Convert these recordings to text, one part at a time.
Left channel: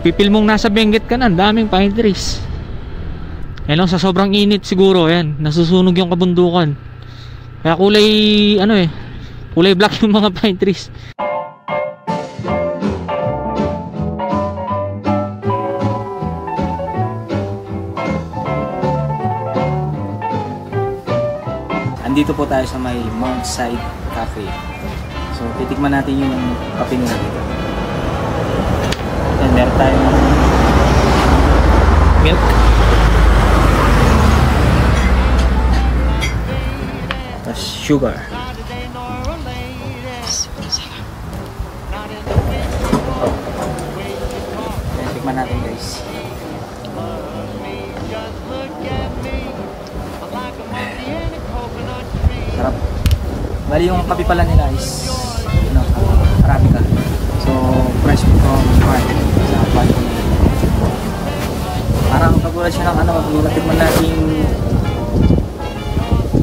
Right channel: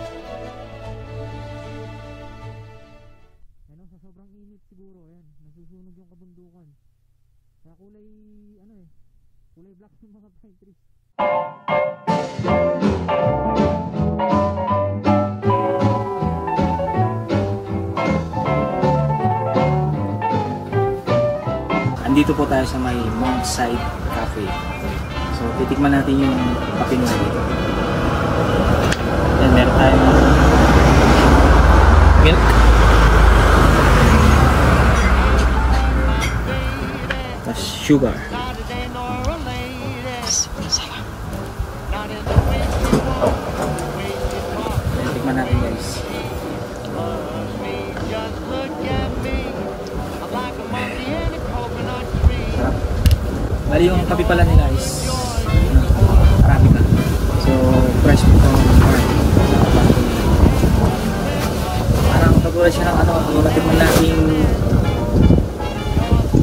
mapipil mong nasa Benguet ka na, daming pine trees. Ayan lang, sa sobrang init siguro, ayan, nasusunog yung kabundukan. Kaya kulay, ano eh, kulay black yung mga pine trees. Andito po tayo sa may Mount Side Cafe. So, titikman natin yung kape nila dito. Then, meron tayong milk. Tapos, sugar. Then, tikman natin guys. Sarap. Bali yung kape pala nila is Arabica. So fresh from farm. Parang katulad siya ng katulad din mo nating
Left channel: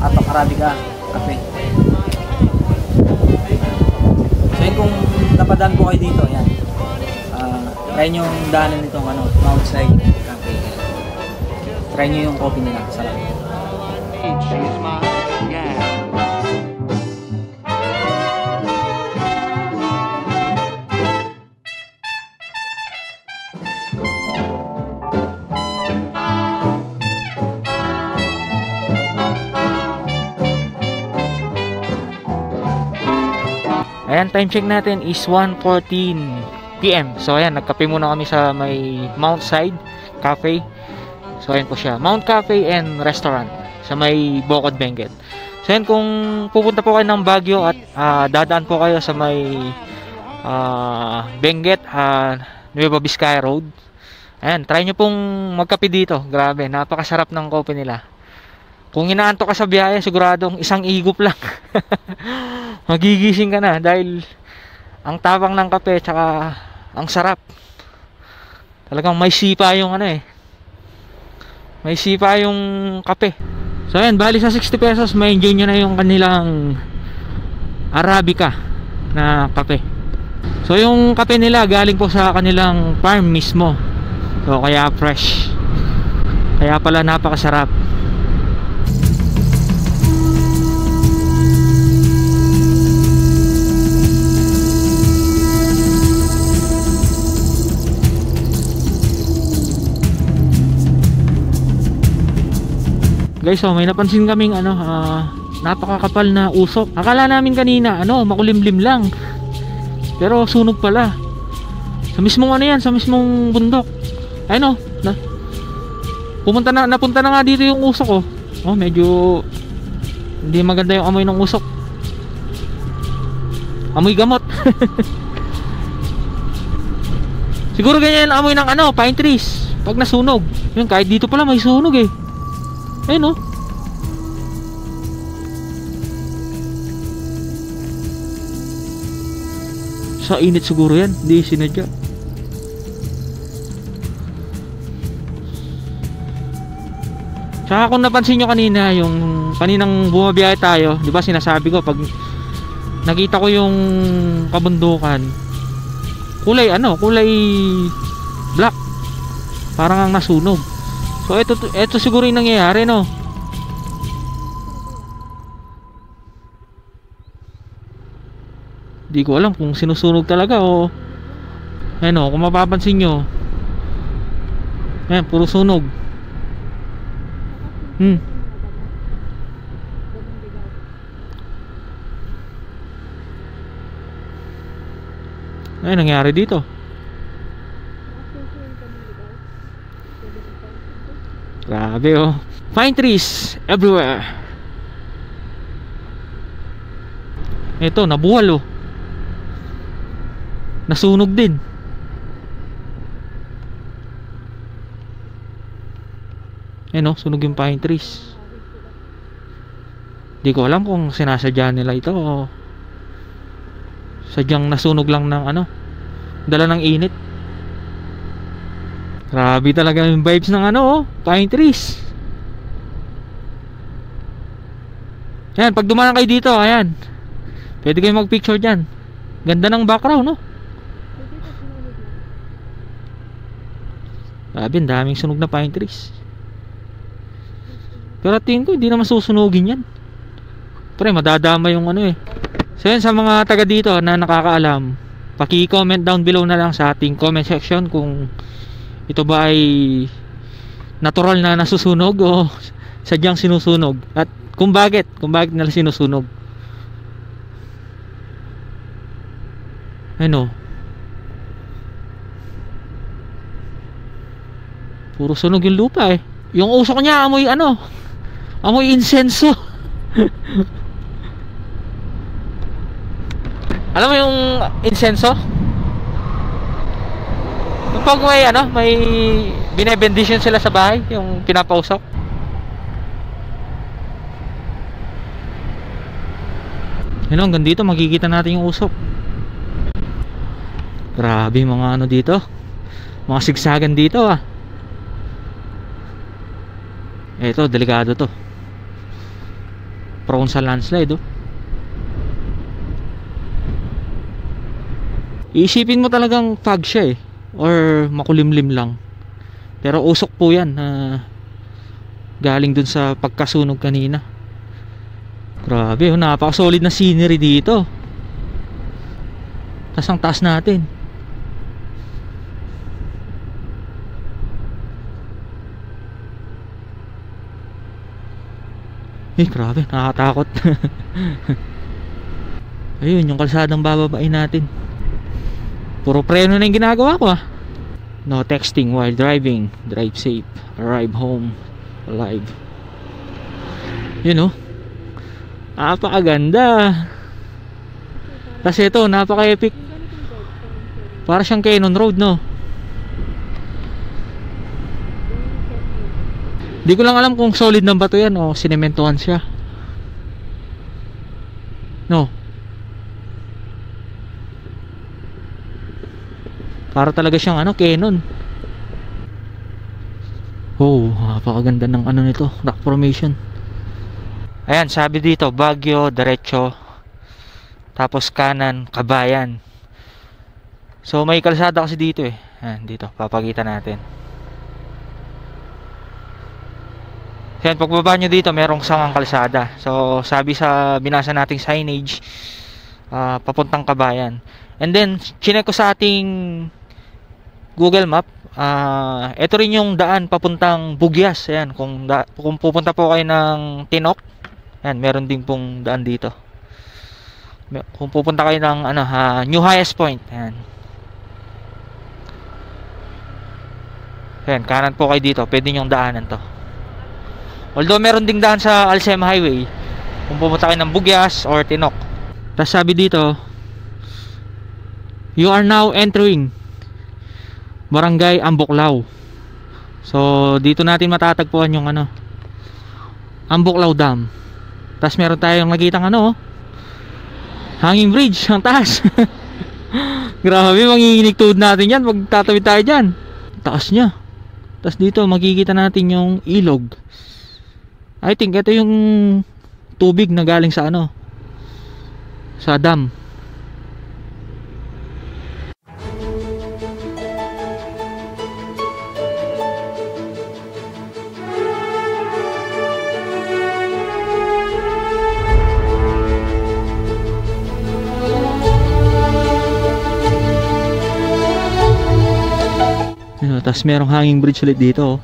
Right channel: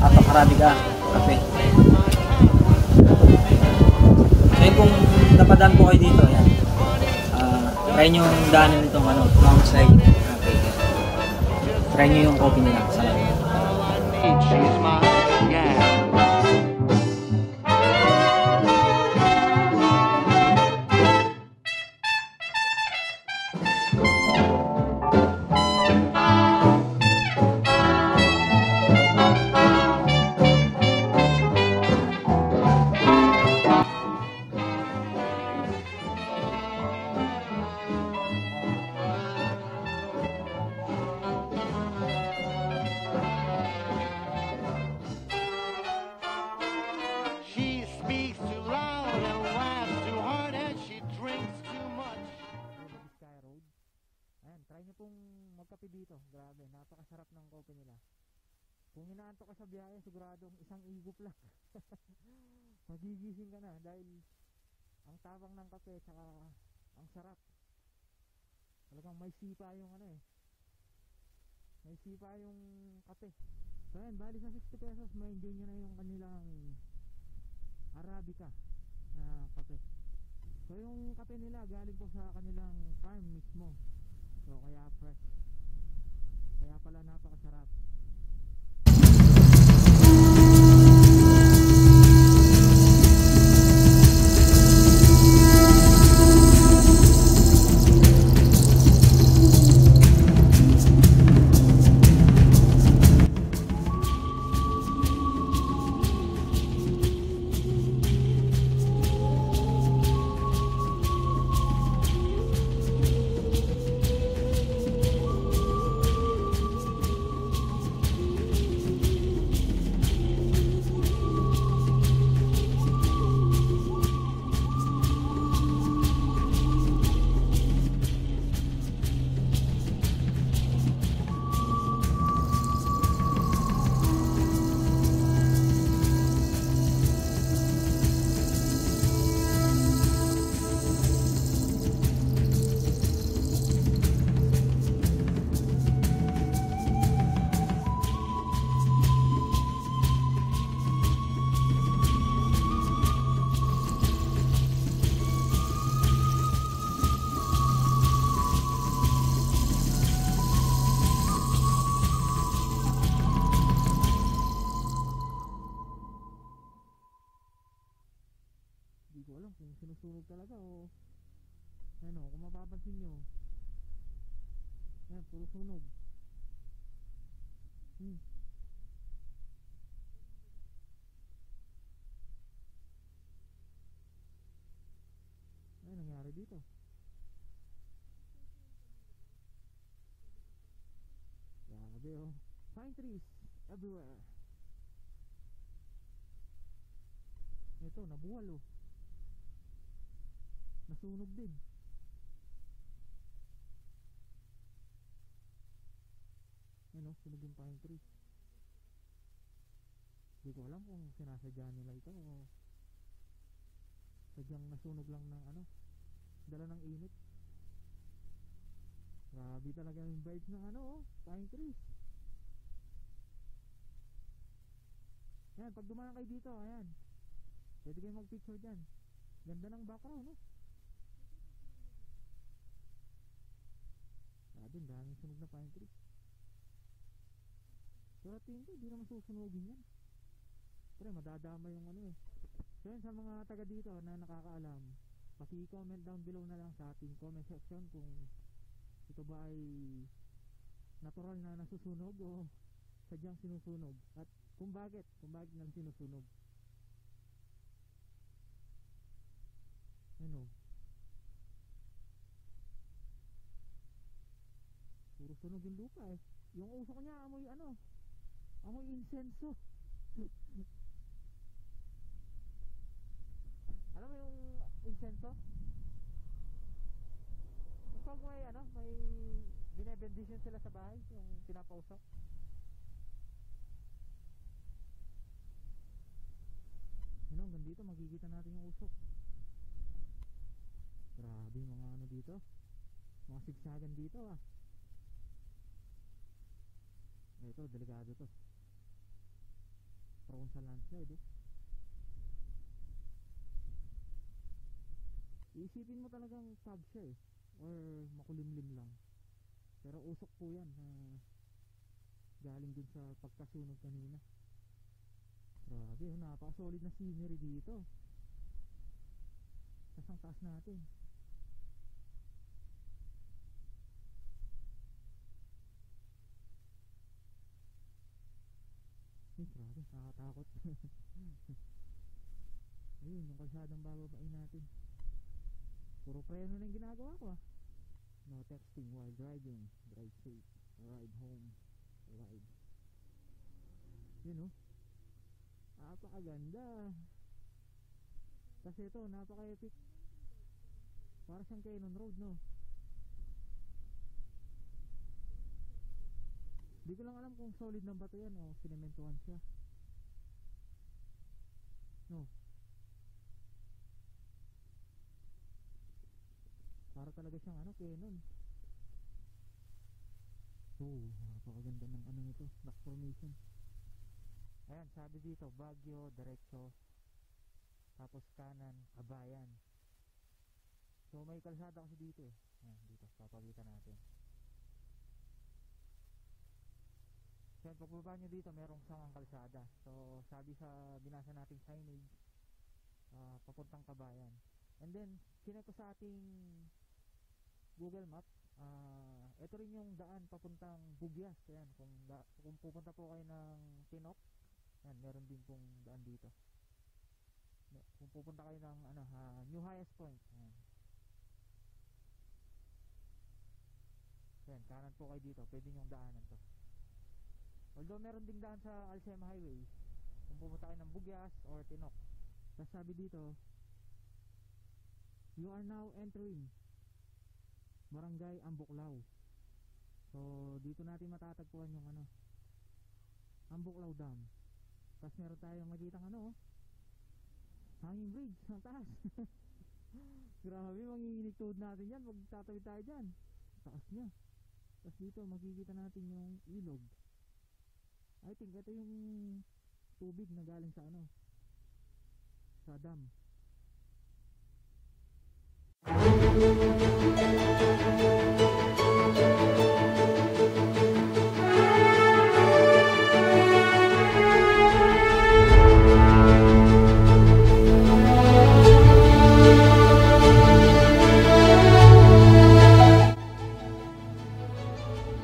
Atok Arabica kape. So kung napadaan po kayo dito, yan. Try nyo yung daanan nitong Mount Side Cafe. Try nyo yung coffee nila. Sarap. She's my gal. Ayan, time check natin is 1:14 PM. So ayan, nagkape muna kami sa may Mount Side Cafe. So ayan po siya, Mount Cafe and Restaurant sa may Bocod, Benguet. So ayan, kung pupunta po kayo ng Baguio at dadaan po kayo sa may Benguet, Nueva Vizcaya Road, ayan, try nyo pong magkape dito. Grabe, napakasarap ng kopi nila. Kung inaantok ka sa biyahe, siguradong isang igop lang magigising ka na dahil ang tapang ng kape tsaka ang sarap. Talagang may sipa yung may sipa yung kape. So ayan, bali sa 60 pesos may enjoy nyo na yung kanilang Arabica na kape. So yung kape nila galing po sa kanilang farm mismo. So kaya fresh, kaya pala napakasarap. Guys, so may napansin kaming napakakapal na usok. Akala namin kanina makulimlim lang, pero sunog pala. Sa mismong sa mismong bundok. Ayun napunta na nga dito yung usok. Medyo hindi maganda yung amoy ng usok. Amoy gamot. Siguro ganyan ang amoy ng pine trees pag nasunog. Yun, kahit dito pala may sunog eh. Ayun sa init siguro yan, hindi sinadya. Saka kung napansin nyo kanina, yung kaninang bumabiyahe tayo, di ba sinasabi ko pag nakita ko yung kabundukan, kulay black, parang ang nasunog. So ito siguro yung nangyayari, no? Di ko alam kung sinusunog talaga o kung mapapansin nyo, ayan, puro sunog. Ay, nangyari dito. Grabe pine trees everywhere. Ito, nabuwal nasunog din. Sunog yung pine trees. Di ko alam kung sinasadya nila ito o sadyang nasunog lang ng dala ng init. Grabe talaga yung vibes ng pine trees. Ayan, pag dumaan kayo dito, ayan, pwede kayo mag picture dyan. Ganda ng background, no? Grabe, ang daming sunog na pine trees. Pero tingin ko hindi naman susunugin yan. Pre, madadama yung ano eh. So yun, sa mga taga dito na nakakaalam, paki-comment down below na lang sa ating comment section kung ito ba ay natural na nasusunog o sadyang sinusunog, at kung bakit nila sinusunog. Ano, puro sunog yung lupa eh. Yung usok niya amoy ano, amoy insenso. Alam mo yung insenso? Pag may ano, may binebendisyon sila sa bahay, yung pinapausok. Yun, hanggang dito makikita natin yung usok. Grabe mga ano dito, mga sigsagan dito ah. Ito, delikado to. Prone sa landslide oh. Iisipin mo talagang fog siya eh, or makulimlim lang. Pero usok po yan galing dun sa pagkasunog kanina. Grabe, napaka-solid na scenery dito. Tas ang taas natin. Grabe, nakakatakot. Ayun, yung kalsadang bababain natin. Puro preno na yung ginagawa ko ah. No texting while driving. Drive safe. Arrive home alive. Yun oh, napakaganda. Kasi ito, napaka-epic. Para siyang Cannon Road no. Di ko lang alam kung solid ng bato yan o sinementohan siya. No, para talaga siyang ano, Cannon. Oh, napakaganda ng ano nito, rock formation. Ayan, sabi dito, Baguio, diretso, tapos kanan, Kabayan. So may kalsada kasi dito eh. Ayan, dito, papakita natin. Ayan, pagbaba nyo dito, merong sangang kalsada. So sabi sa binasa nating signage, papuntang Kabayan. And then, chinek ko sa ating Google Map, ito rin yung daan papuntang Bugyas. Ayan, kung pupunta po kayo ng Tinok, ayan, meron din pong daan dito. Kung pupunta kayo ng ano, New Highest Point, ayan. Ayan, kanan po kayo dito, pwede nyong daanan to. Although meron ding daan sa Alcem Highway kung pupunta kayo ng Bugyas or Tinok. Tapos sabi dito, you are now entering Barangay Ambuklao. So dito natin matatagpuan yung ano, Ambuklao Dam. Tapos meron tayong nakitang ano, hanging bridge ang taas. Grabe, manginginig tuhod natin yan pag tatawid tayo dyan. Taas nya. Tapos dito makikita natin yung ilog. I think ito yung tubig na galing sa ano, sa dam. Tapos merong hanging bridge ulit dito.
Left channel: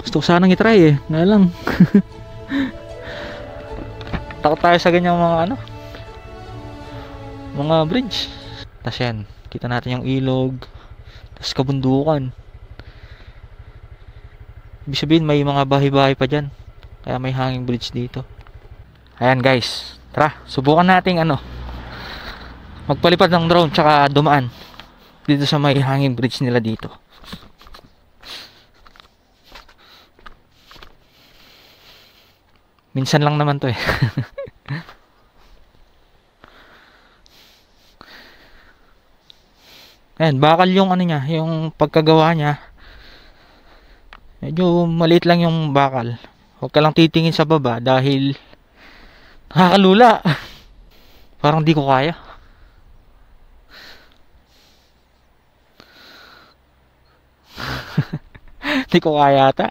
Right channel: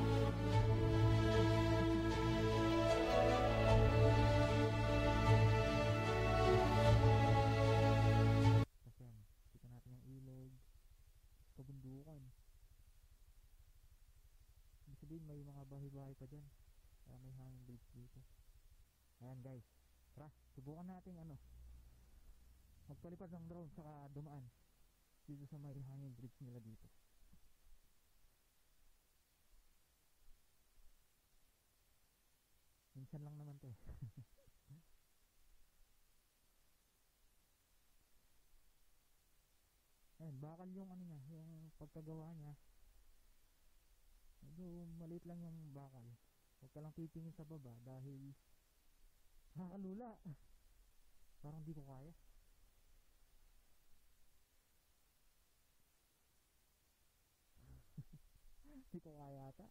Gusto ko sanang itry eh, nga lang. Takot tayo sa ganyang mga ano, mga bridge. Tapos yan, kita natin yung ilog, tapos kabundukan. Ibig sabihin may mga bahay-bahay pa dyan, kaya may hanging bridge dito. Ayan guys, tara, subukan nating ano, magpalipad ng drone tsaka dumaan dito sa may hanging bridge nila dito. Minsan lang naman to eh. Ayan, bakal yung ano niya, yung pagkagawa niya. Medyo maliit lang yung bakal. Huwag ka lang titingin sa baba dahil nakakalula. Parang di ko kaya. Hindi ko kaya ata.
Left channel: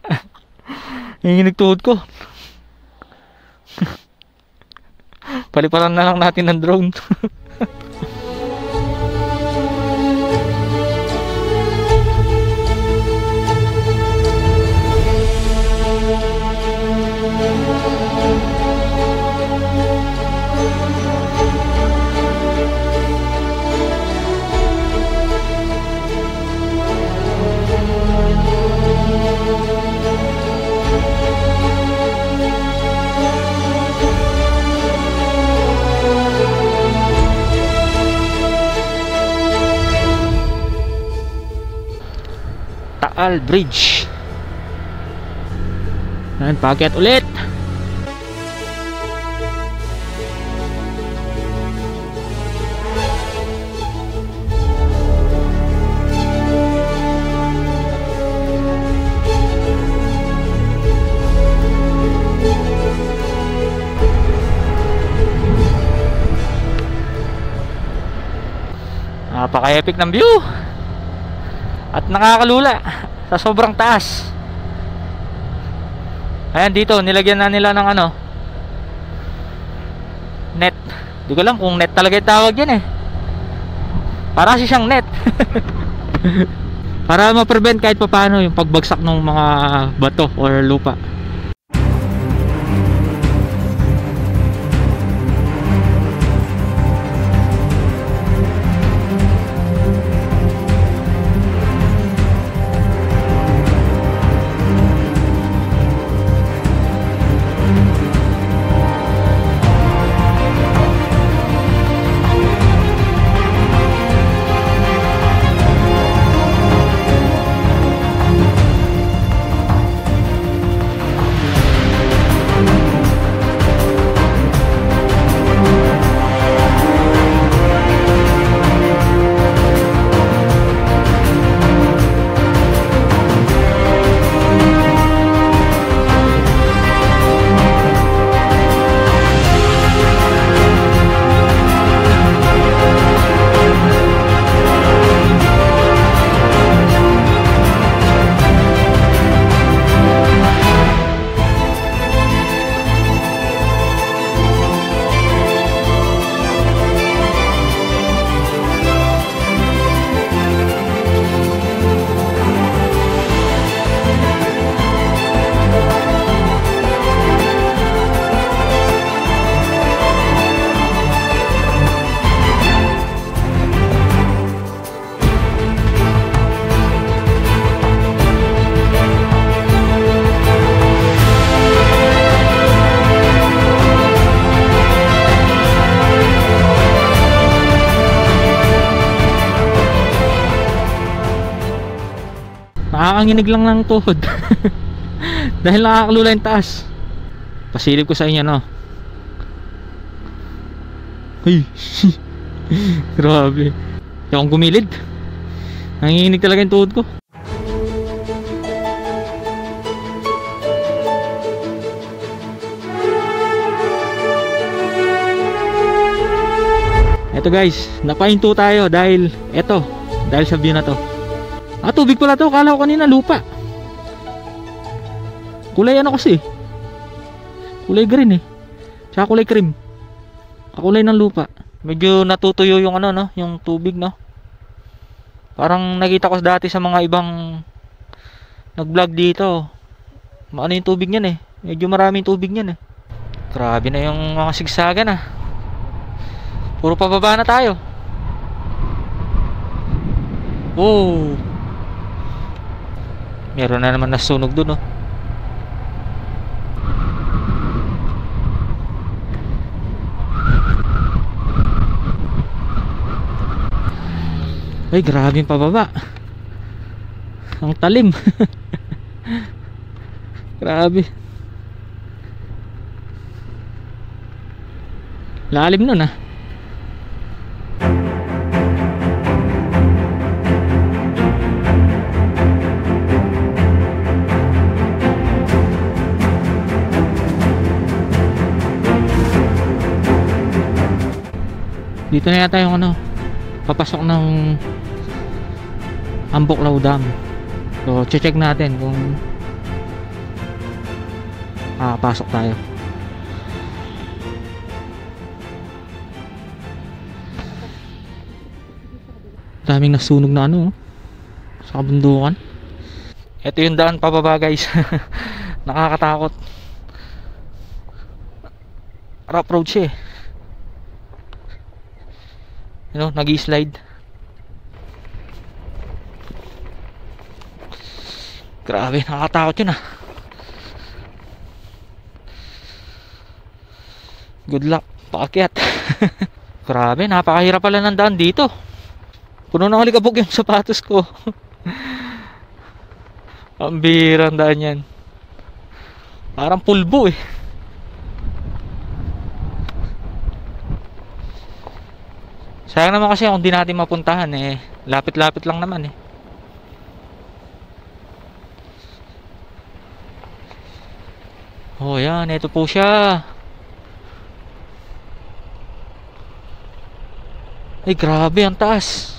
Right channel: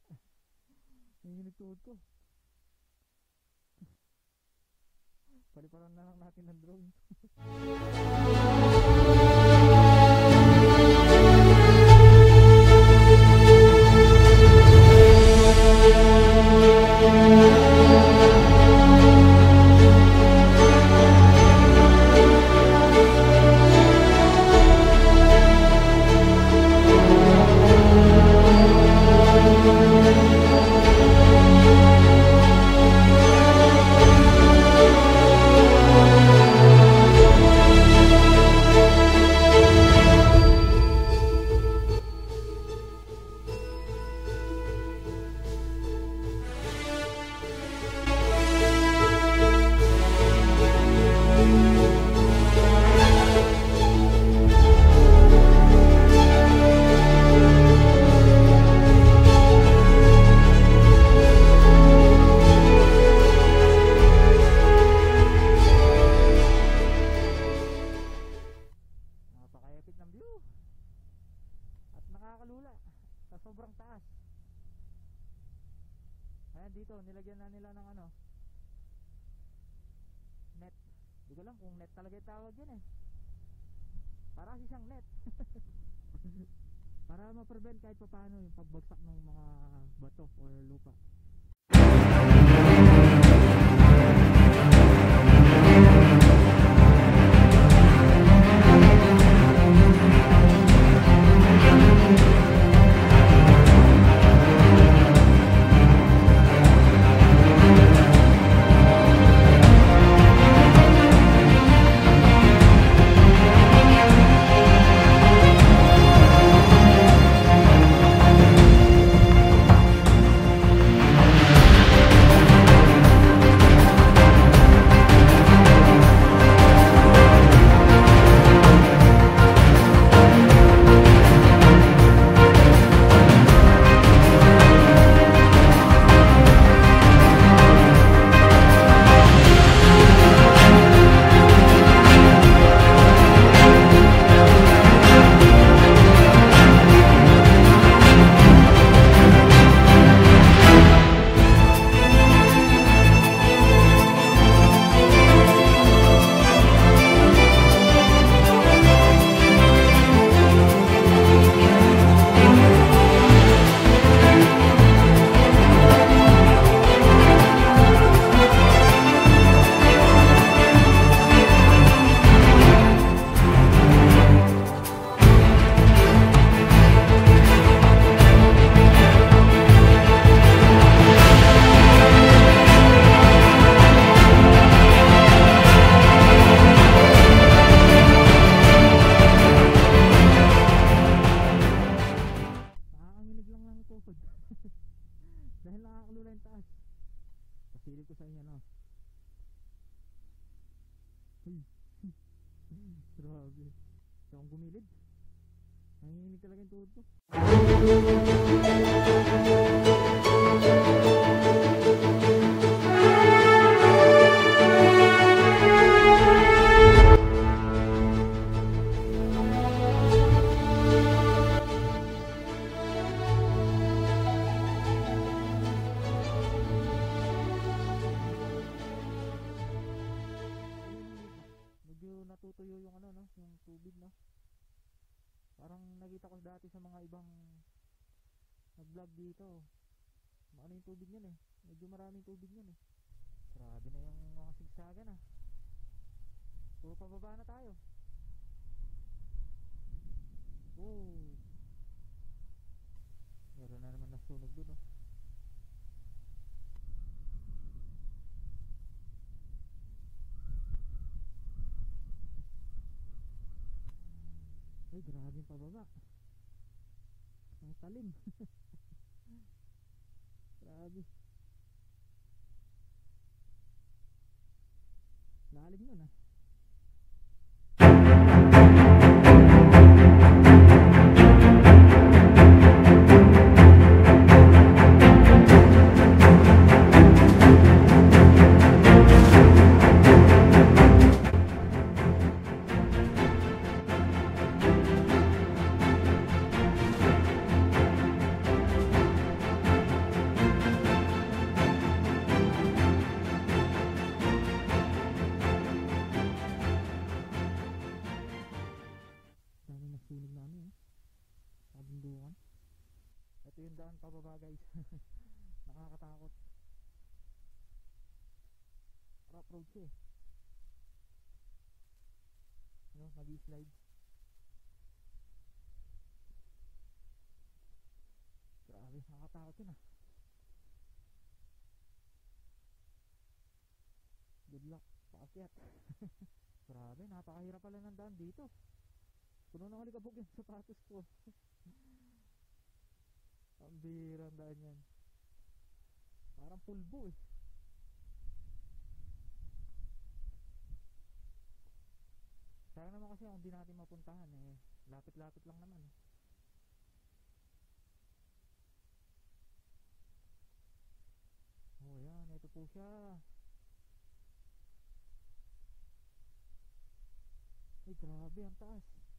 Nanginginig tuhod ko. Paliparan na lang natin ng drone. Taal Bridge. Yan, paakyat ulit. Napaka-epic ng view. At nakakalula sa sobrang taas. Ayan, dito nilagyan na nila ng ano, net. Di ko alam kung net talaga yung tawag yan eh. Para siyang net. Para ma-prevent kahit papaano yung pagbagsak ng mga bato or lupa. Nakakanginig lang ng tuhod. Dahil nakakalula yung taas. Pasilip ko sa inyo, no? Ay. Grabe. Hindi akong gumilid. Nanginginig talaga yung tuhod ko. Eto guys, napahinto tayo dahil dahil sa view na to. Tubig pala to, kala ko kanina lupa. Kulay ano kasi, kulay green eh, tsaka kulay cream, kulay ng lupa. Medyo natutuyo yung ano, no, yung tubig, no. Parang nakita ko dati sa mga ibang nag-vlog dito. Ano yung tubig niyan eh, medyo maraming tubig niyan eh. Grabe na yung mga sigsagan ah. Puro pababa na tayo. Oh, meron na naman nasunog dun, oh. Ay, grabe yung pababa. Ang talim. Grabe. Lalim nun ah. Dito na yata yung ano, papasok ng Amboklaw Dam. So So check natin kung pasok tayo. Daming nasunog na ano sa kabundukan. Ito yung daan pababa guys. Nakakatakot. Rough road siya eh. You know, nag-i-slide. Grabe, nakakatakot yun ah. Good luck, paakyat. Grabe, napakahirap pala ng daan dito. Puno ng alikabok yung sapatos ko. Ang bihirang daan yan. Parang pulbo eh. Sayang naman kasi kung di natin mapuntahan eh. Lapit-lapit lang naman eh. Oh yan, ito po siya. Ay grabe, ang taas.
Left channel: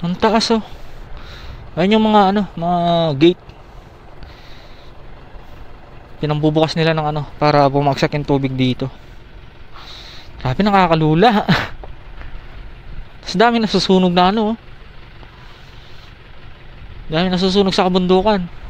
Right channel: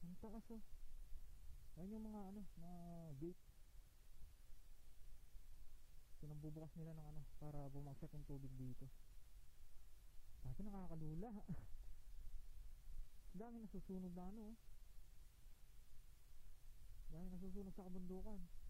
Ang taas oh. Ayun yung mga ano, mga gate. Pinambubukas nila ng ano para bumagsak yung tubig dito. Grabe, nakakalula. Tapos dami nasusunog na ano. Dami nasusunog sa kabundukan.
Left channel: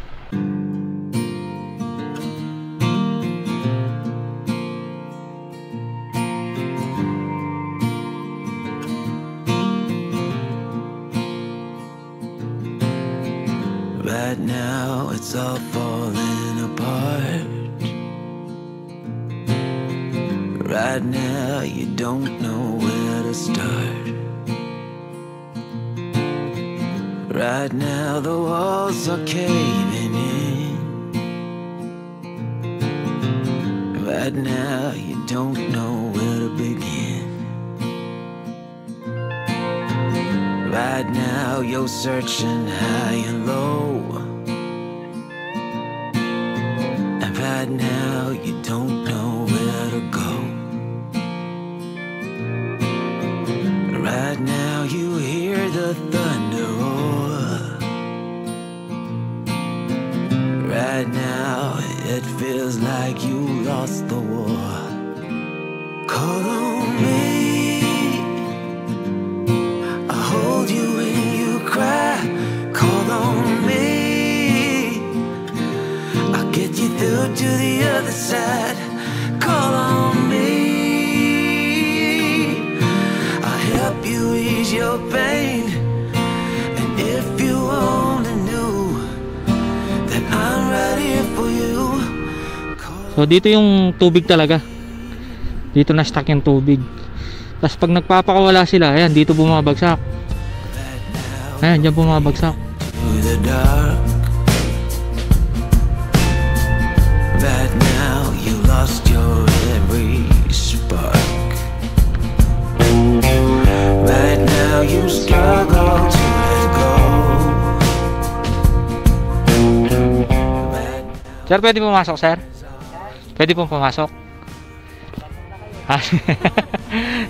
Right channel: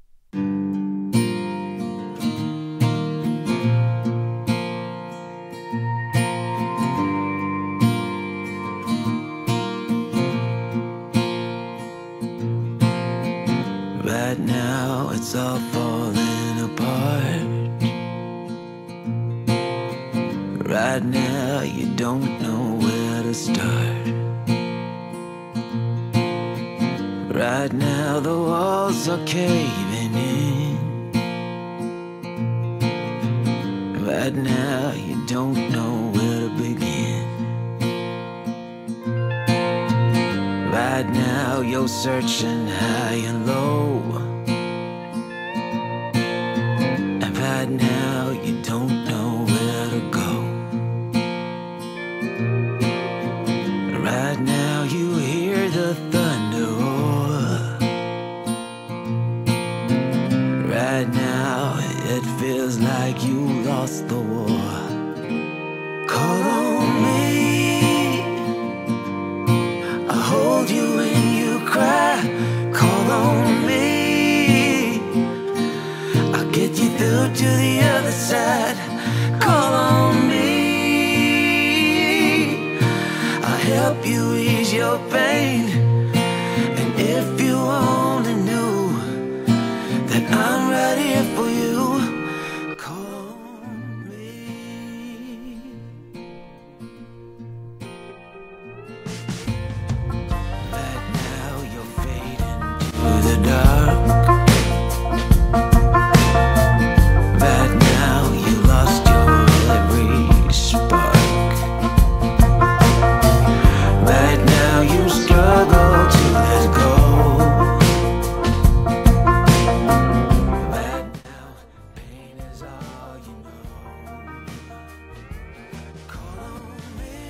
Right now it's all falling apart. Right now you don't know where to start. Right now the walls are caving in. Right now you don't know where to begin. Right now you're searching high and low. And right now you don't know where to go. Right now you hear the thunder roar. Right now it feels like you lost the war. Call on me, I'll hold you when you cry. Call on me, I'll get you through to the other side. Call on me, help you ease your pain. And if you only knew that I'm right here for you. So dito yung tubig talaga. Dito na stuck yung tubig. Tapos pag nagpapakawala sila, ayan, dito bumabagsak. Ayan, dyan bumabagsak. To the dark. Right now you lost your every spark. Right now you struggle to let go. Sir, pwede pumasok, sir? Pwede pong pumasok?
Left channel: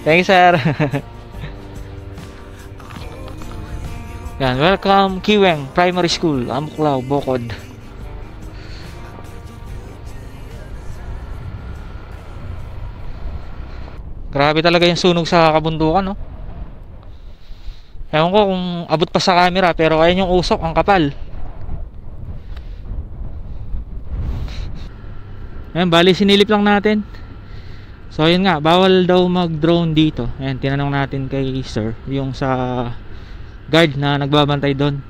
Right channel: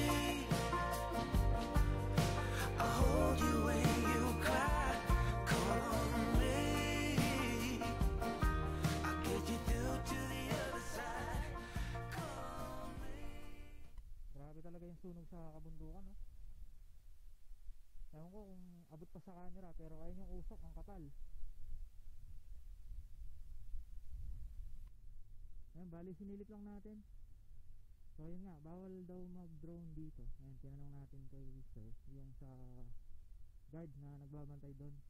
Thank you, sir. Yan, welcome Kiweng Primary School, Amuklao, Bokod. Grabe talaga yung sunog sa kabundukan, no? Ewan ko kung abot pa sa camera, pero ayun yung usok, ang kapal. Ayan, bali sinilip lang natin. So ayun nga, bawal daw mag-drone dito. Ayan, tinanong natin kay sir, yung sa guard na nagbabantay doon.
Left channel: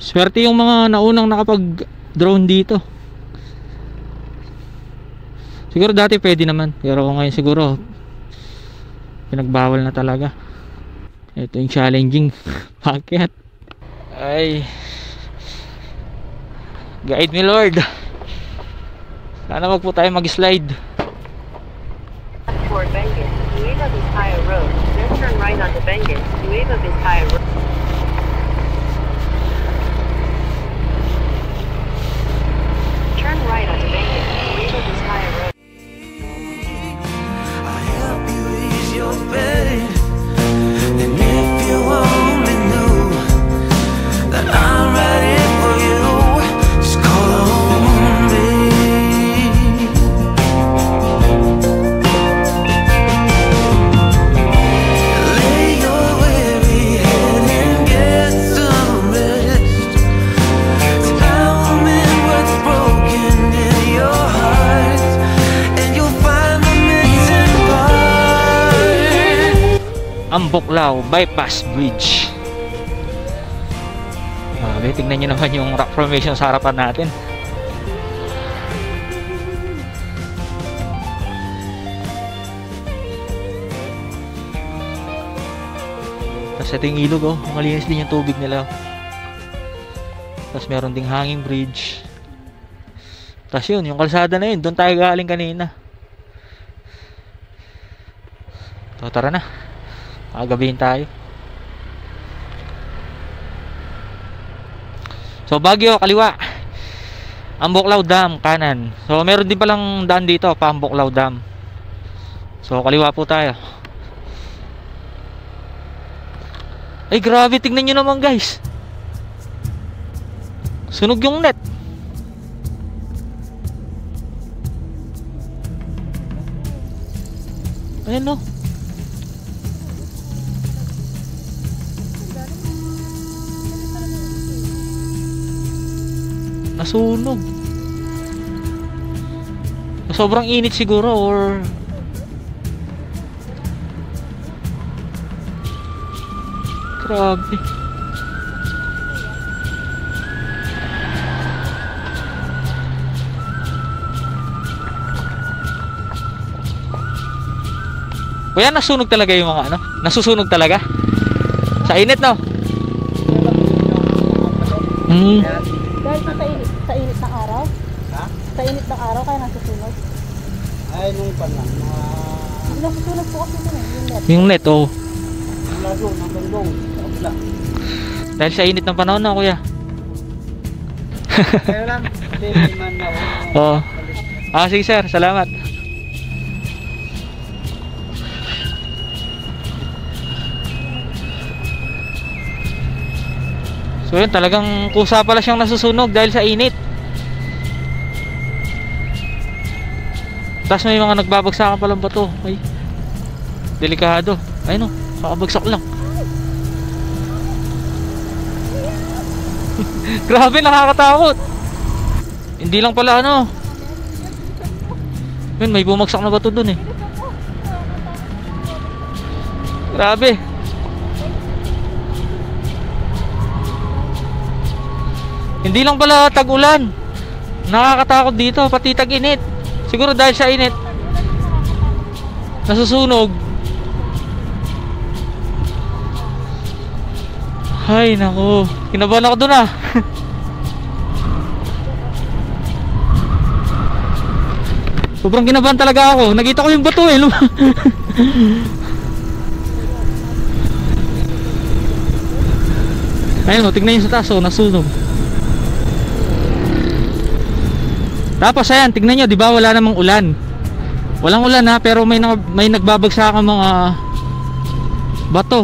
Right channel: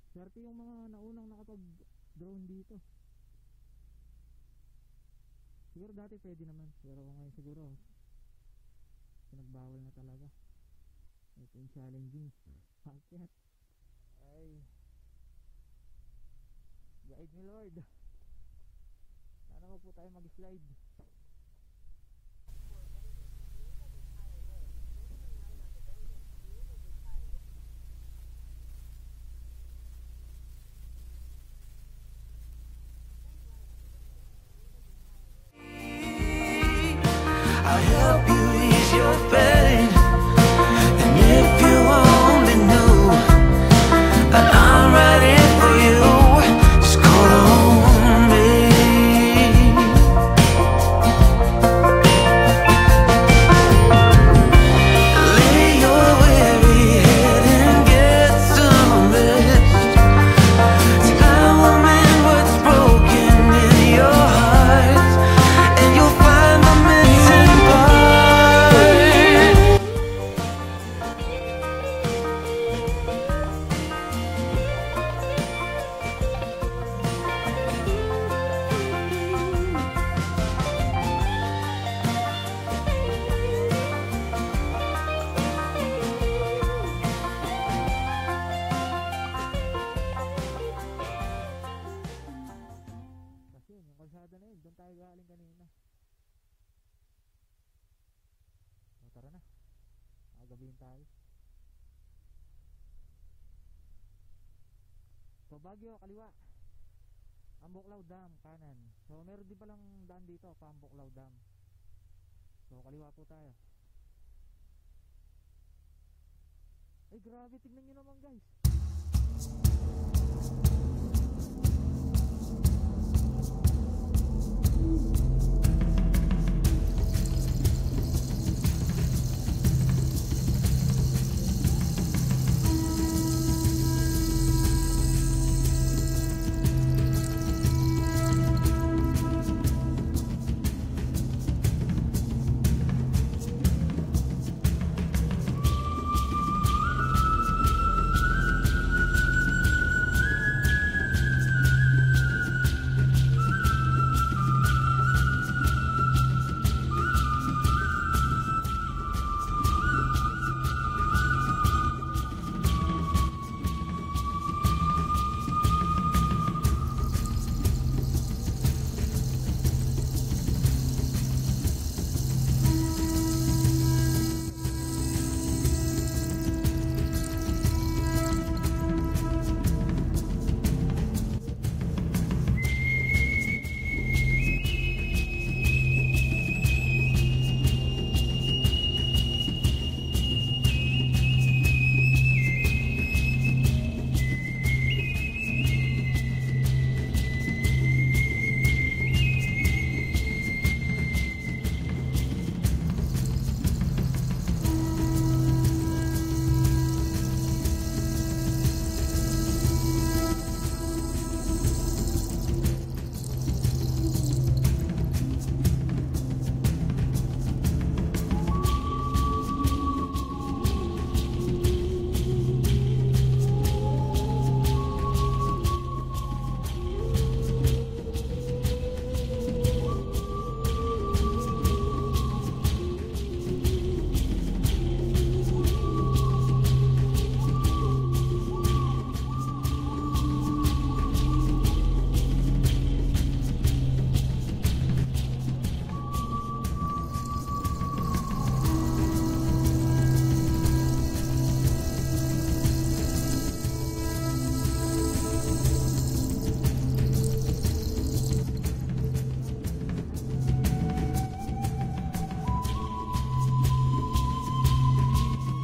Swerte yung mga naunang nakapag-drone dito. Siguro dati pwede naman, pero ngayon siguro pinagbawal na talaga. Ito yung challenging packet. Ay, guide me Lord. Sana wag po tayo mag-slide. For Benguet, Nueva Vizcaya Road, then turn right onto Benguet, Nueva Vizcaya Road. Turn right onto Benguet, Nueva Vizcaya Road. I'll help you ease your pain. And if you only knew that Buklaw Bypass Bridge. Tignan nyo naman yung rock formation sa harapan natin. Tapos ito yung ilog, oh. Malinis din yung tubig nila. Tapos meron ding hanging bridge. Tapos yun, yung kalsada na yun, doon tayo galing kanina. So tara na, makagabihin tayo. So Baguio, kaliwa. Ambuklaw Dam, kanan. So meron din palang daan dito, pa Ambuklaw Dam. So kaliwa po tayo. Ay grabe, tignan nyo naman guys. Sunog yung net. Ayan no. Nasunog. Sobrang init siguro or grabe. Kuya, nasunog talaga yung mga ano? Nasusunog talaga? Sa init, no? Dahil sa init ng araw? Ha? Sa init ng araw kaya nasusunog? Ay, nung pa lang. Nasusunog po kasi nun eh, Yung net, oh. Nasunog, ang bandong. Dahil sa init ng panahon na, kuya. Kaya lang, hindi man na. Oo. Sige sir, salamat. So yun, talagang kusa pala siyang nasusunog dahil sa init. Tapos may mga nagbabagsakan palang bato. Ay, delikado. Ayun o, kakabagsak lang. Grabe, nakakatakot. Hindi lang pala ano. Yun, may bumagsak na bato dun eh. Grabe. Hindi lang pala tag-ulan. Nakakatakot dito, pati tag-init. Siguro dahil sa init nasusunog. Ay nako, kinabahan ako dun ah. Sobrang kinabahan talaga ako. Nakita ko yung bato eh. Ayun o, tignan nyo sa taas o, nasunog. Tapos ayan, tignan nyo, di ba wala namang ulan. Walang ulan ha, pero may nagbabagsakan mga bato,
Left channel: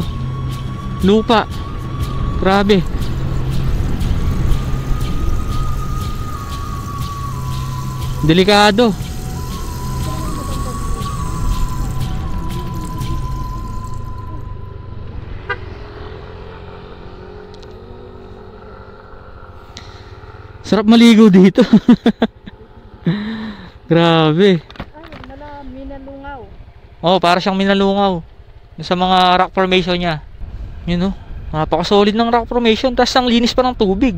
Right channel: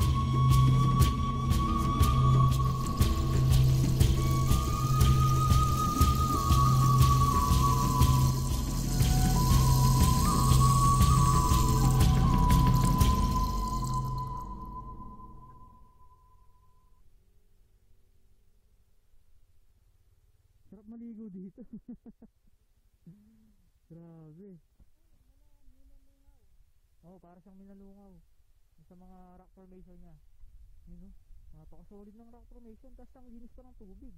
lupa. Grabe. Delikado. Sarap maligo dito. Grabe. Ay, minalungaw. Oh, para siyang minalungaw sa mga rock formation niya. Yun oh. Napaka-solid ng rock formation, tas ang linis pa ng tubig.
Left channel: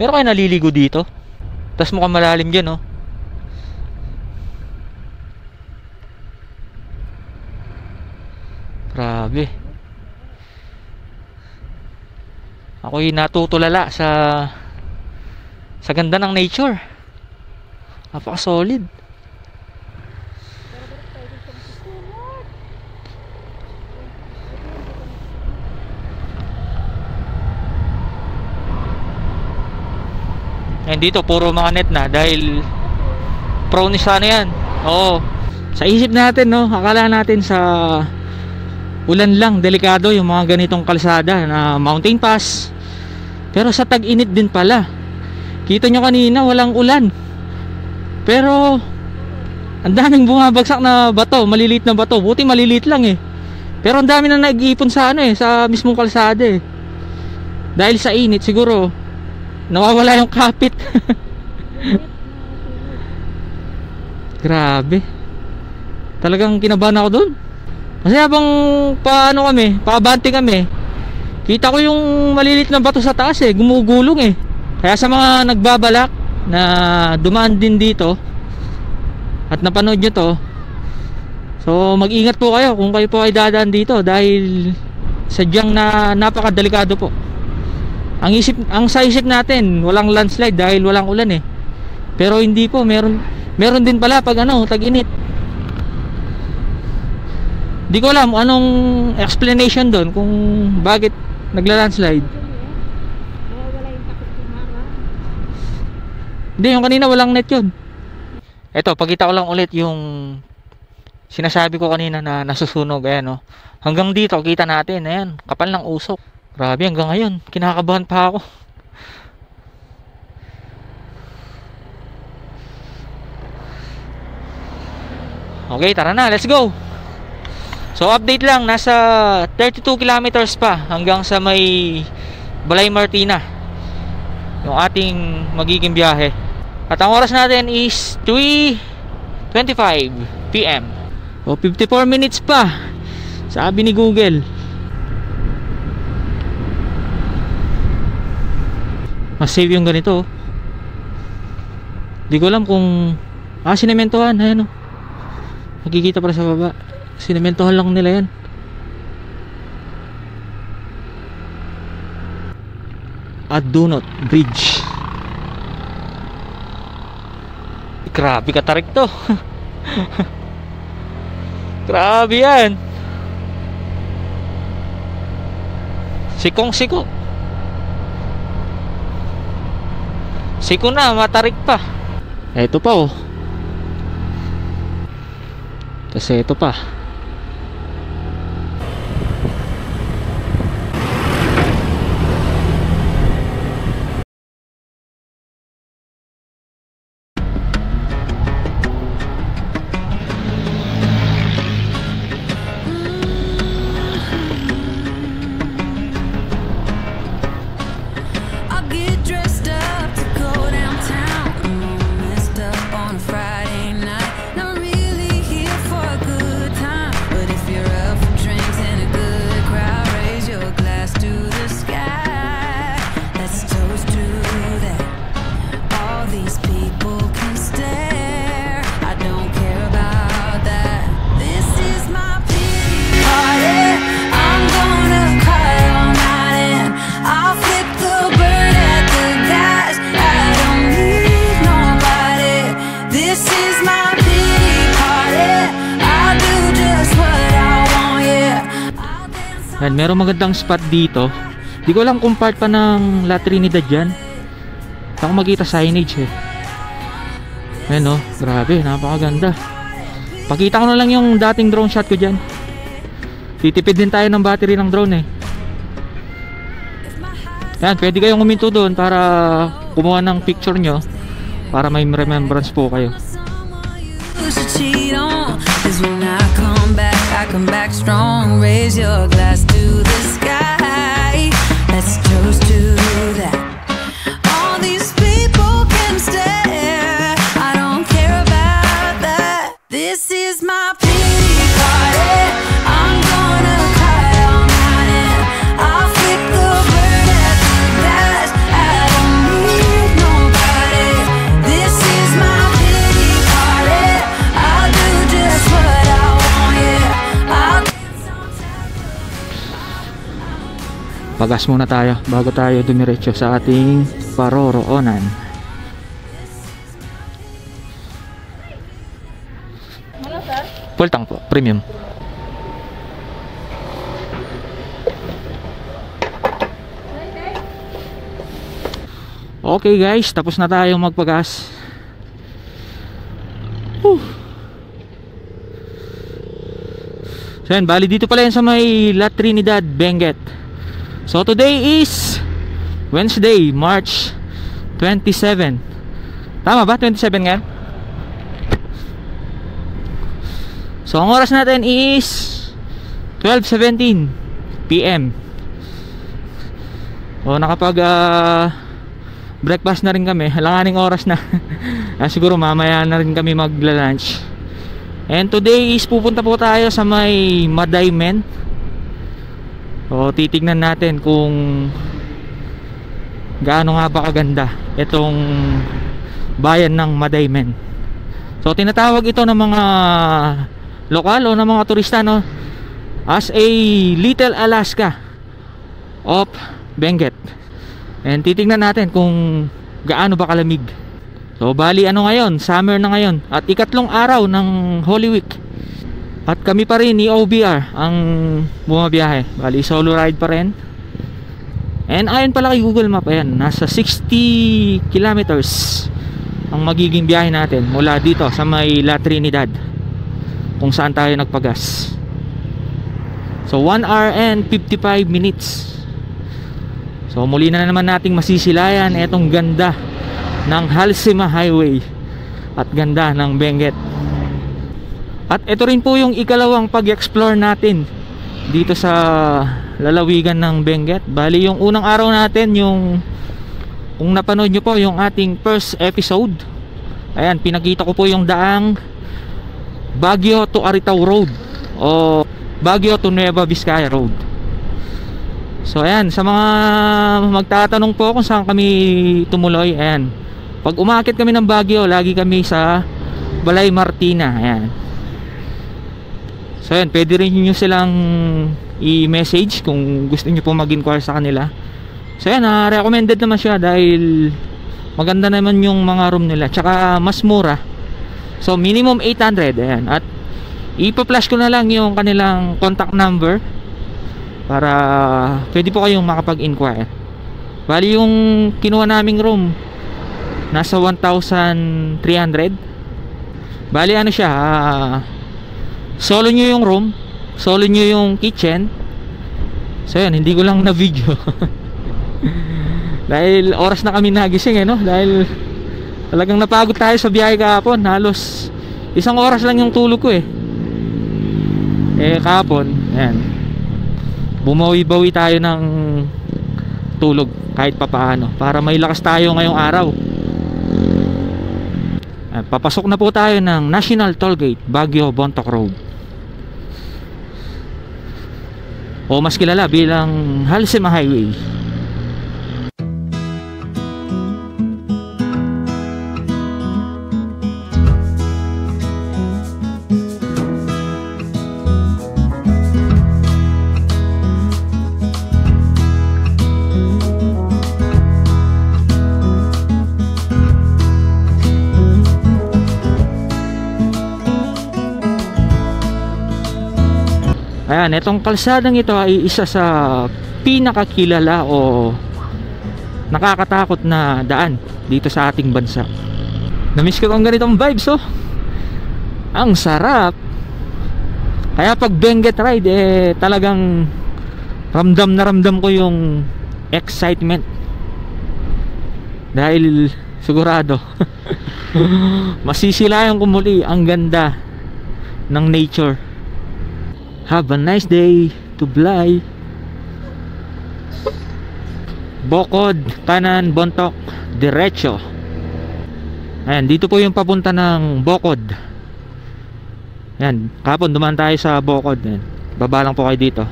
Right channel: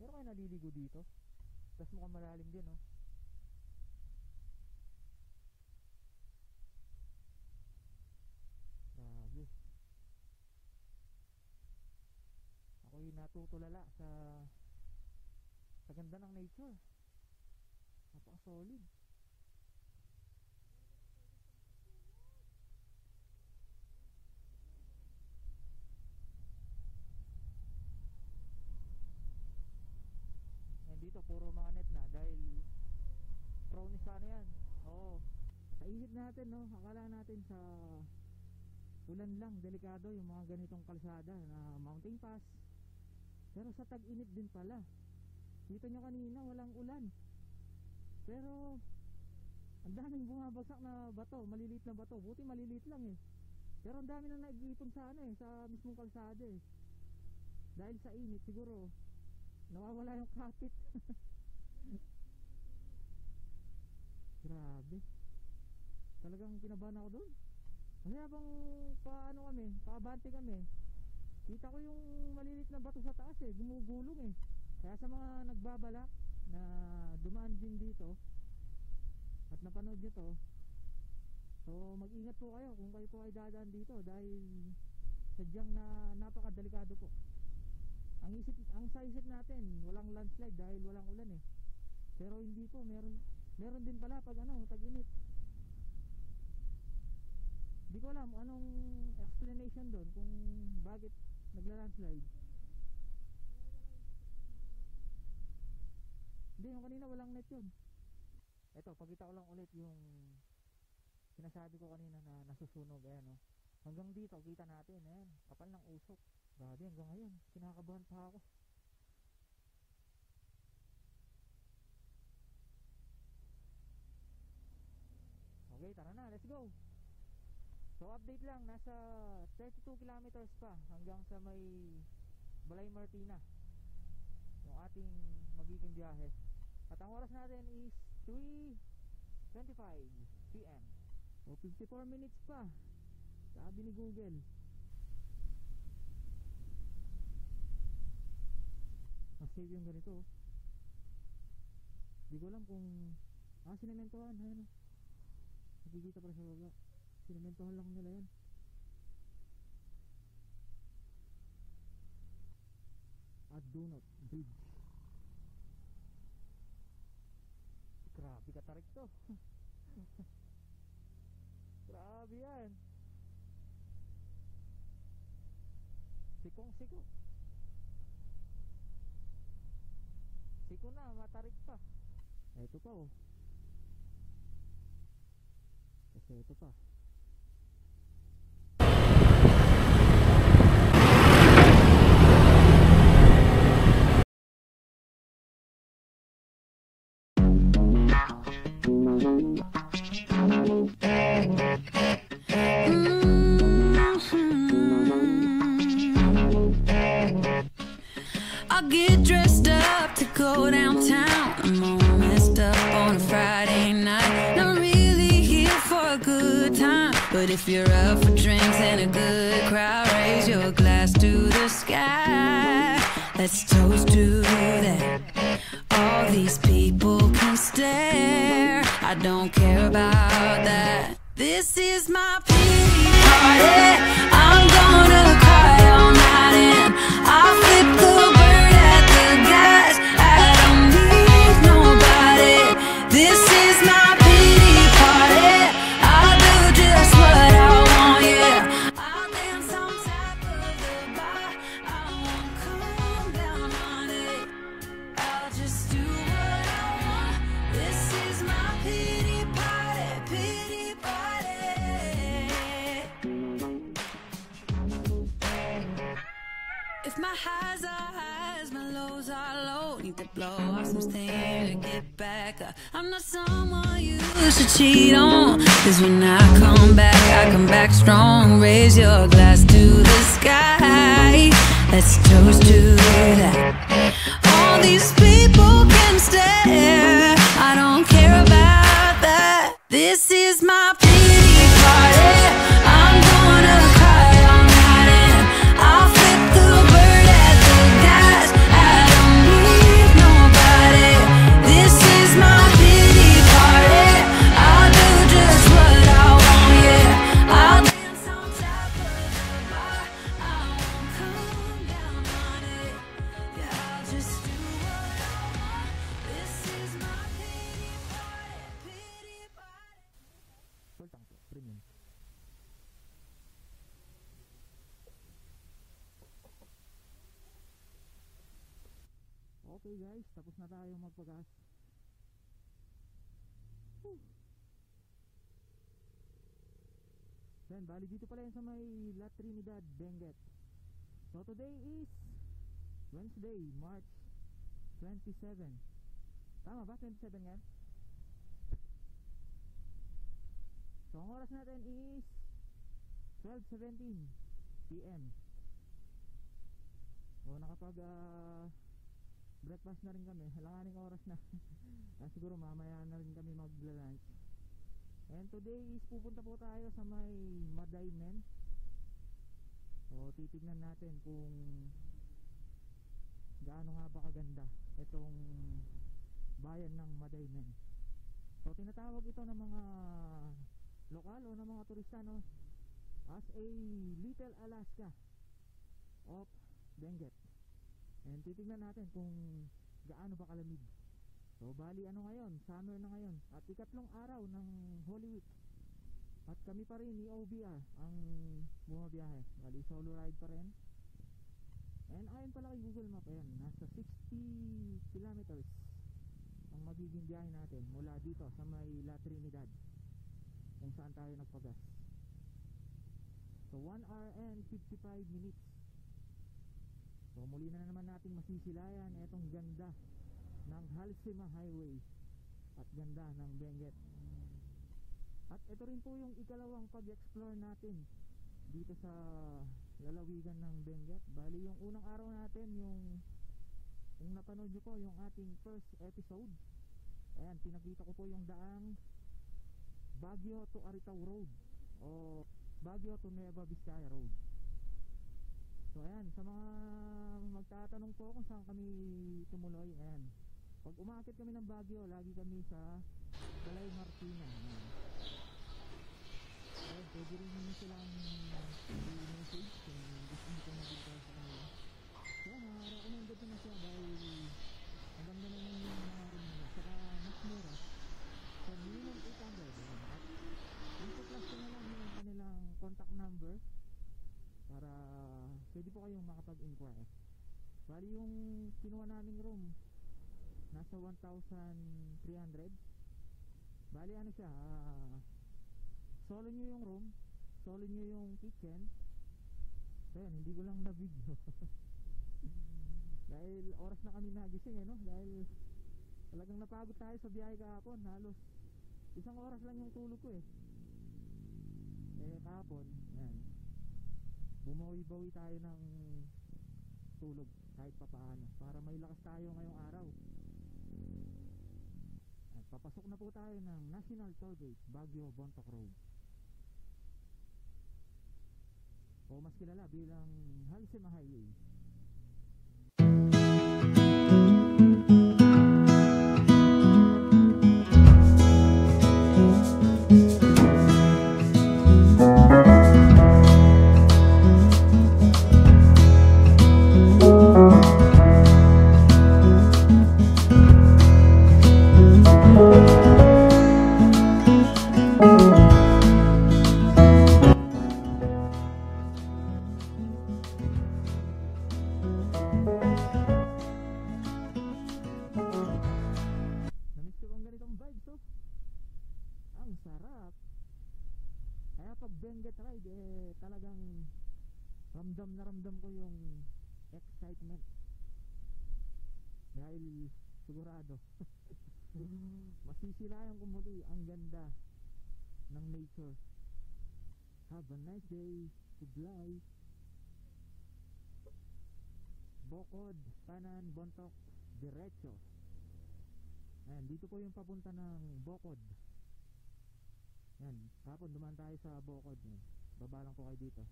Meron kayo naliligo dito? Tas mukhang malalim dyan oh. Grabe. Ako'y natutulala sa ganda ng nature. Napaka-solid. Ngayon dito puro mga net na dahil prone sa ano yan. Oo. Sa isip natin no, akala natin sa ulan lang delikado yung mga ganitong kalsada na mountain pass. Pero sa tag-init din pala. Kita nyo kanina walang ulan. Pero ang daming bumabagsak na bato, maliliit na bato. Buti maliliit lang eh. Pero ang dami na nag-iipon sa ano eh, sa mismong kalsada eh. Dahil sa init siguro nawawala yung kapit. Grabe. Talagang kinabahan ako dun. Kasi habang paano kami, paabante kami, kita ko yung malilit na bato sa taas eh, gumugulong eh. Kaya sa mga nagbabalak na dumaan din dito at napanood nyo to, so mag-ingat po kayo kung kayo po ay dadaan dito dahil sadyang napakadelikado po. Ang sa isip natin walang landslide dahil walang ulan eh, pero hindi po, meron din pala pag tag-init. Di ko alam anong explanation doon kung bakit nagla-landslide. Hindi, yung kanina walang net yun. Eto, pakita ko lang ulit yung sinasabi ko kanina na nasusunog. Ayan, oh. Hanggang dito kita natin, ayan, kapal ng usok. Grabe, hanggang ngayon kinakabahan pa ako. Okay, tara na, let's go. So update lang, nasa 32 kilometers pa hanggang sa may Balay Martina yung ating magiging biyahe. At ang oras natin is 3:25 PM. O 54 minutes pa, sabi ni Google. Mas safe yung ganito. Di ko alam kung sinementohan, ayan o. Makikita pala sa baba. Sinementohan lang nila yan. At Dunot Bridge. Grabe katarik to. Grabe yan. Sikong siko. Siko na, matarik pa. Eto pa oh. Kasi ito pa. Let's toast to that. All these people can stare. I don't care about that. This is my pity party. I'm gonna cry all night and I'll flip the bird at the guys. I don't need nobody. This is my pity party. I'll do just what I want, yeah. I'll dance on. Merong magandang spot dito. Di ko alam kung part pa ng La Trinidad yan. Saan makita signage eh. Ayan o, grabe, napakaganda. Pakita ko na lang yung dating drone shot ko dyan. Titipid din tayo ng battery ng drone eh. Ayan, pwede kayong huminto doon para kumuha ng picture nyo, para may remembrance po kayo. To cheat on is when I come back strong. Raise your glass to the sky. Let's toast to that. All these people can stare. I don't care about that. This is my pity party. I'm gonna cry all night and I'll flip the bird at the guys. I don't need nobody. This is my pity party. I'll do just what I want, yeah. I'll dance on top of. Pagas muna tayo bago tayo dumiretso sa ating paroroonan. Full tank po, premium. Okay guys, tapos na tayong magpagas. So yan, bali dito pala yan sa may La Trinidad, Benguet. So today is Wednesday, March 27. Tama ba? 27 nga? So ang oras natin is 12:17 PM. O nakapag breakfast na rin kami. Halanganing oras na. Siguro mamaya na rin kami magla-lunch. And today is pupunta po tayo sa may Madaymen. So titignan natin kung gaano nga ba kaganda itong bayan ng Madaymen. So tinatawag ito ng mga lokal o ng mga turista, no, as a Little Alaska of Benguet. And titignan natin kung gaano ba kalamig. So bali ano ngayon, summer na ngayon at ikatlong araw ng Holy Week. At kami pa rin ni OBR ang bumabiyahe. Bali solo ride pa rin. And ayon pala kay Google Map, ayan, nasa 60 kilometers ang magiging biyahe natin mula dito sa may La Trinidad, kung saan tayo nagpagas. So 1 hour and 55 minutes. So muli na naman nating masisilayan etong ganda ng Halsema Highway at ganda ng Benguet. At ito rin po yung ikalawang pag-explore natin dito sa lalawigan ng Benguet. Bali yung unang araw natin, yung kung napanood nyo po yung ating first episode, ayan, pinakita ko po yung daang Baguio to Aritaw Road o Baguio to Nueva Vizcaya Road. So ayan, sa mga magtatanong po kung saan kami tumuloy, ayan, pag umakit kami ng Baguio, lagi kami sa Balay Martina. Ayan. So ayan, pwede rin nyo silang i-message kung gusto nyo po mag-inquire sa kanila. So ayan, recommended naman siya dahil maganda naman yung mga room nila, tsaka mas mura. So minimum 800. Ayan. At ipa-flash ko na lang yung kanilang contact number para pwede po kayong makapag-inquire. Bali yung kinuha naming room nasa 1,300. Bali ano siya, solo nyo yung room, solo nyo yung kitchen. So yan, hindi ko lang na video dahil oras na kami nagising, no? Dahil talagang napagod tayo sa biyahe kahapon. Halos 1 oras lang yung tulog ko kahapon, ayan, bumawi-bawi tayo ng tulog kahit papaano para may lakas tayo ngayong araw. Papasok na po tayo ng National Tollgate, Baguio Bontoc Road, o mas kilala bilang Halsema Highway. Itong kalsadang ito ay isa sa pinakakilala o nakakatakot na daan dito sa ating bansa. Namiss ko ang ganitong vibes, ang sarap. Kaya pag Benguet ride, talagang ramdam na ramdam ko yung excitement dahil sigurado masisilayan ko muli ang ganda ng nature. Have a nice day to Blay. Bokod, kanan, Bontoc, diretso. Ayan, dito po yung papunta ng Bokod. Ayan, kapon dumaan tayo sa Bokod. Ayan, baba lang po kayo dito.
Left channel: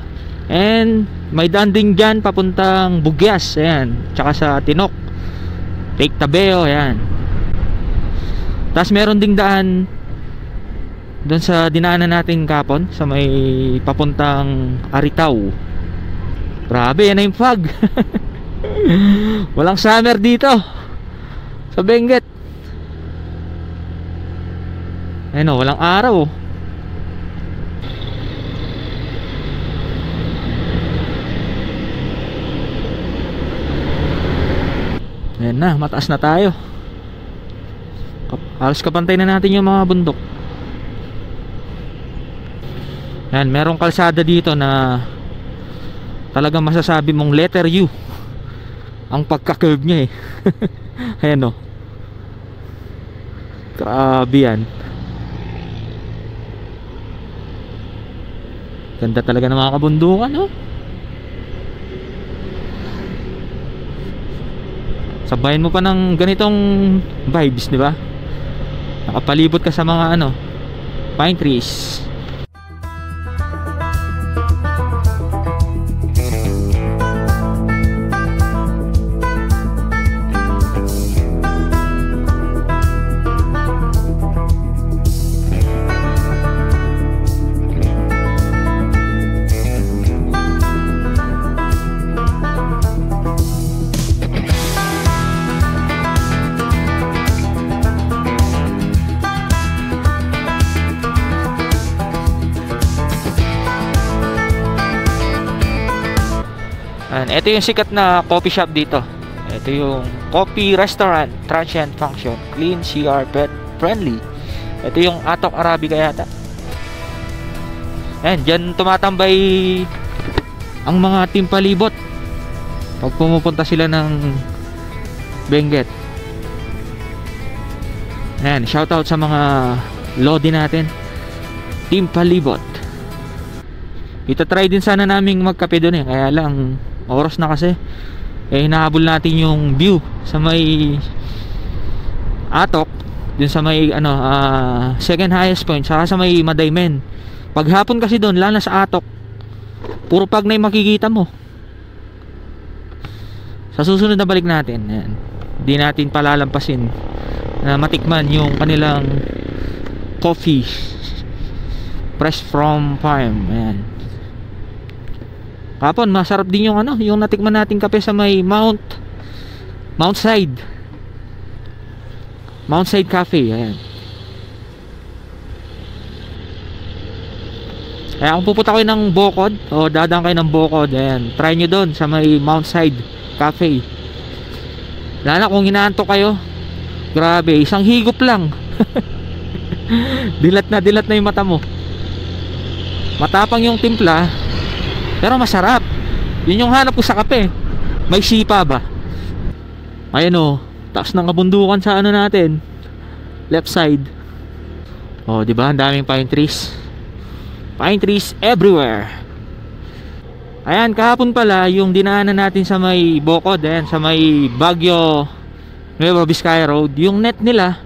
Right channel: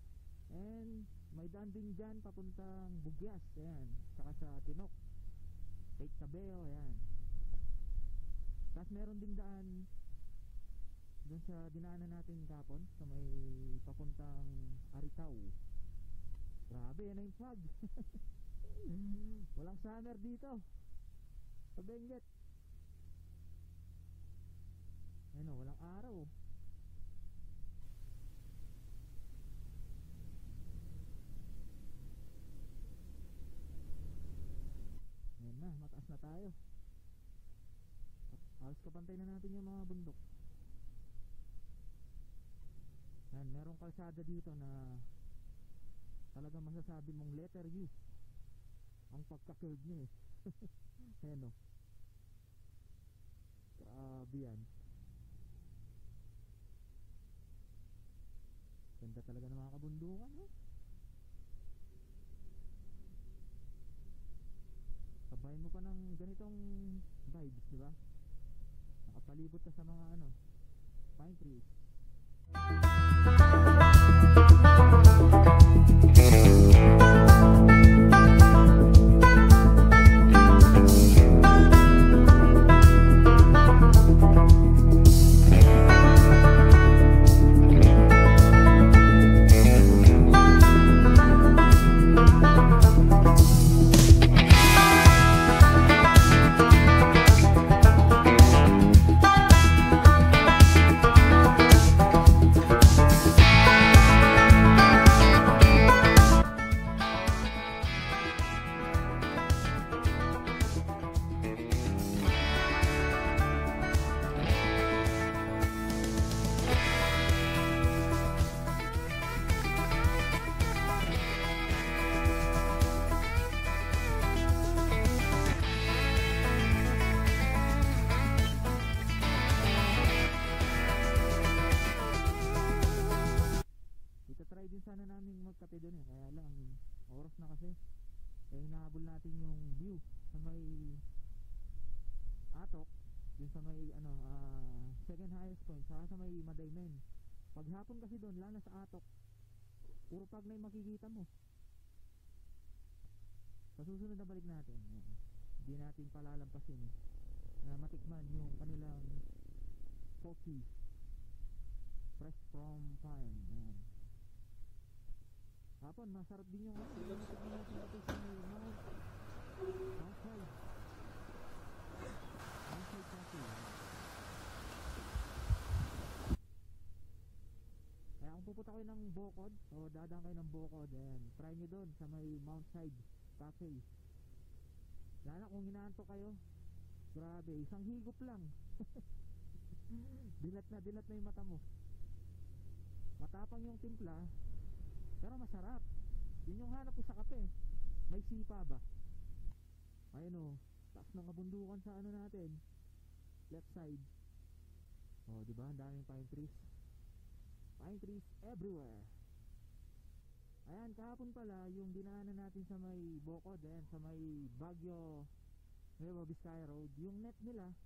And may daan din dyan papuntang Bugyas. Ayan, tsaka sa Tinok, Lake Tabeo. Ayan. Tapos meron ding daan doon sa dinaanan natin kapon sa may papuntang Aritaw. Grabe, yan na yung fog. Walang summer dito sa Benguet. Ayun, walang araw. Ayan na, mataas na tayo. Halos kapantay na natin yung mga bundok. Yan, merong kalsada dito na talagang masasabi mong letter U ang pagka-curve niya Ayan, grabe yan. Ganda talaga ng mga kabundukan, Sabayan mo pa ng ganitong vibes, di ba? Nakapalibot ka sa mga pine trees. Ito yung sikat na coffee shop dito. Ito yung coffee restaurant, transient function, clean, CR, pet friendly. Ito yung Atok Arabica yata. Ayan, dyan tumatambay ang mga team palibot pag pumupunta sila ng Benguet. Ayan, shoutout sa mga lodi natin, team palibot. Itatry din sana naming magkape doon kaya lang oras na kasi hinahabol natin yung view sa may Atok, dun sa may second highest point, saka sa may Madaymen. Paghapon kasi doon, lalo na sa Atok, puro Pagnay makikita mo. Sa susunod na balik natin, ayan, di natin palalampasin na matikman yung kanilang coffee fresh from farm. Ayan, kapon masarap din yung yung natikman nating kape sa may Mount Side Cafe. Ayan, kaya kung pupunta kayo ng Bocod o dadaan kayo ng Bocod, ayan, try nyo doon sa may Mount Side Cafe. Lalo kung hinaantok kayo, grabe, isang higop lang dilat na yung mata mo. Matapang yung timpla pero masarap. Yun yung hanap ko sa kape. May sipa ba? Ayan o, taas ng kabundukan sa natin, left side. O, diba? Ang daming pine trees. Pine trees everywhere. Ayan, kahapon pala yung dinaanan natin sa may Bocod, ayan, sa may Baguio Nueva Vizcaya Road, yung net nila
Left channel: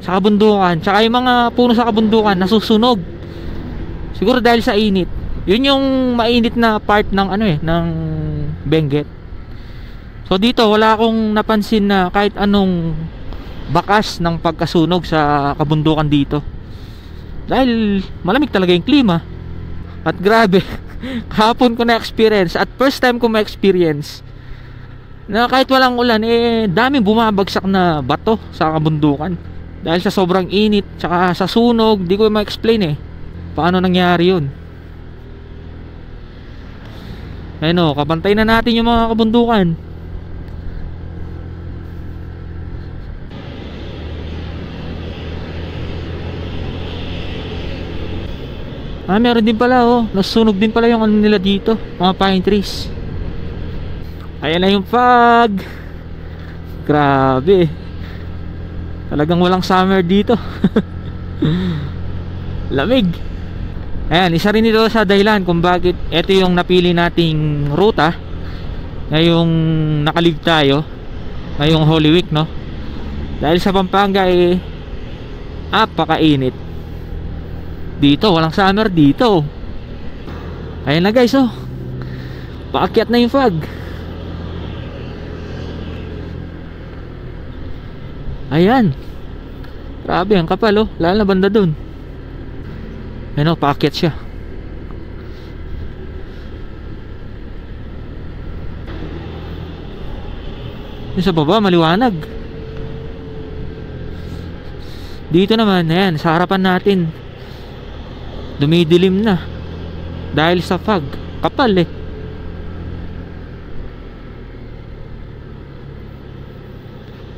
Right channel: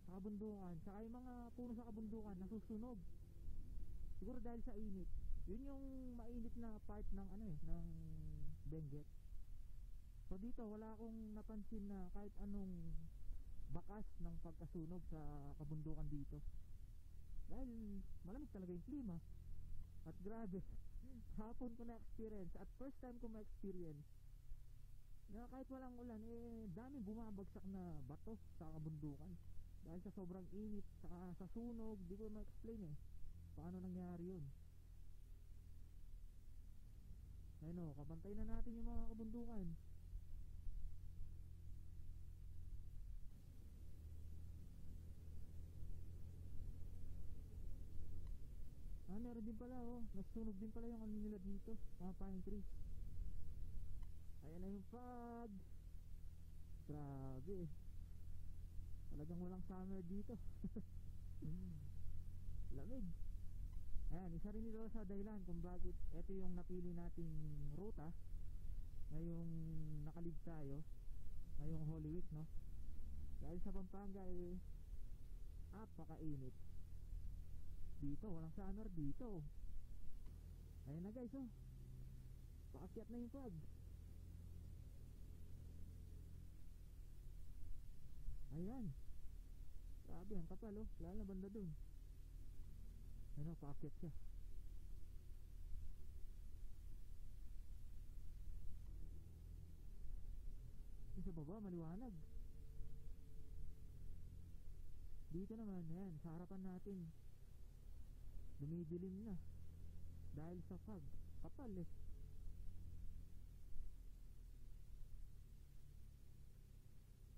sa kabundukan, tsaka yung mga puno sa kabundukan nasusunog. Siguro dahil sa init. Yun yung mainit na part ng ng Benguet. So dito wala akong napansin na kahit anong bakas ng pagkasunog sa kabundukan dito. Dahil malamig talaga yung klima. At grabe, kahapon ko na-experience at first time ko ma-experience na kahit walang ulan daming bumabagsak na bato sa kabundukan. Dahil sa sobrang init tsaka sa sunog, di ko ma-explain paano nangyari yun. Ayun kabantay na natin yung mga kabundukan. Meron din pala nasusunog din pala yung nila dito, mga pine trees. Ayan na yung fog. Grabe, talagang walang summer dito. Lamig. Ayan, isa rin ito sa dahilan kung bakit ito yung napili nating ruta ngayong nakalive tayo ngayong Holy Week, no? Dahil sa Pampanga apakainit dito, walang summer dito. Ayan na guys, paakyat na yung fog. Ayan, grabe ang kapal lalo na banda dun. Ayan paakyat siya. Yung sa baba maliwanag. Dito naman, ayan, sa harapan natin dumidilim na dahil sa fog. Kapal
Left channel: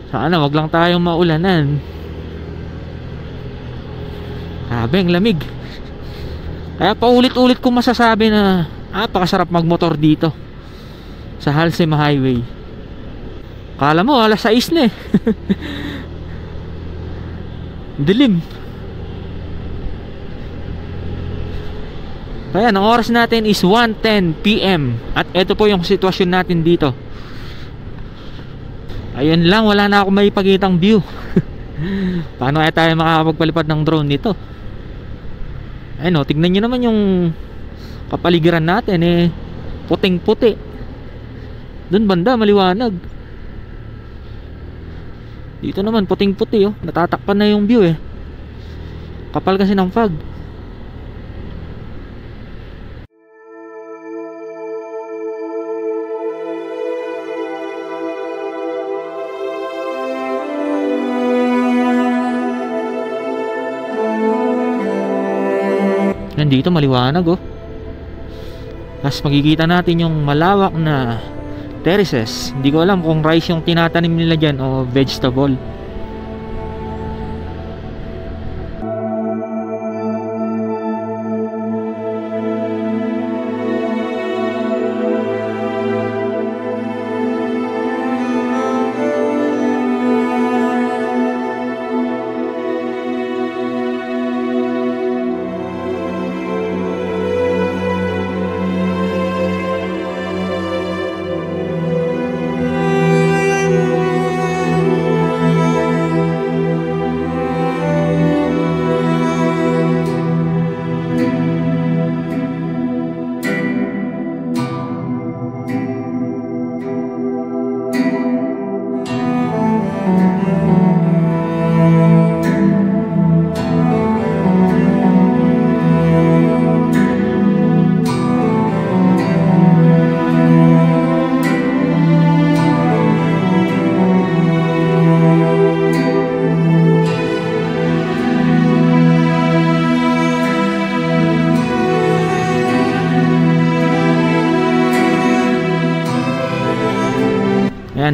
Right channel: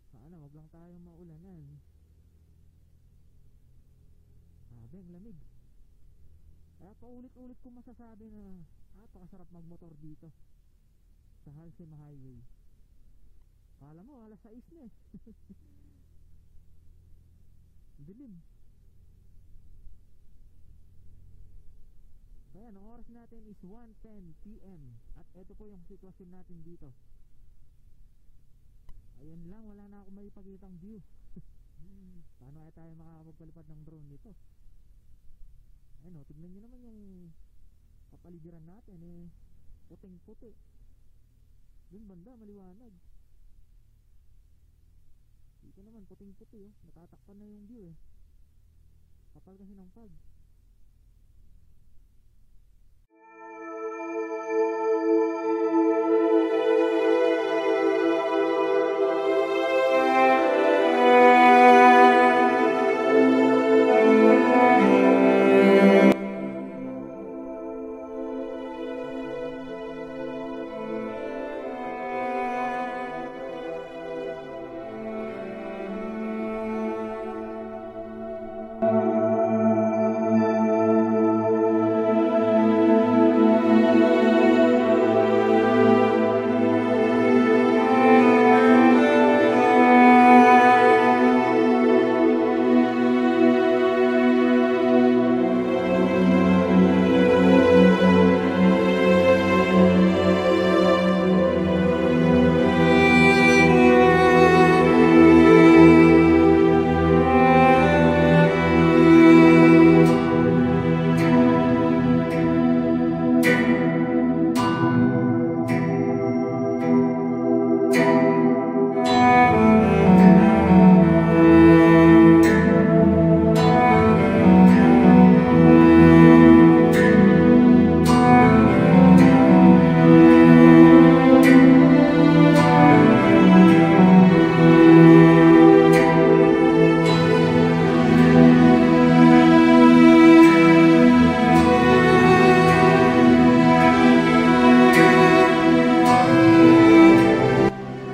sana wag lang tayong maulanan. Grabe ang lamig. Kaya paulit-ulit kong masasabi na napakasarap magmotor dito sa Halsem Highway. Kala mo alas 6 na dilim. Kaya ang oras natin is 1:10 PM. At ito po yung sitwasyon natin dito. Ayun lang, wala na ako may pakitang view. Paano kaya tayo makakapagpalipad ng drone dito? Ayun, tignan nyo naman yung kapaligiran natin eh, puting puti. Doon banda maliwanag, dito naman puting puti oh. Natatakpan na yung view eh, kapal kasi ng fog. Nandito maliwanag oh. Tapos makikita natin yung malawak na terraces. Hindi ko alam kung rice yung tinatanim nila dyan o vegetable.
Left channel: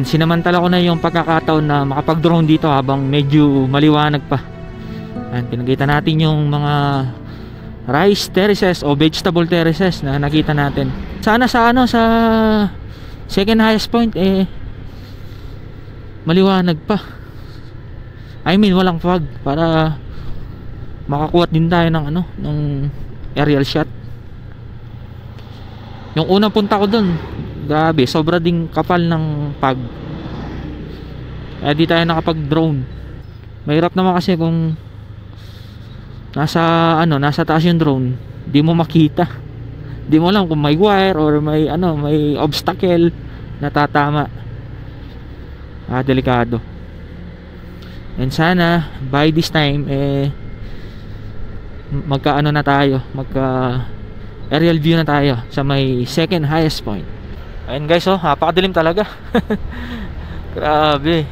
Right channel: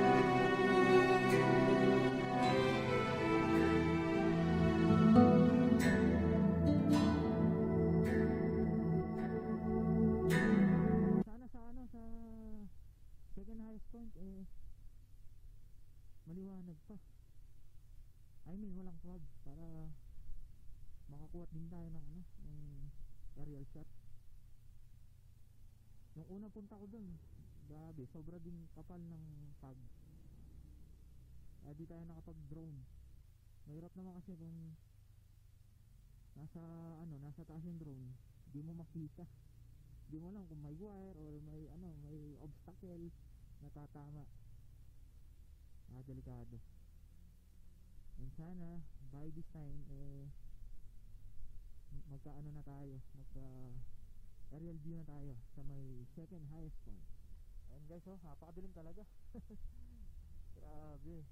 Sinamantala ko na yung pagkakataon na makapag-drone dito habang medyo maliwanag pa. Ayan, pinakita natin yung mga rice terraces o vegetable terraces na nakita natin. Sana sa second highest point eh maliwanag pa. I mean walang fog para makakuha din tayo ng ng aerial shot. Yung unang punta ko dun, grabe, sobra ding kapal ng fog. Kaya di tayo nakapag-drone. Mahirap naman kasi kung nasa taas yung drone, di mo makita. Di mo alam kung may wire or may obstacle na tatama. Delikado. And sana by this time magka aerial view na tayo sa may second highest point. Ayun guys, napakadilim talaga. Grabe.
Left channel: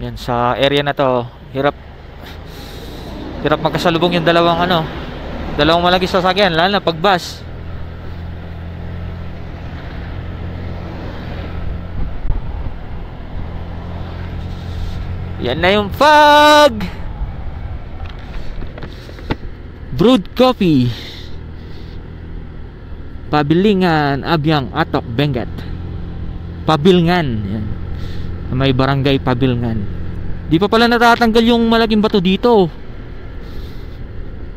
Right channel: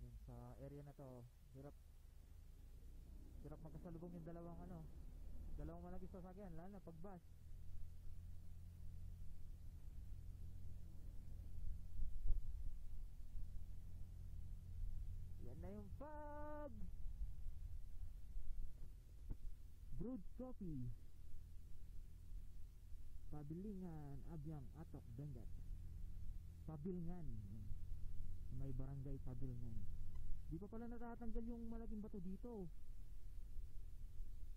Yan, sa area na to, hirap magkasalubong yung dalawang malagis sasakyan, lalo na pag bus. Yan na yung fog. Brewed coffee, Pabilingan, Abyang, Atok, Benguet. Pabilngan. Yan. May barangay Pabilngan. Di pa pala natatanggal yung malaking bato dito.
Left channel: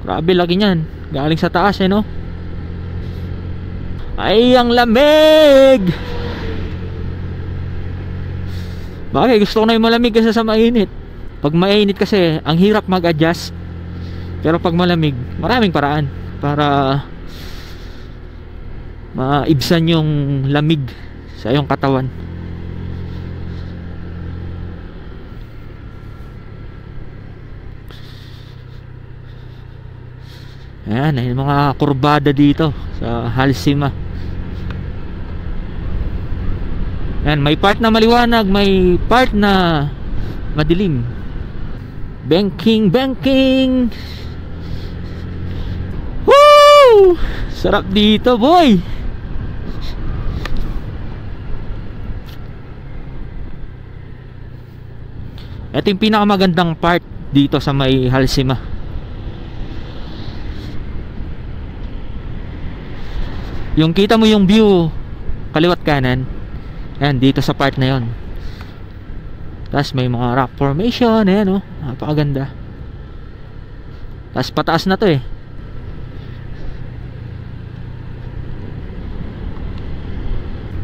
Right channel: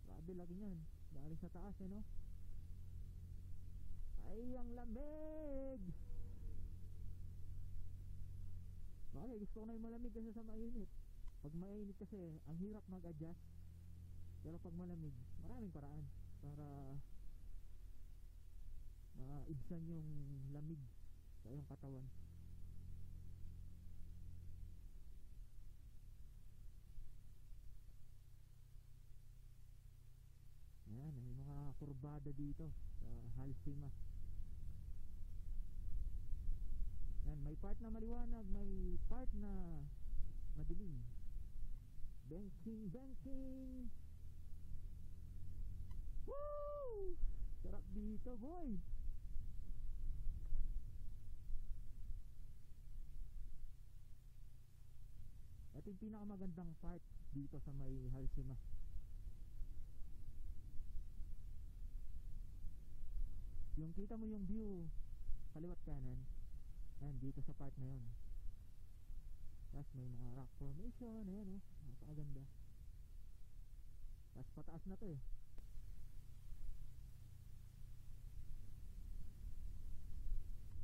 Grabe, laki niyan. Galing sa taas no? Ay, ang lamig. Bakit? Gusto ko na yung malamig kasi sa mainit. Pag mainit kasi, ang hirap mag-adjust. Pero pag malamig, maraming paraan para maibsan yung lamig sa iyong katawan. Ayan, yung mga kurbada dito sa Halsima. Ayan, may part na maliwanag, may part na madilim. Banking. Woo! Sarap dito, boy. Ito yung pinakamagandang part dito sa may Halsima. Yung kita mo yung view kaliwat kanan, ayan, dito sa part na yon. Tapos may mga rock formation, ayan napakaganda. Tapos pataas na to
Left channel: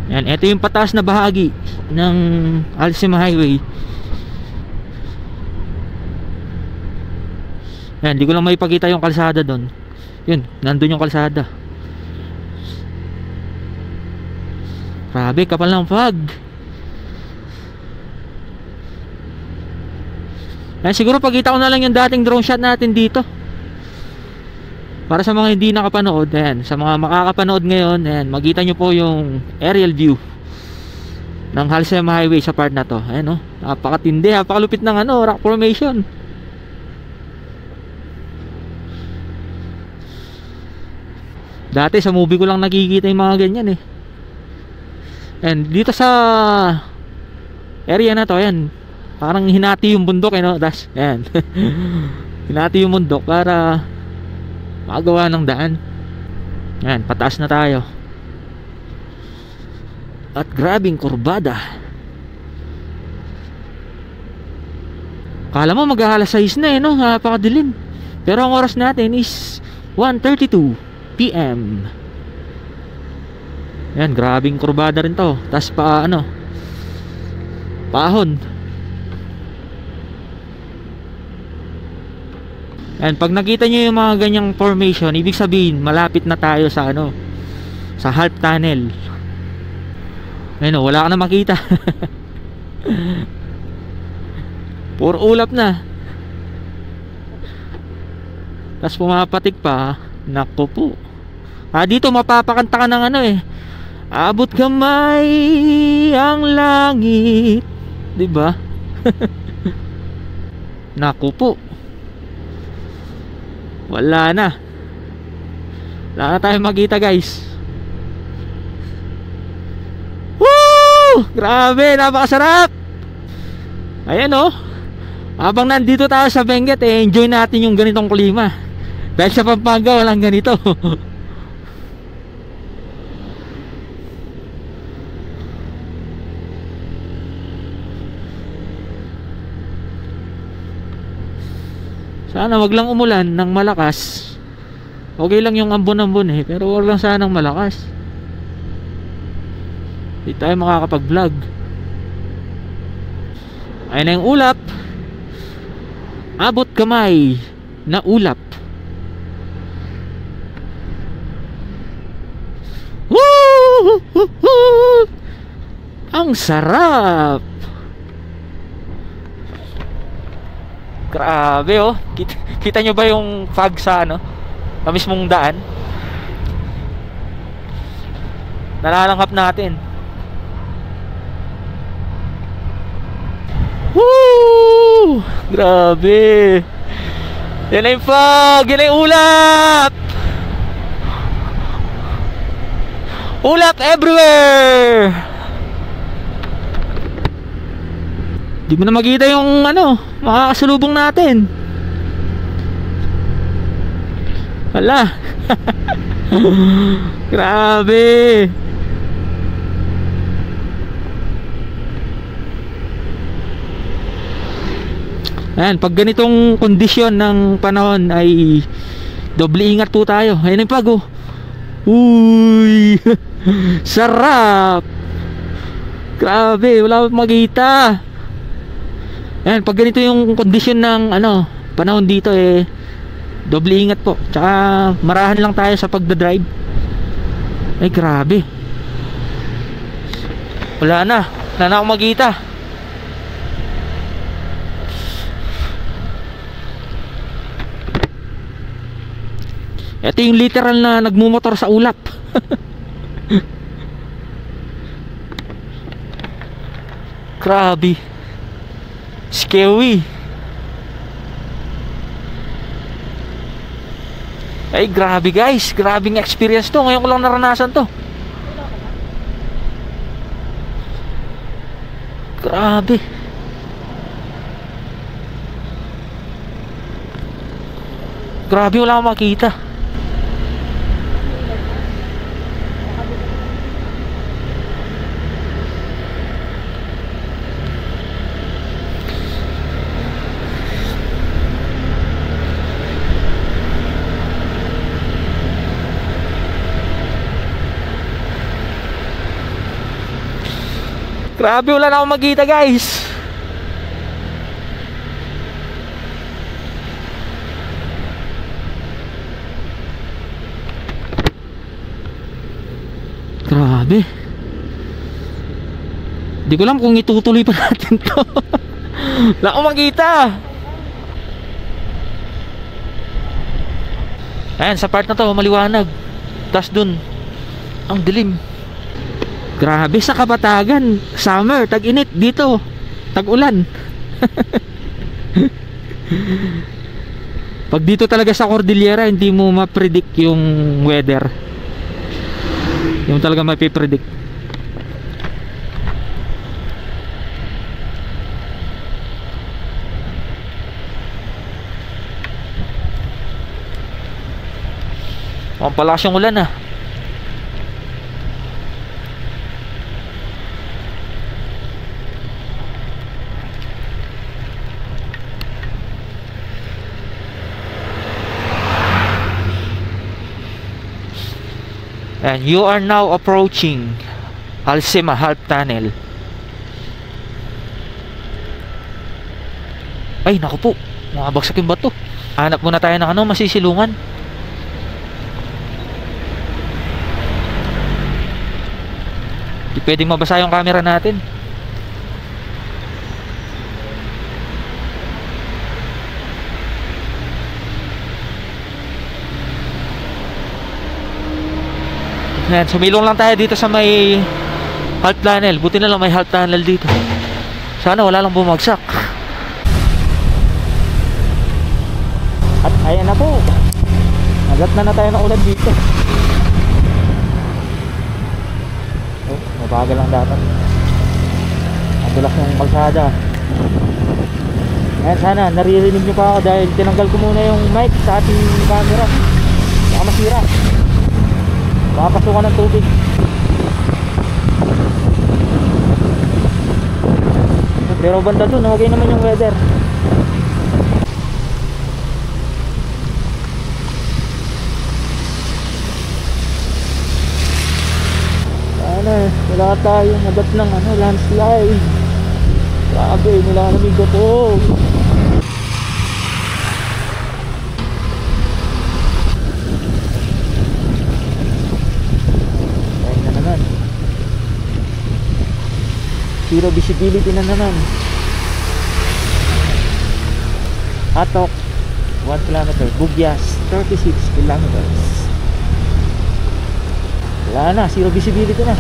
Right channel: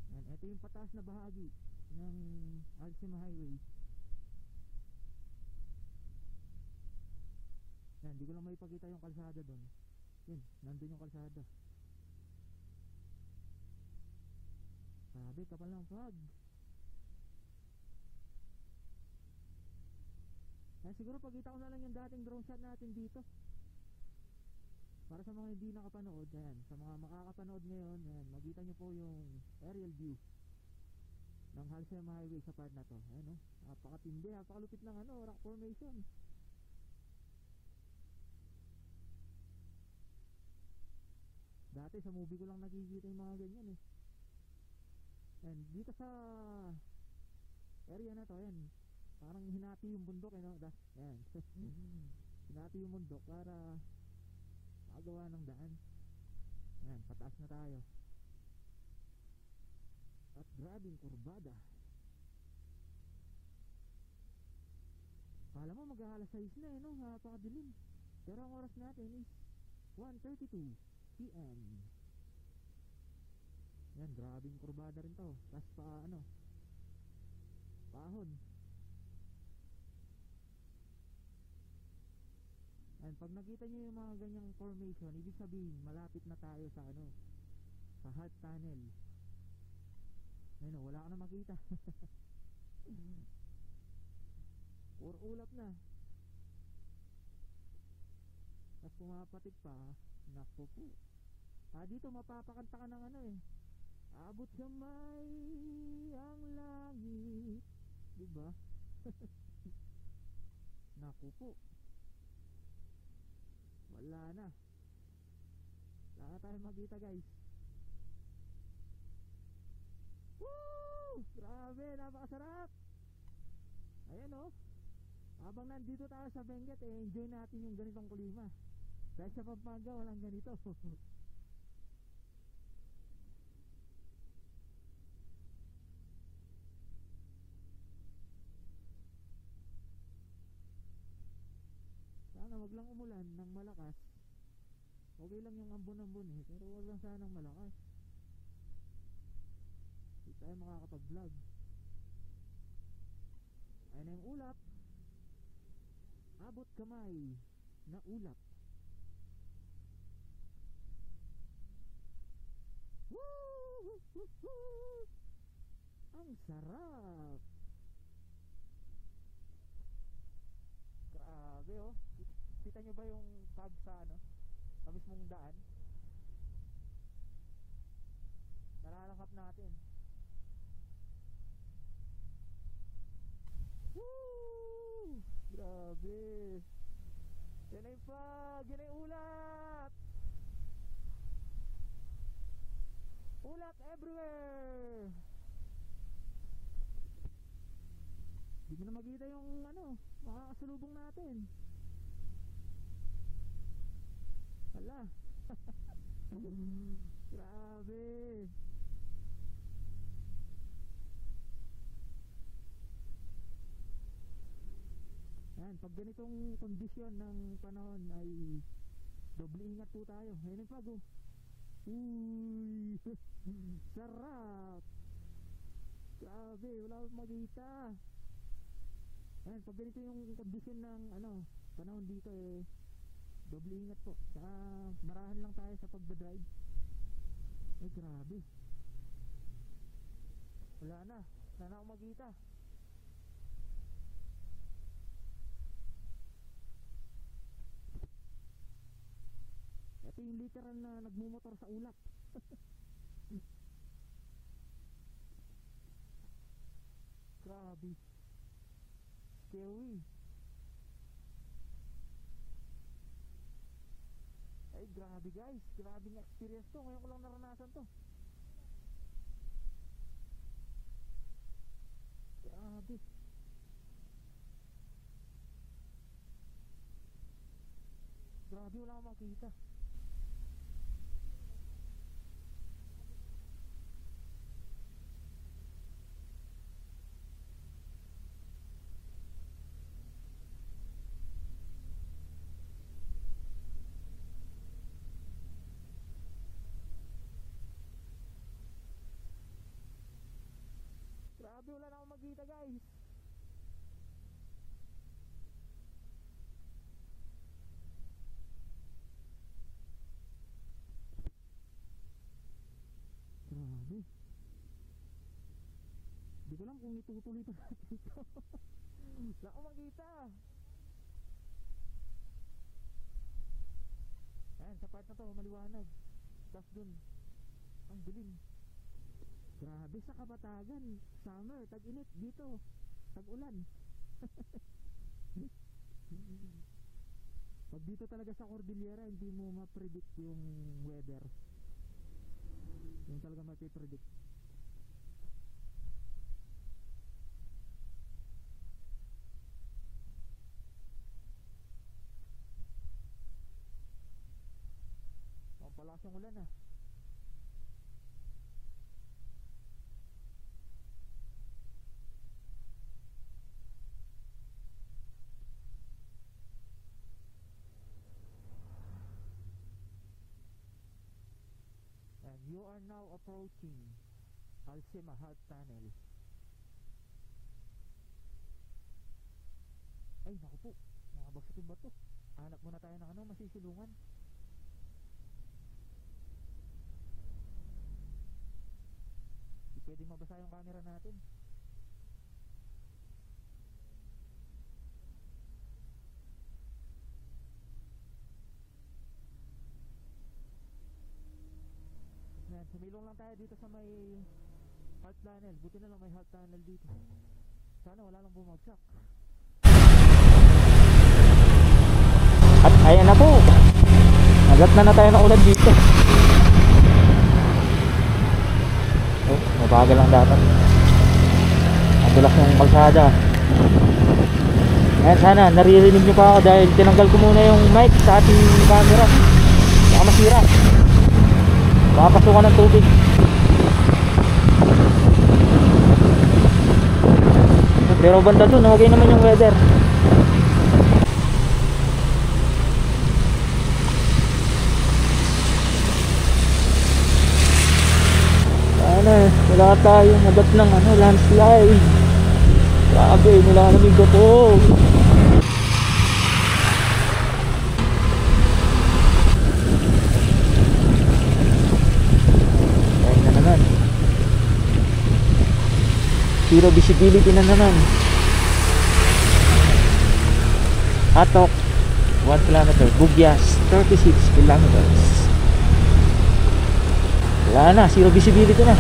Ayan, ito yung pataas na bahagi ng Halsima Highway. Ayan, di ko lang maipakita yung kalsada doon Yun, nandun yung kalsada. Grabe, kapal ng fog. Ayan, siguro pagkita ko na lang yung dating drone shot natin dito. Para sa mga hindi nakapanood, ayan, sa mga makakapanood ngayon, ayan, makita nyo po yung aerial view ng Halsema Highway sa part na to. Ayan, oh, napakatindi, napakalupit ng ano, rock formation. Dati sa movie ko lang nakikita yung mga ganyan eh. And dito sa area na to, ayan, parang hinati yung bundok eh, no? Das, ayan. Hinati yung bundok para makagawa ng daan. Ayan, pataas na tayo. At grabing kurbada. Kala mo mag-alas 6 na eh, no? Napakadilim. Pero ang oras natin is 1:32 PM. Ayan, grabing kurbada rin to. Tas pa ano, paahon. And pag nakita nyo yung mga ganyang formation, ibig sabihin malapit na tayo sa ano, sa half tunnel. Ayun, wala ka na makita. Puro ulap na. Tapos pumapatik pa. Naku po. Dito mapapakanta ka ng ano eh, abot kamay ang langit, diba? Naku po. Wala na. Wala na tayong makita, guys. Woo! Grabe, napakasarap. Ayan oh. Habang nandito tayo sa Benguet, eh, enjoy natin yung ganitong klima. Dahil sa Pampanga, walang ganito. Sana wag lang umulan ng malakas. Okay lang yung ambon-ambon eh, pero wag lang sanang malakas. Hindi tayo makakapag-vlog. Ayun na yung ulap. Abot kamay na ulap. Woo! Ang sarap. Grabe oh. Kita nyo ba yung fog sa ano, sa mismong daan? Nalalanghap natin. Woo! Grabe. Yan na yung fog. Yan na yung ulap. Ulap everywhere. Di mo na makita yung ano, makakasalubong natin. Wala. Grabe. Ayan, pag ganitong kondisyon ng panahon ay doble ingat po tayo. Ayan yung pago. Uy. Sarap. Grabe, wala akong makita. Ayan, pag ganito yung kondisyon ng ano, panahon dito eh, doble ingat po. Tsaka marahan lang tayo sa pagdadrive. Ay grabe. Wala na akong makita. Ito yung literal na nagmumotor sa ulap. Grabe. Scary. Ay grabe guys, grabing experience to. Ngayon ko lang naranasan to. Grabe. Grabe, wala akong makita. Grabe, wala na akong makita guys. Grabe. Di ko alam kung itutuloy pa natin to. Wala akong makita. Ayan, sa part na to maliwanag. Tas dun ang dilim. Grabe, sa Kapatagan summer, tag-init. Dito tag-ulan. Pag dito talaga sa Cordillera, hindi mo ma-predict yung weather. Yung talaga mapipredict. Ang palakas yung ulan ah. And you are now approaching Alcima Half Tunnel. Ay naku po, makabagsak yung bato. Hanap muna tayo ng ano, masisilungan. Di pwedeng mabasa yung camera natin. Ayan, sumilong lang tayo dito sa may half tunnel. Buti na lang may half tunnel dito. Sana wala lang bumagsak. At ayan na po, nagat na tayo ng ulan dito. Oh, mabagal lang dapat. Madulas ng kalsada. Ayan, sana naririnig nyo pa ako dahil tinanggal ko muna yung mic sa ating camera. Baka masira, makapasukan ng tubig. Pero banda dun, okay naman yung weather. Sana wala tayong nagat ng ano, landslide. Grabe, nilalamig ko to. Zero visibility na naman. Atok 1 km, Bugyas 36 kilometers. Wala na, zero visibility na.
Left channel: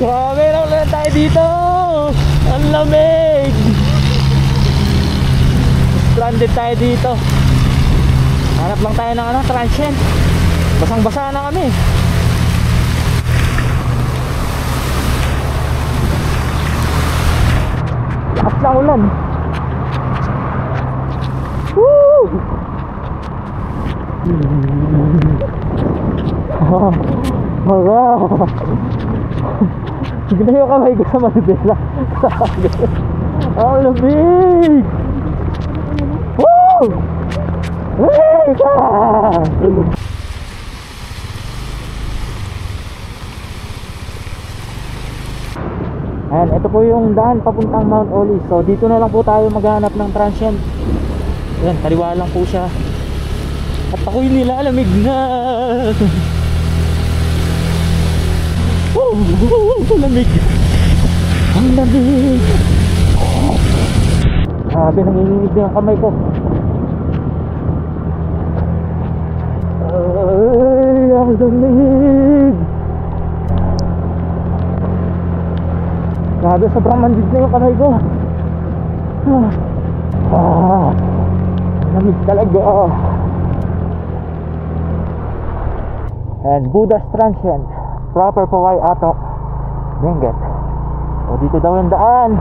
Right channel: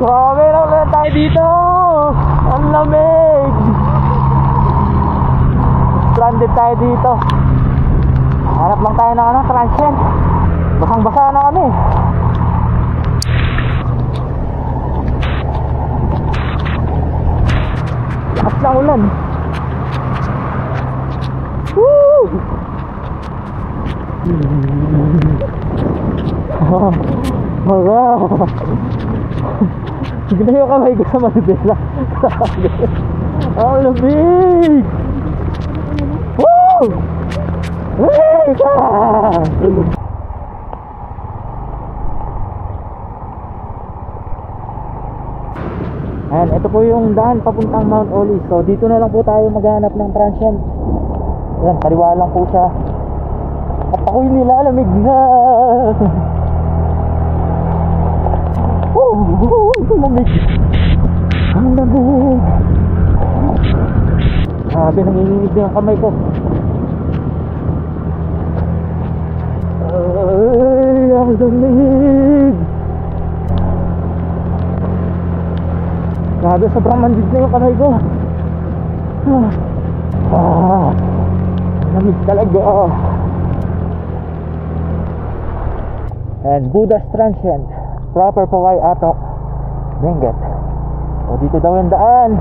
Grabe na ulit tayo dito. Ang lamig. Stranded tayo dito. Hanap lang tayo ng ano, transient. Basang basa na kami. Lakas na ulan. Woo! Sige na yung kamay ko sa manibela. Ang lamig! Woo! Ayan, ito po yung daan papuntang Mount Olive. So dito na lang po tayo maghanap ng transient. Ayan, kaliwa lang po siya. At ako'y nilalamig na. Ang lamig. Ang lamig. Grabe, nanginginig na yung kamay ko. Ay, ang lamig. Grabe, sobrang mandid na yung kamay ko. Lamig talaga. And Buddha's Transient, proper Poway Atok, Benguet. O dito daw yung daan.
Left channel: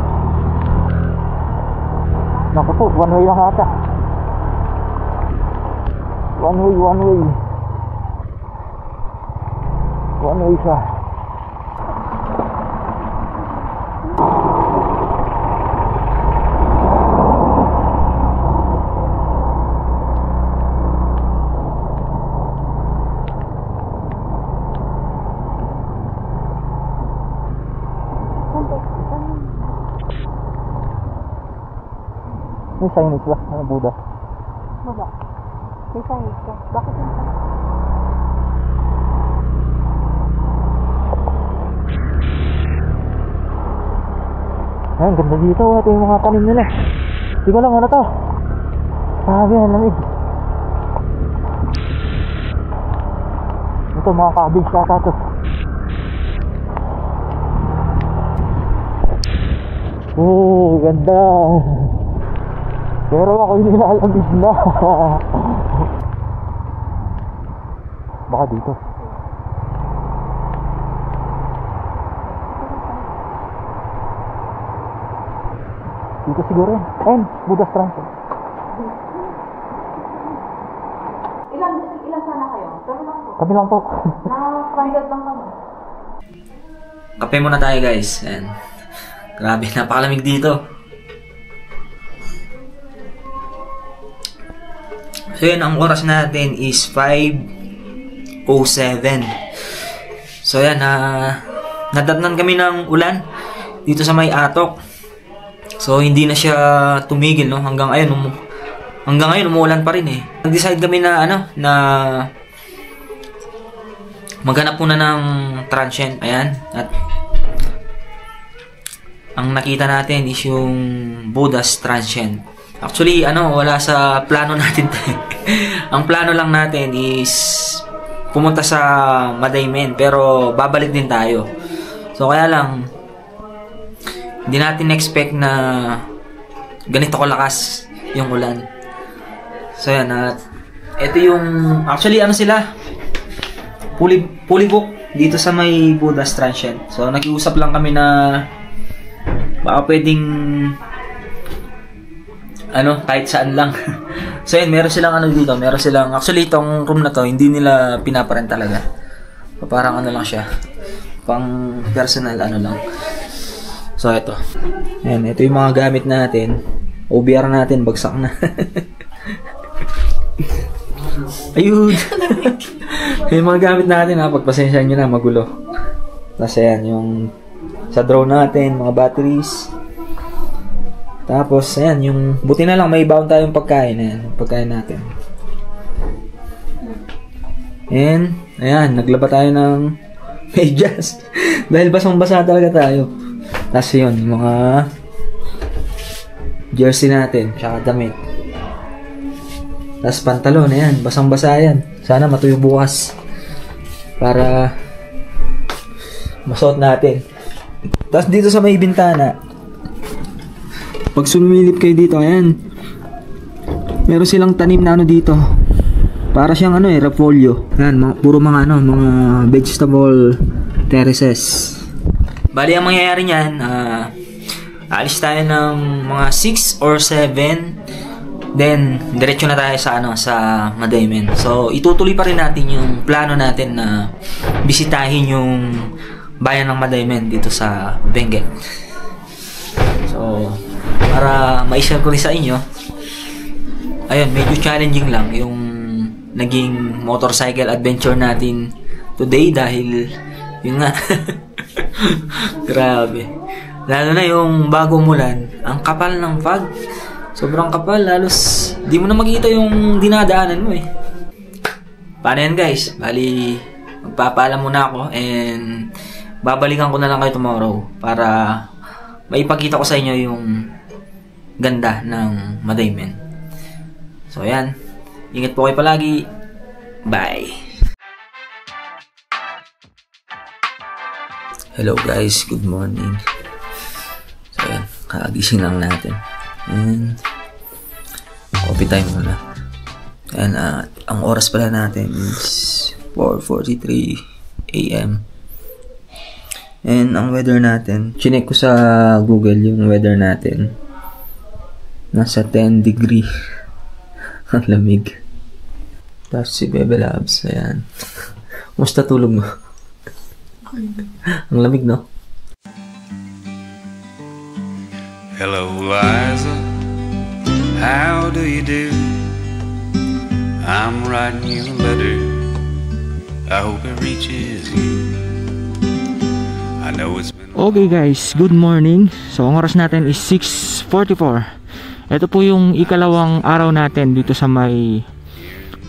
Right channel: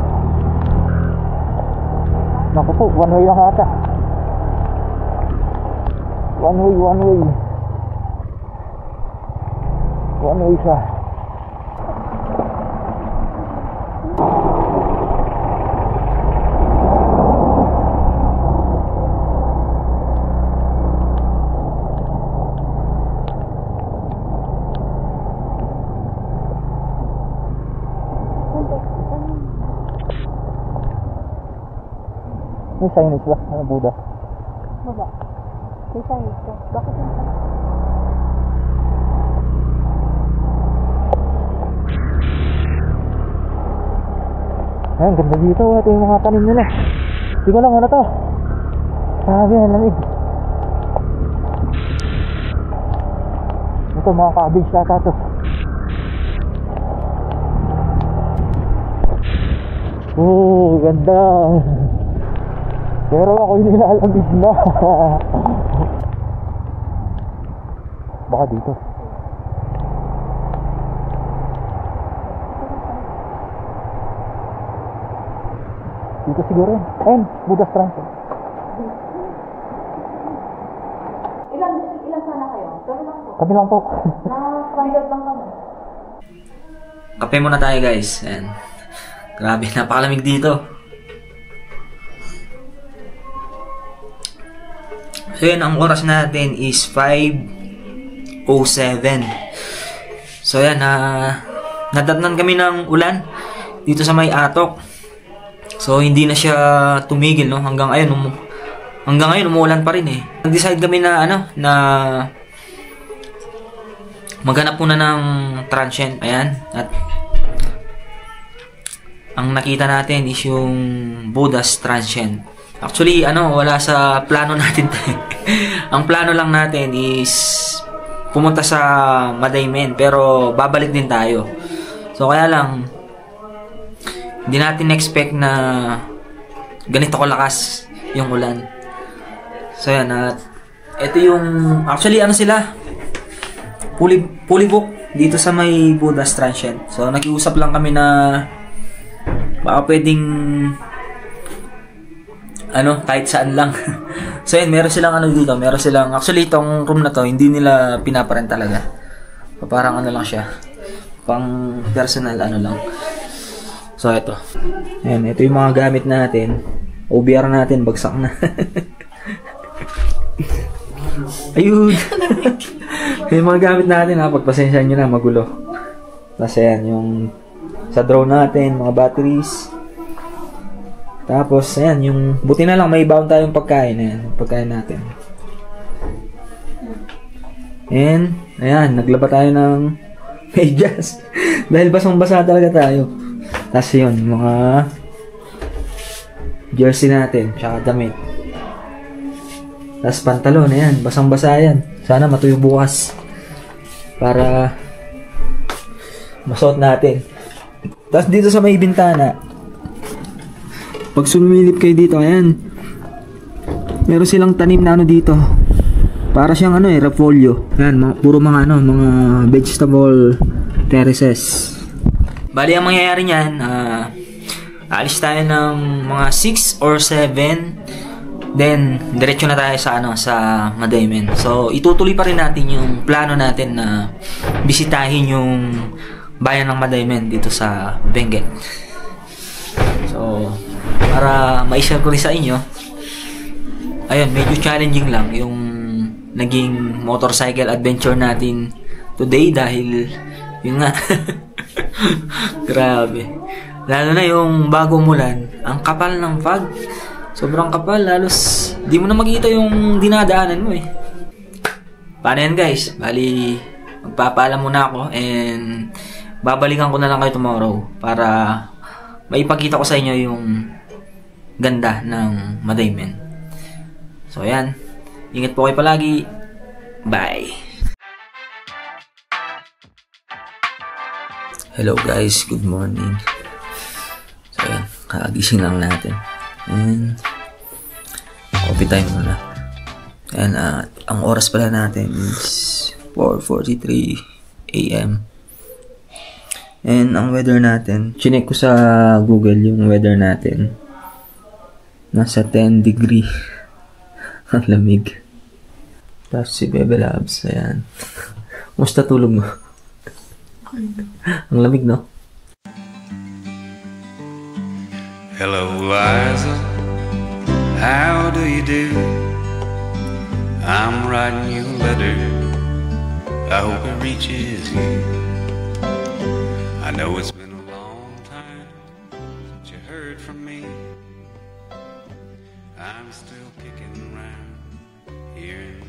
Naku po, one way lang ata. One way. One way siya. Chinese ba? Ano, Buddha? Wala. May Chinese ka. Bakit yung Ayan, ganda dito. Ito yung mga tanim nila. Hindi ko lang ano to. Sabi, ang lamig. Ito, mga cabbage kata to. Oh, ganda. Pero ako yung nilalamig na. Baka dito. Dito siguro yun. Ayun, Buddha's Transit. Ilan sana kayo? Kami lang po. Na-stranded lang kami. Kape muna tayo guys. Ayan. Grabe, napakalamig dito. So yun, ang oras natin is 5:07. So yan, nadatnan kami ng ulan dito sa may Atok. So hindi na siya tumigil, no? Hanggang ngayon umuulan pa rin eh. Nag-decide kami na na maghanap muna ng transient. Ayan. At ang nakita natin is yung Buddha's Transient. Actually, wala sa plano natin. Ang plano lang natin is pumunta sa Madaymen, pero babalik din tayo. So kaya lang, hindi natin expect na ganito kalakas yung ulan. So yan, ito yung, actually sila, fully book dito sa may Buddha's Transient. So nakiusap lang kami na baka pwedeng kahit saan lang. So yun, meron silang dito, actually itong room na to hindi nila pinaparent talaga. Parang lang siya, pang personal lang. So ito, ayan, ito yung mga gamit natin. OBR natin bagsak na. Ayun. Yung mga gamit natin, pagpasensyahan nyo na, magulo. Tapos ayan, yung sa drone natin, mga batteries. Tapos ayan, yung buti na lang may baon tayong pagkain. Ayan, pagkain natin. And ayan, naglaba tayo ng medyas. Dahil basang-basa talaga tayo. Tapos yun, yung mga jersey natin, tsaka damit. Tapos pantalon, ayan, basang-basa yan. Sana matuyo bukas para masuot natin. Tapos dito sa may bintana, pag sumilip kayo dito, ayan, meron silang tanim na dito. Para siyang repolyo. Ayan, puro mga mga vegetable terraces. Bali, ang mangyayari niyan, alis tayo ng mga 6 or 7, then diretso na tayo sa sa Madaymen. So itutuloy pa rin natin yung plano natin na bisitahin yung bayan ng Madaymen dito sa Benguet. So para ma-share ko rin sa inyo, ayun, medyo challenging lang yung naging motorcycle adventure natin today dahil yun nga. Grabe. Lalo na yung bago umulan, ang kapal ng fog. Sobrang kapal, halos di mo na makita yung dinadaanan mo eh. Paano yan guys? Bali, magpapaalam muna ako and babalikan ko na lang kayo tomorrow para maipakita ko sa inyo yung ganda ng Madaymen. So yan, ingat po kayo palagi. Bye! Hello guys, good morning. So yan, kagising lang natin. And coffee time muna. And ang oras pala natin is 4:43 AM. And ang weather natin, chinek ko sa Google yung weather natin. Nasa 10 degree. Ang lamig. Tapos si Bebe Labs, ayan. Kumusta tulog mo? Ang lamig, no? Hello, Liza. How do you do? I'm writing you a letter. I hope it reaches you. I know it's been Okay guys, good morning. So ang oras natin is 6:44. Ito po yung ikalawang araw natin dito sa may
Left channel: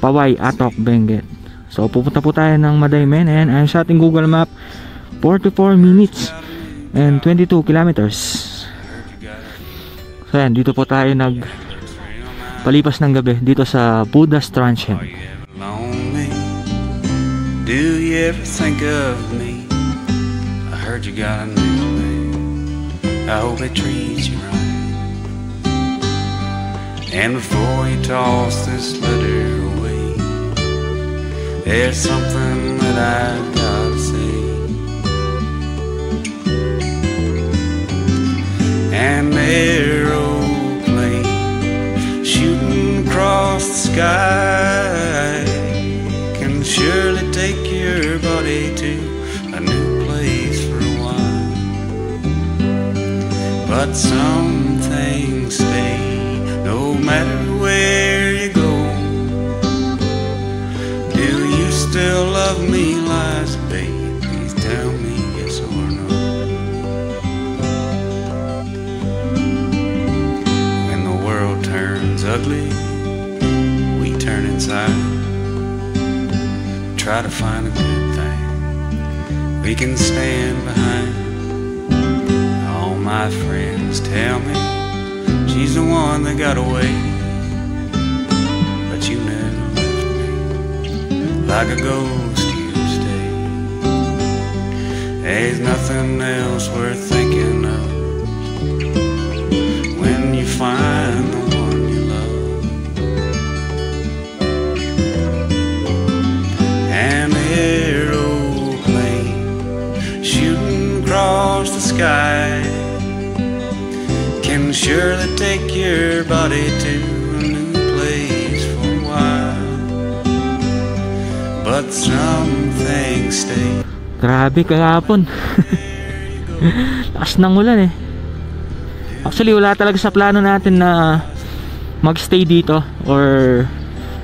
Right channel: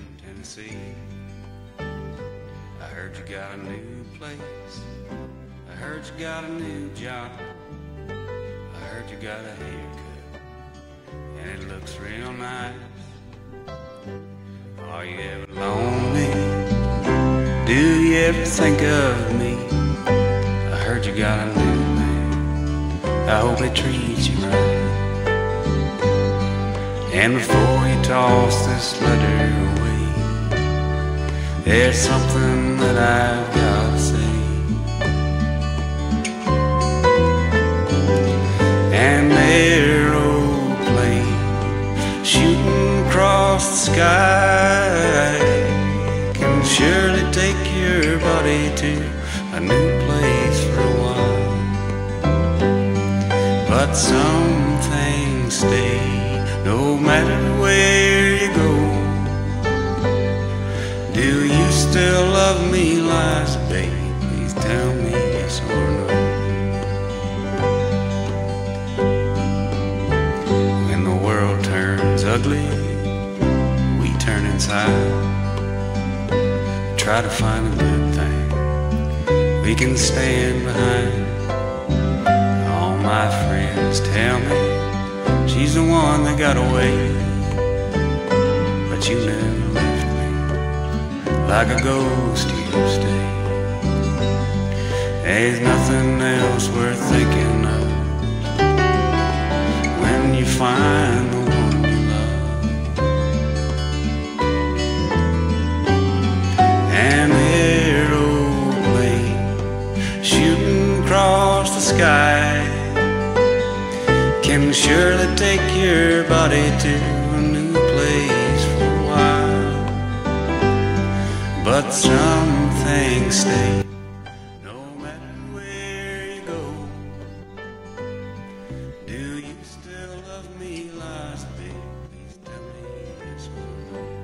Paway, Atok, Benguet. So pupunta po tayo ng Madaymen. Ayan, ayon sa ating Google Map, 44 minutes and 22 kilometers. So ayan, dito po tayo palipas ng gabi dito sa Budas Transient. Do you ever think of me? I heard you got a new man. I hope it treats you right. And before you toss this letter away, there's something that I've got to say. An aeroplane shooting across the sky can surely take your body to a new place for a while. But some things stay no matter where you go. Do you still love me, Liza, babe? Please tell me yes or no. When the world turns ugly, we turn inside. Try to find a good thing we can stand behind. All my friends tell me she's the one that got away, but you never left me. Like a ghost you stay. There's nothing else worth thinking of when you find the one you love. An aeroplane shooting across the sky can surely take your body to a new place for a while. But some things stay. Grabe kahapon. Lakas ng ulan eh. Actually wala talaga sa plano natin na magstay dito or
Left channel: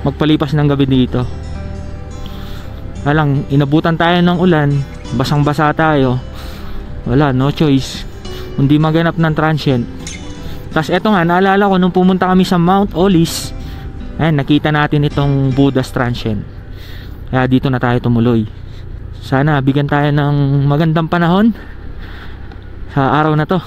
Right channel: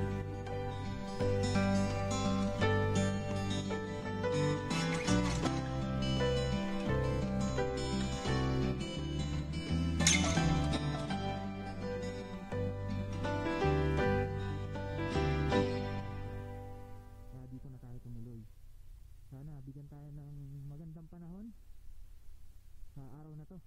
magpalipas ng gabi dito. Alang inabutan tayo ng ulan, basang-basa tayo. Wala, no choice kundi maganap ng transient. Tapos eto nga, naalala ko nung pumunta kami sa Mount Olis, ayan, nakita natin itong Budas Transient. Kaya dito na tayo tumuloy. Sana bigyan tayo ng magandang panahon sa araw na to.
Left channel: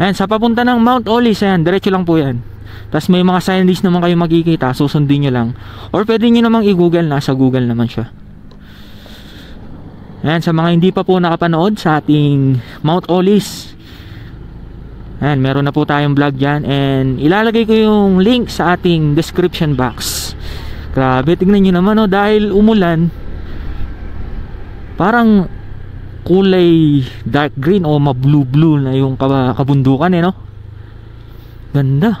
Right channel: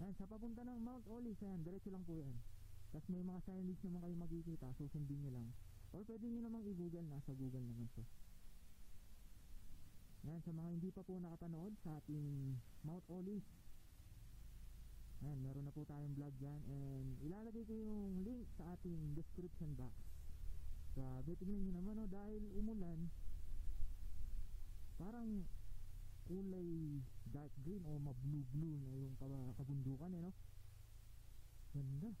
Ayan, sa papunta ng Mount Olis, ayan, diretso lang po yan. Tapos may mga signage naman kayo makikita, susundin nyo lang. Or pwede nyo namang i-google, nasa Google naman siya. Ayan, sa mga hindi pa po nakapanood sa ating Mount Olis, ayan, meron na po tayong vlog dyan. And ilalagay ko yung link sa ating description box. Grabe, tignan nyo naman, oh, dahil umulan, parang kulay dark green o ma-blue-blue na yung kabundukan eh, no? Ganda.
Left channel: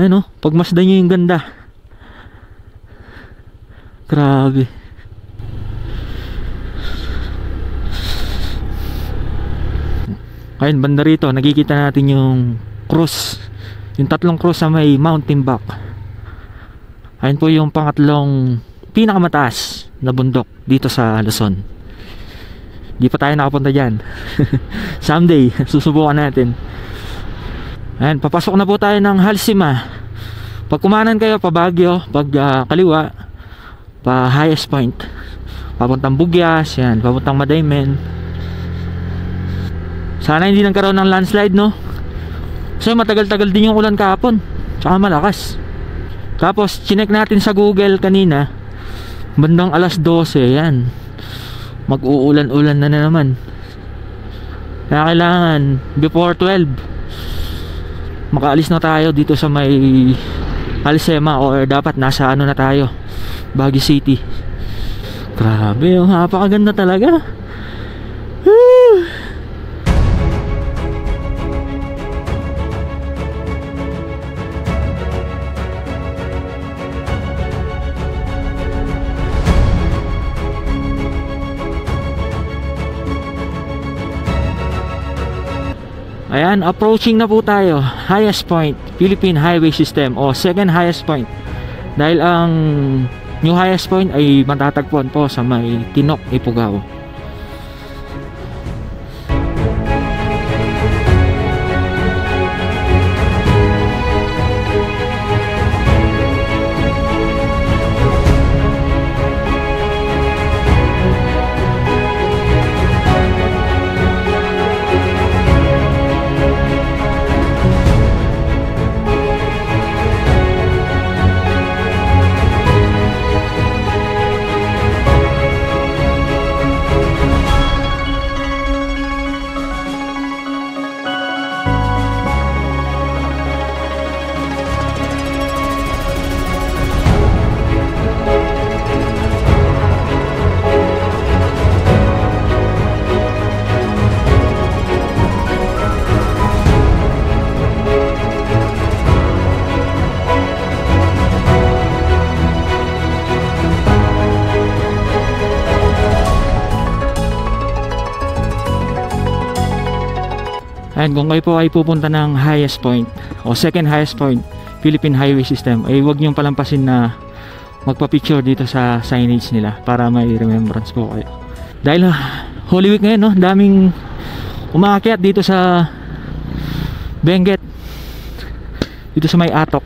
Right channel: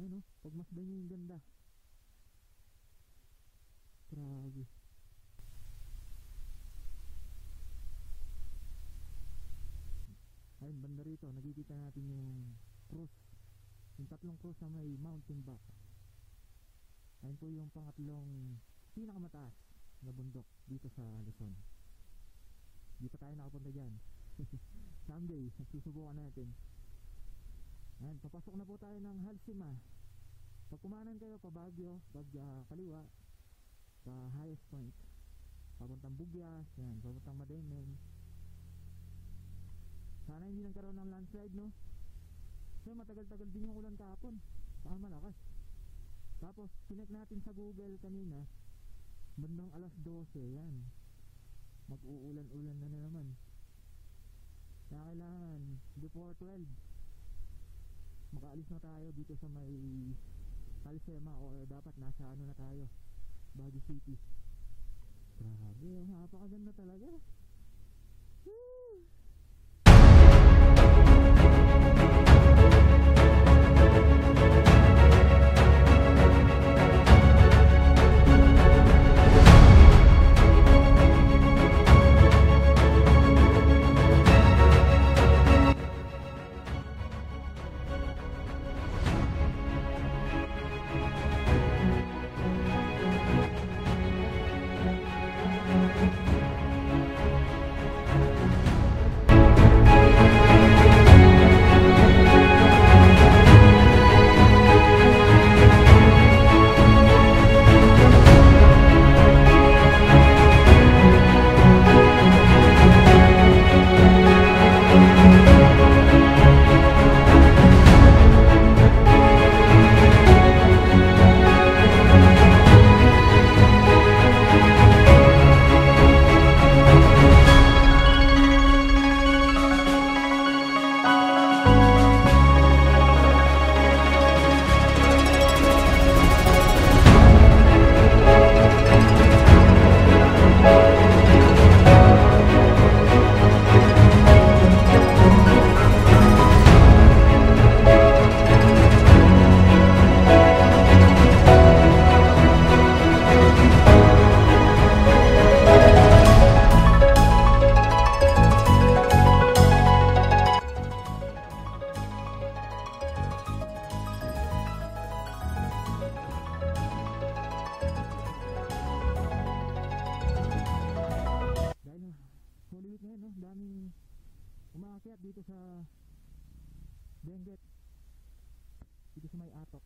Ayan, oh, pagmasdan nyo yung ganda. Grabe. Ayun, banda rito nakikita natin yung cross, yung tatlong cross sa may mountain back. Ayun po yung pangatlong pinakamataas na bundok dito sa Luzon. Di pa tayo nakapunta dyan. Someday susubukan natin. Ayun, papasok na po tayo ng Halsima. Pag kumanan kayo pa Baguio, pag kaliwa pa Highest Point, papuntang Bugyas, yan, papuntang Madaymen. Sana hindi nagkaroon ng landslide, no? So matagal-tagal din yung ulan kahapon, tsaka malakas. Tapos chinek natin sa Google kanina, bandang alas 12, yan, mag-uulan-ulan na naman. Kaya kailangan before 12 makaalis na tayo dito sa may Halsema, or dapat nasa ano na tayo, Baguio City. Grabe, yung napakaganda talaga. Ayan, approaching na po tayo. Highest Point, Philippine Highway System, o second highest point. Dahil ang new highest point ay matatagpuan po sa may Tinok, Ifugao. Ayan, kung kayo po ay pupunta ng highest point o second highest point Philippine Highway System, ay huwag niyong palampasin na magpa-picture dito sa signage nila para may remembrance po kayo. Dahil Holy Week ngayon, no, daming umaakyat dito sa Benguet, dito sa may Atok.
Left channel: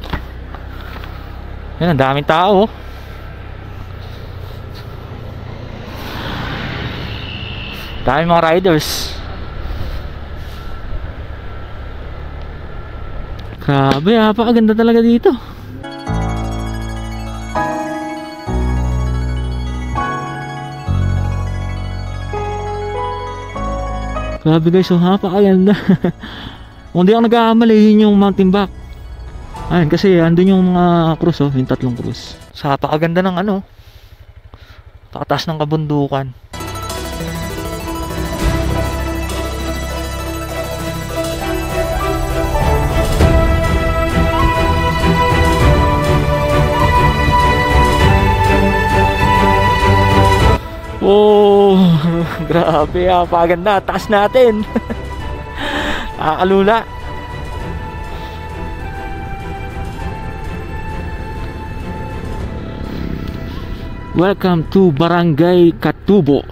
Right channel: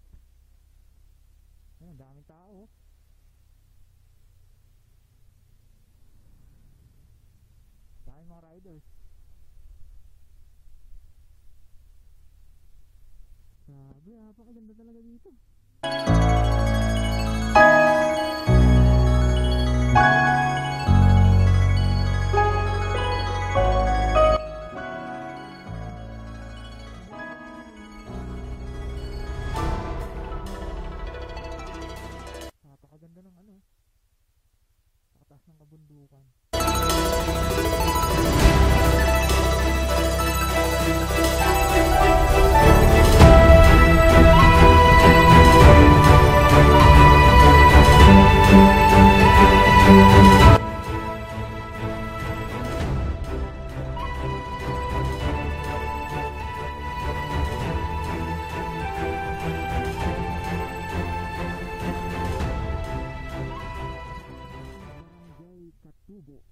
Yan, ang daming tao. Daming mga riders. Grabe, napakaganda talaga dito. Grabe guys, so napakaganda. Kung di ako nag-aamal, yun yung Mountain Back. Ayun, kasi andun yung mga cruise, oh, yung 3 cruise. So napakaganda ng ano, pakataas ng kabundukan. Oh, grabe, napakaganda. Taas natin. Nakakalula. Welcome to Barangay Katubo.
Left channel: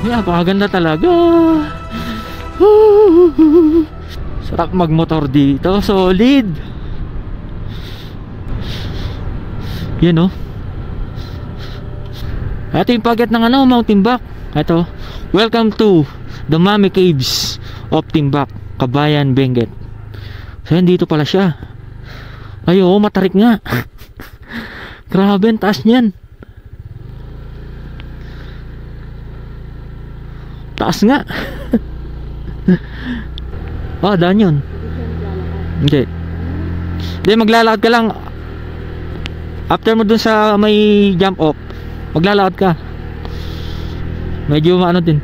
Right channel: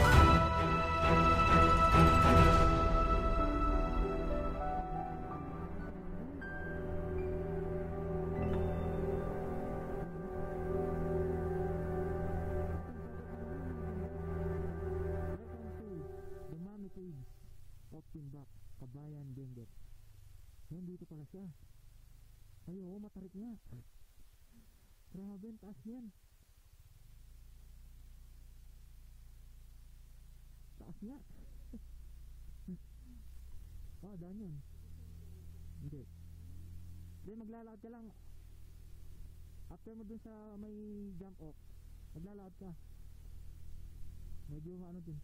Napakaganda talaga. Sarap magmotor dito, solid. Yan, oh. Ito yung paget ng ano, Mountain Back. Ito, welcome to the Mami Caves of Timbak, Kabayan, Benguet. So yan, dito pala siya. Ay, oh, matarik nga. Grabe, ang taas niyan. Taas nga. Oh, daan yun. Hindi. Hindi, maglalakad ka lang. After mo dun sa may jump off, maglalakad ka. Medyo ano din,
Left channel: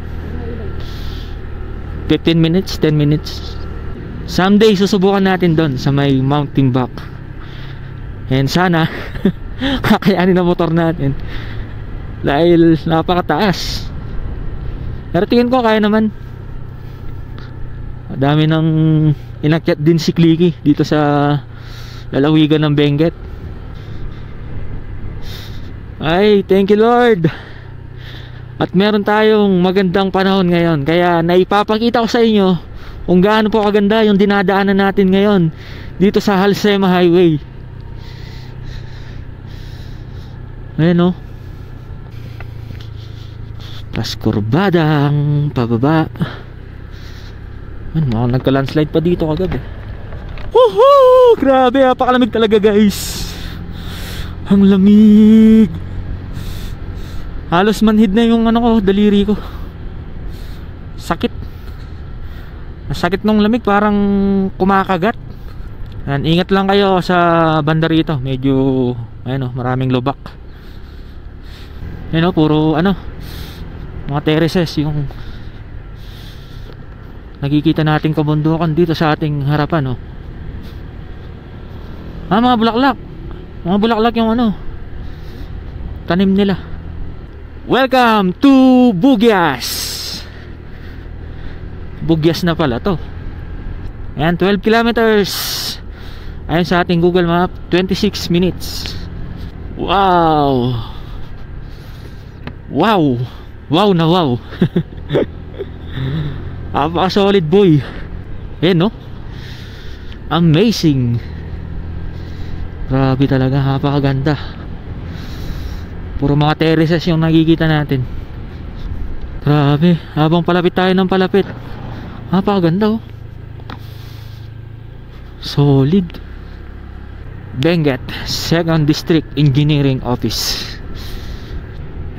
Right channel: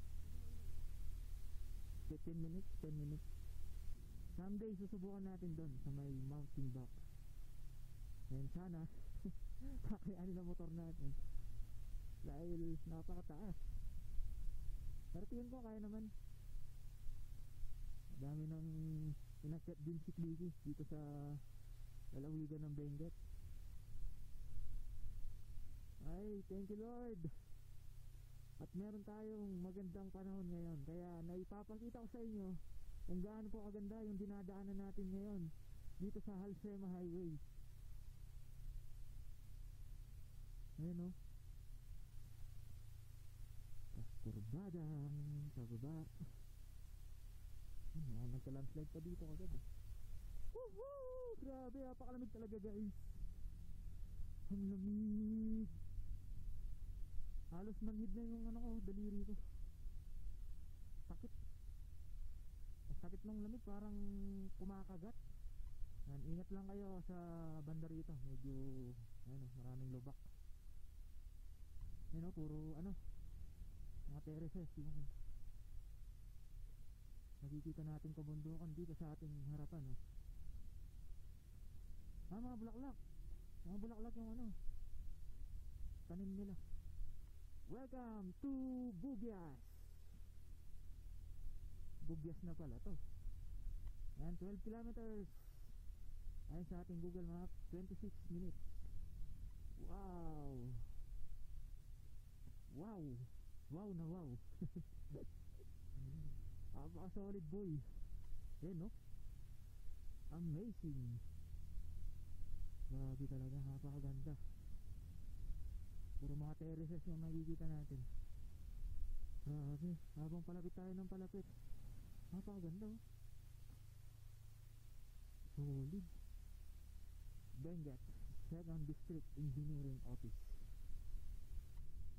15 minutes, 10 minutes. Someday susubukan natin dun sa may Mountain Back. And sana kakayanin ang motor natin dahil napakataas. Pero tingin ko kaya naman. Dami ng inakyat din si Clicky dito sa lalawigan ng Benguet. Ay, thank you Lord. At meron tayong magandang panahon ngayon. Kaya naipapakita ko sa inyo kung gaano po kaganda yung dinadaanan natin ngayon dito sa Halsema Highway. Ayan, oh. Pas kurbadang pababa. Mukhang nagka-landslide pa dito kagabi. Woohoo! Grabe, napakalamig talaga guys. Ang lamig. Halos manhid na yung ano ko, daliri ko. Sakit. Sakit nung lamig, parang kumakagat. Yan, ingat lang kayo sa banda rito. Medyo, ayun, maraming lubak. Ayun, puro ano, mga terraces yung nakikita nating kabundukan dito sa ating harapan, oh. Mga bulaklak. Mga bulaklak yung ano, tanim nila. Welcome to Bugyas. Bugyas na pala to. Ayan, 12 kilometers. Ayan sa ating Google Map, 26 minutes. Wow. Wow. Wow na wow. Solid boy. Ayan, no? Amazing. Grabe talaga, napakaganda. Puro mga terraces yung nakikita natin. Grabe, habang palapit tayo ng palapit, napakaganda, oh. Solid. Benguet 2nd District Engineering Office.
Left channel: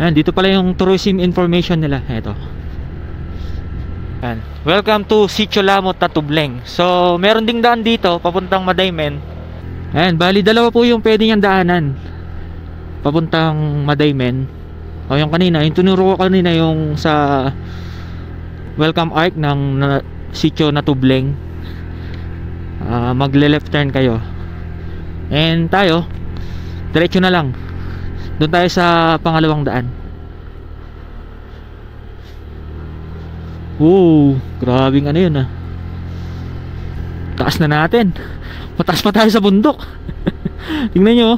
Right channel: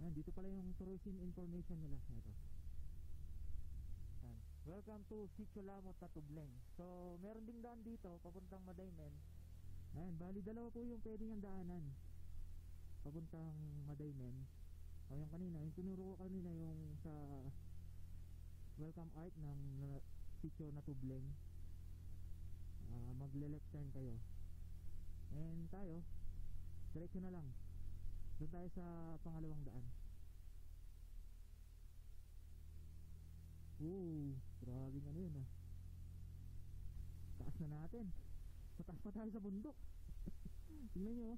Ayan, dito pala yung tourism information nila. Ito. Ayan. Welcome to Sitio Lamot, Tatubleng. So, meron ding daan dito papuntang Madaymen. Ayan, bali dalawa po yung pwede niyang daanan. papuntang Madaymen. O yung kanina, yung tinuro ko kanina yung sa welcome arc ng sitio na Tubleng. Magle left turn kayo. And tayo, diretso na lang. Doon tayo sa pangalawang daan. Grabing ano yun taas na natin. Mataas pa tayo sa bundok. Tingnan nyo.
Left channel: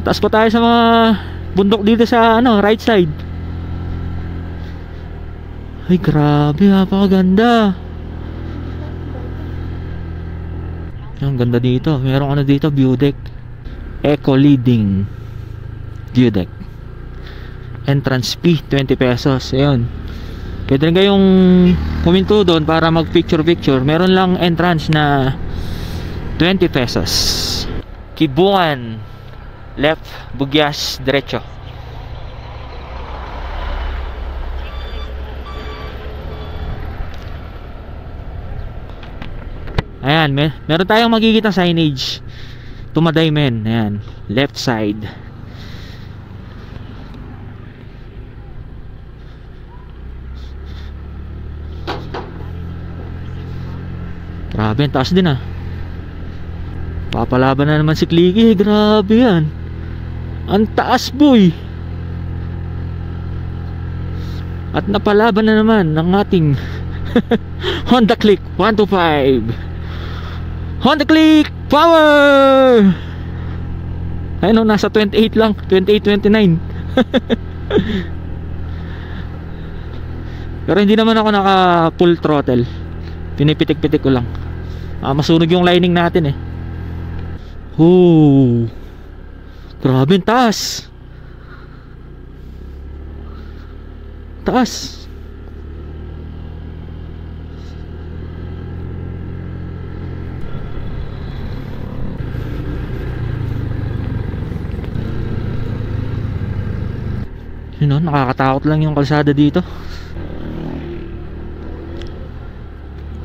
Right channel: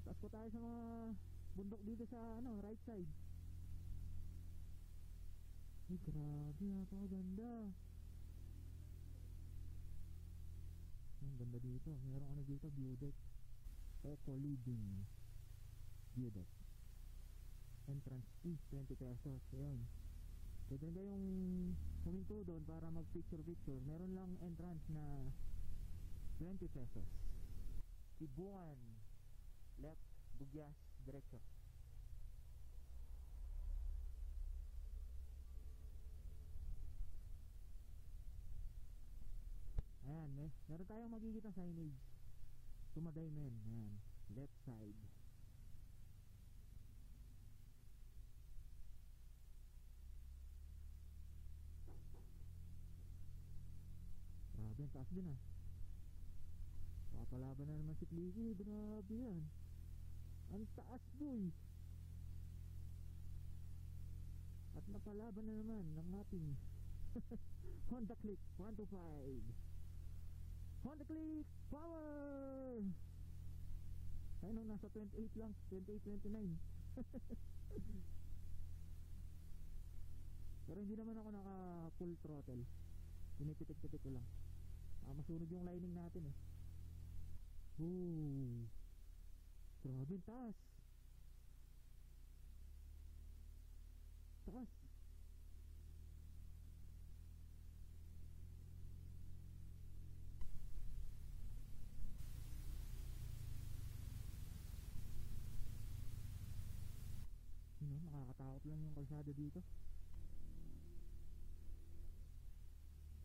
Mataas pa tayo sa mga bundok dito sa right side. Ay grabe, napakaganda. Ang ganda dito. Merong dito, view deck. Eco leading view deck. Entrance fee 20 pesos. Ayun. Pwede rin kayong kuminto doon para mag picture. Meron lang entrance na 20 pesos. Kibungan left, Bugyas diretso. Ayan, meron tayong makikita signage to Madaymen. Ayan, left side. Grabe, ang taas din papalaban na naman si Clicky. Grabe yan, ang taas boy. At napalaban na naman ng ating Honda Click 125. Honda Click power. Ayun, nasa 28 lang, 28-29. Pero hindi naman ako naka full throttle, pinipitik-pitik ko lang. Masunog yung lining natin grabe, taas. Nakakatakot lang yung kalsada dito.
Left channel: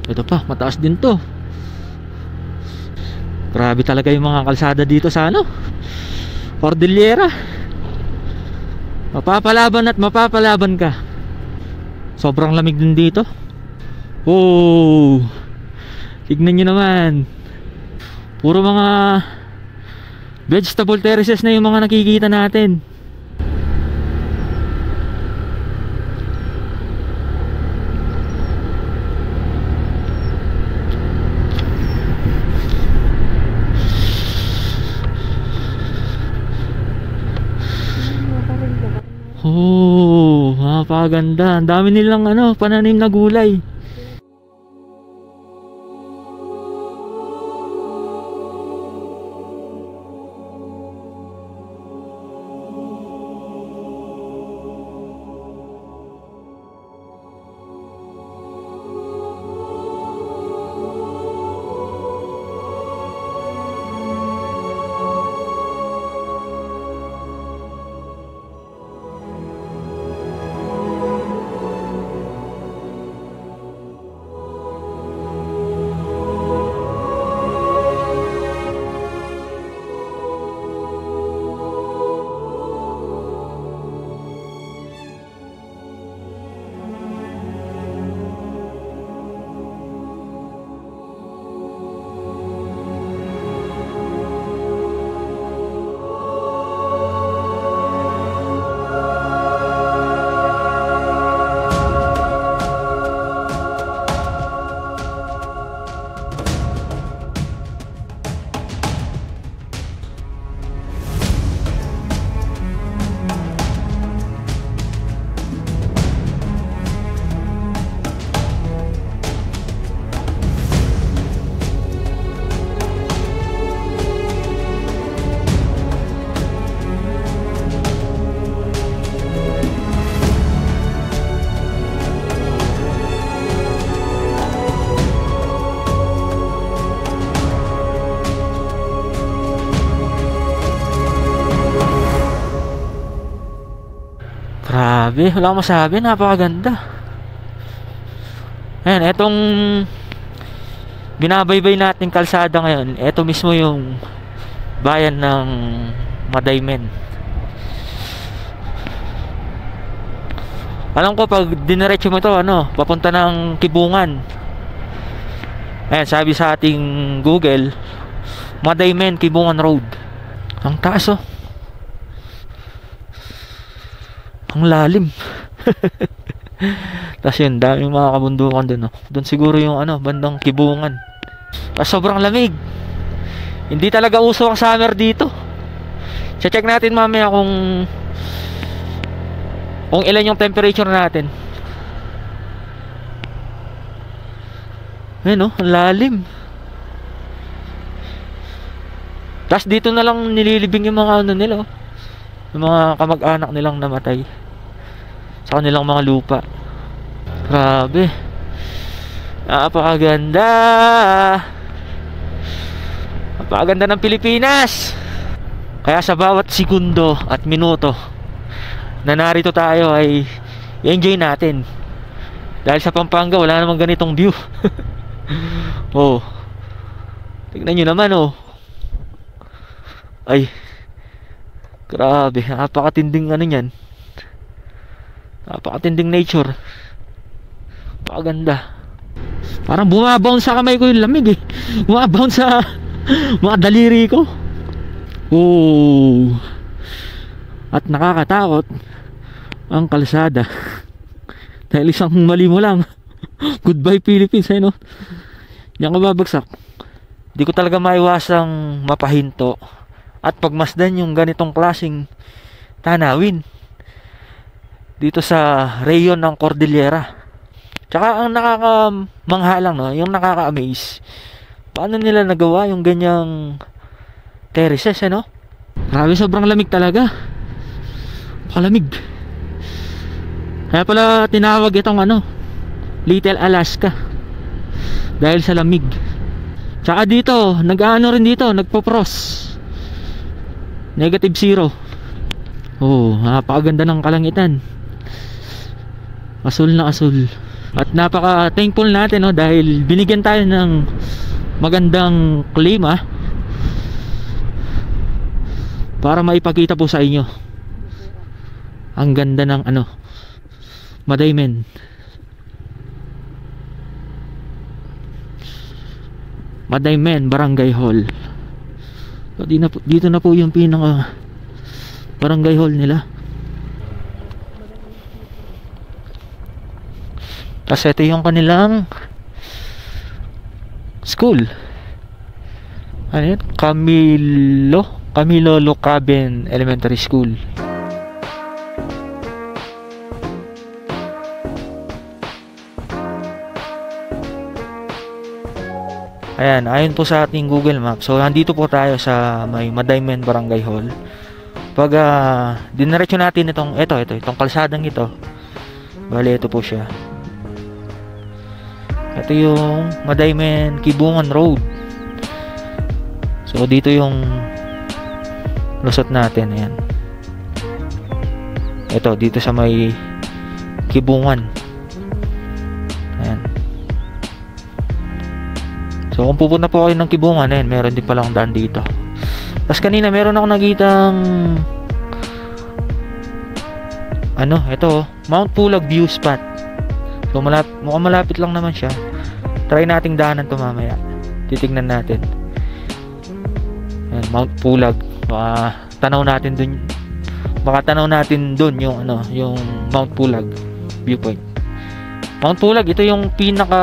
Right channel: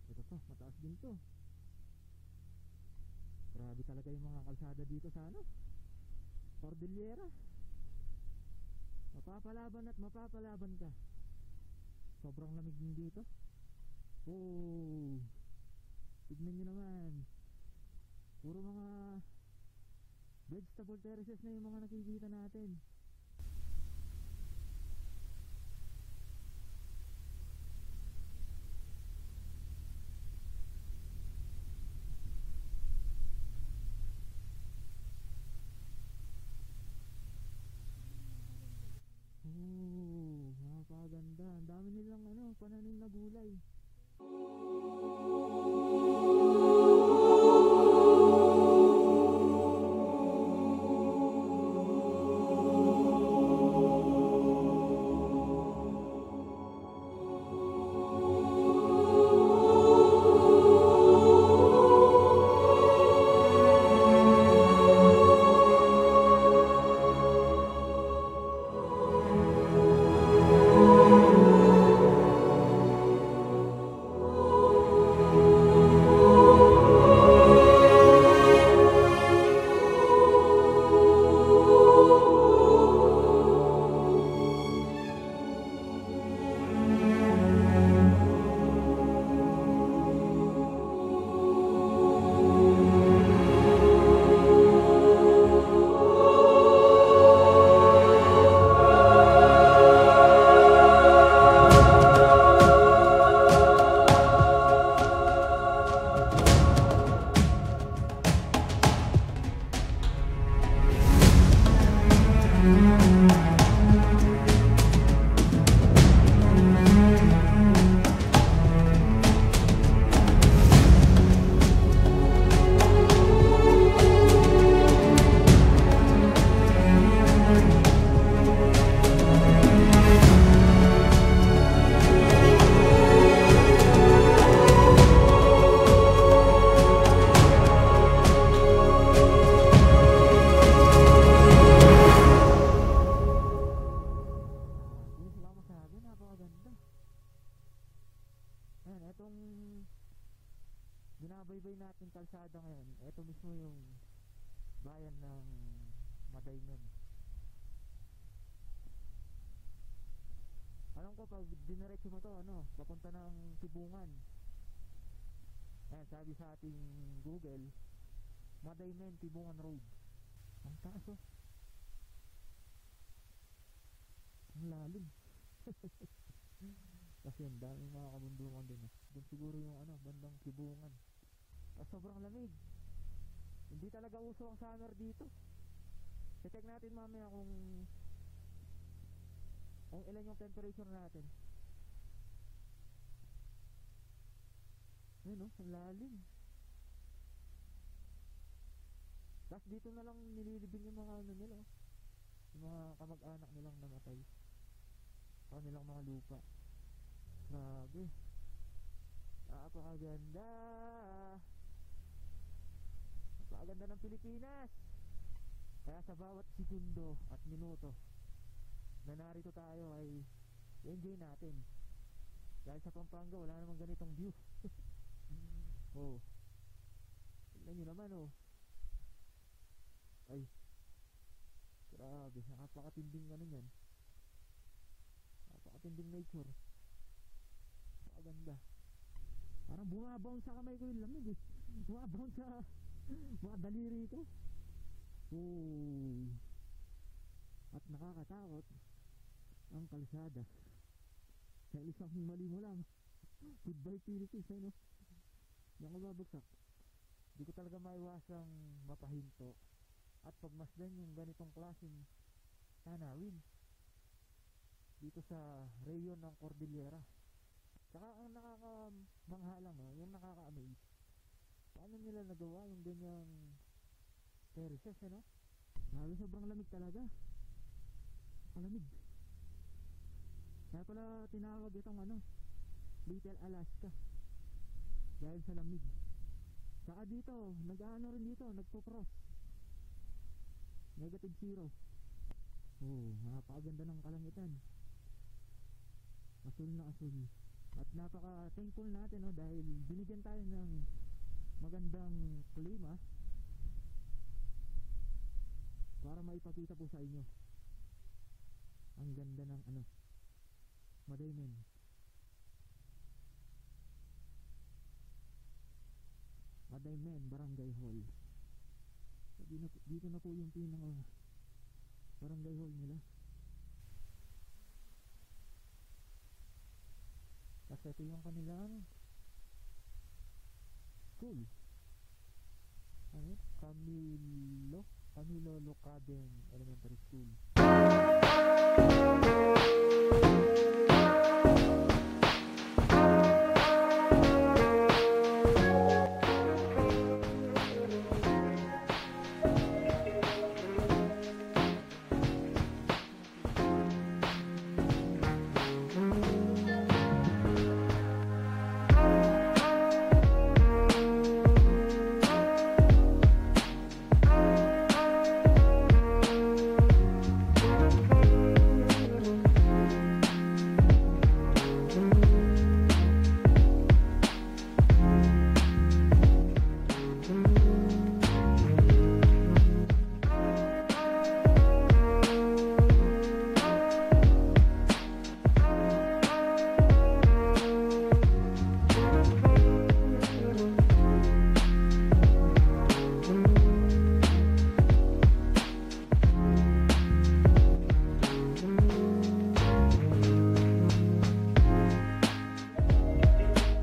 Ito pa, mataas din to. Grabe talaga yung mga kalsada dito sa Cordillera. Mapapalaban at mapapalaban ka. Sobrang lamig din dito. Tignan nyo naman. Puro mga vegetable terraces na yung mga nakikita natin. Napakaganda. Ang dami nilang pananim na gulay. Grabe, wala akong masabi, napakaganda. Ayan, etong binabaybay nating kalsada ngayon, eto mismo yung bayan ng Madaymen. Alam ko pag diniretso mo ito, papunta ng Kibungan. Ayan, sabi sa ating Google, Madaymen, Kibungan Road. Ang taas, oh. Ang lalim. Tapos yun, daming mga kabundukan dun, oh. Doon siguro yung bandang Kibungan. Tapos sobrang lamig. Hindi talaga uso ang summer dito. Check natin mamaya kung ilan yung temperature natin. Ayun, oh, ang lalim. Tapos dito na lang nililibing yung mga nila, oh. Yung mga kamag-anak nilang namatay sa kanilang mga lupa. Grabe. Napakaganda. Napakaganda ng Pilipinas. Kaya sa bawat segundo at minuto na narito tayo ay i-enjoy natin. Dahil sa Pampanga wala namang ganitong view. Oh, tignan nyo naman, oh. Ay, grabe. Napakatinding nyan. Napakatinding nature. Napakaganda. Parang bumabounce sa kamay ko yung lamig, eh. Bumabounce sa mga daliri ko. Oh. At nakakatakot ang kalsada. Dahil isang mali mo lang, goodbye Philippines, no? Yan ka babagsak. Di ko talaga maiwasang mapahinto at pagmasdan yung ganitong klaseng tanawin dito sa rayon ng Cordillera. Tsaka ang nakakamangha lang, no? Yung nakaka-amaze, paano nila nagawa yung ganyang terraces, no? Grabe, sobrang lamig talaga. Palamig. Kaya pala tinawag itong Little Alaska, dahil sa lamig. Tsaka dito, rin dito, nagpo-frost. -0. Oh, napakaganda ng kalangitan. Asul na asul. At napaka-thankful natin, no, dahil binigyan tayo ng magandang klima para maipakita po sa inyo ang ganda ng Madaymen. Madaymen Barangay Hall. So, dito na po yung pinaka barangay hall nila. Tapos ito yung kanilang school. Ano yun? Camilo Locaben Elementary School. Ayan, ayon po sa ating Google Maps. So, nandito po tayo sa may Madaymen Barangay Hall. Pag diniretso natin itong kalsadang ito. Bale, ito po siya. Ito yung Madaymen Kibungan Road. So, dito yung lusot natin. Ayan. Ito, dito sa may Kibungan. So kung pupunta po kayo ng Kibungan, meron din palang daan dito. Tapos kanina meron ako nakitang ito, Mount Pulag View Spot. So mukhang malapit lang naman siya. Try nating daanan to mamaya. Titignan natin. Ayan, Mount Pulag. Baka tanaw natin dun yung Mount Pulag viewpoint. Mount Pulag, ito yung pinaka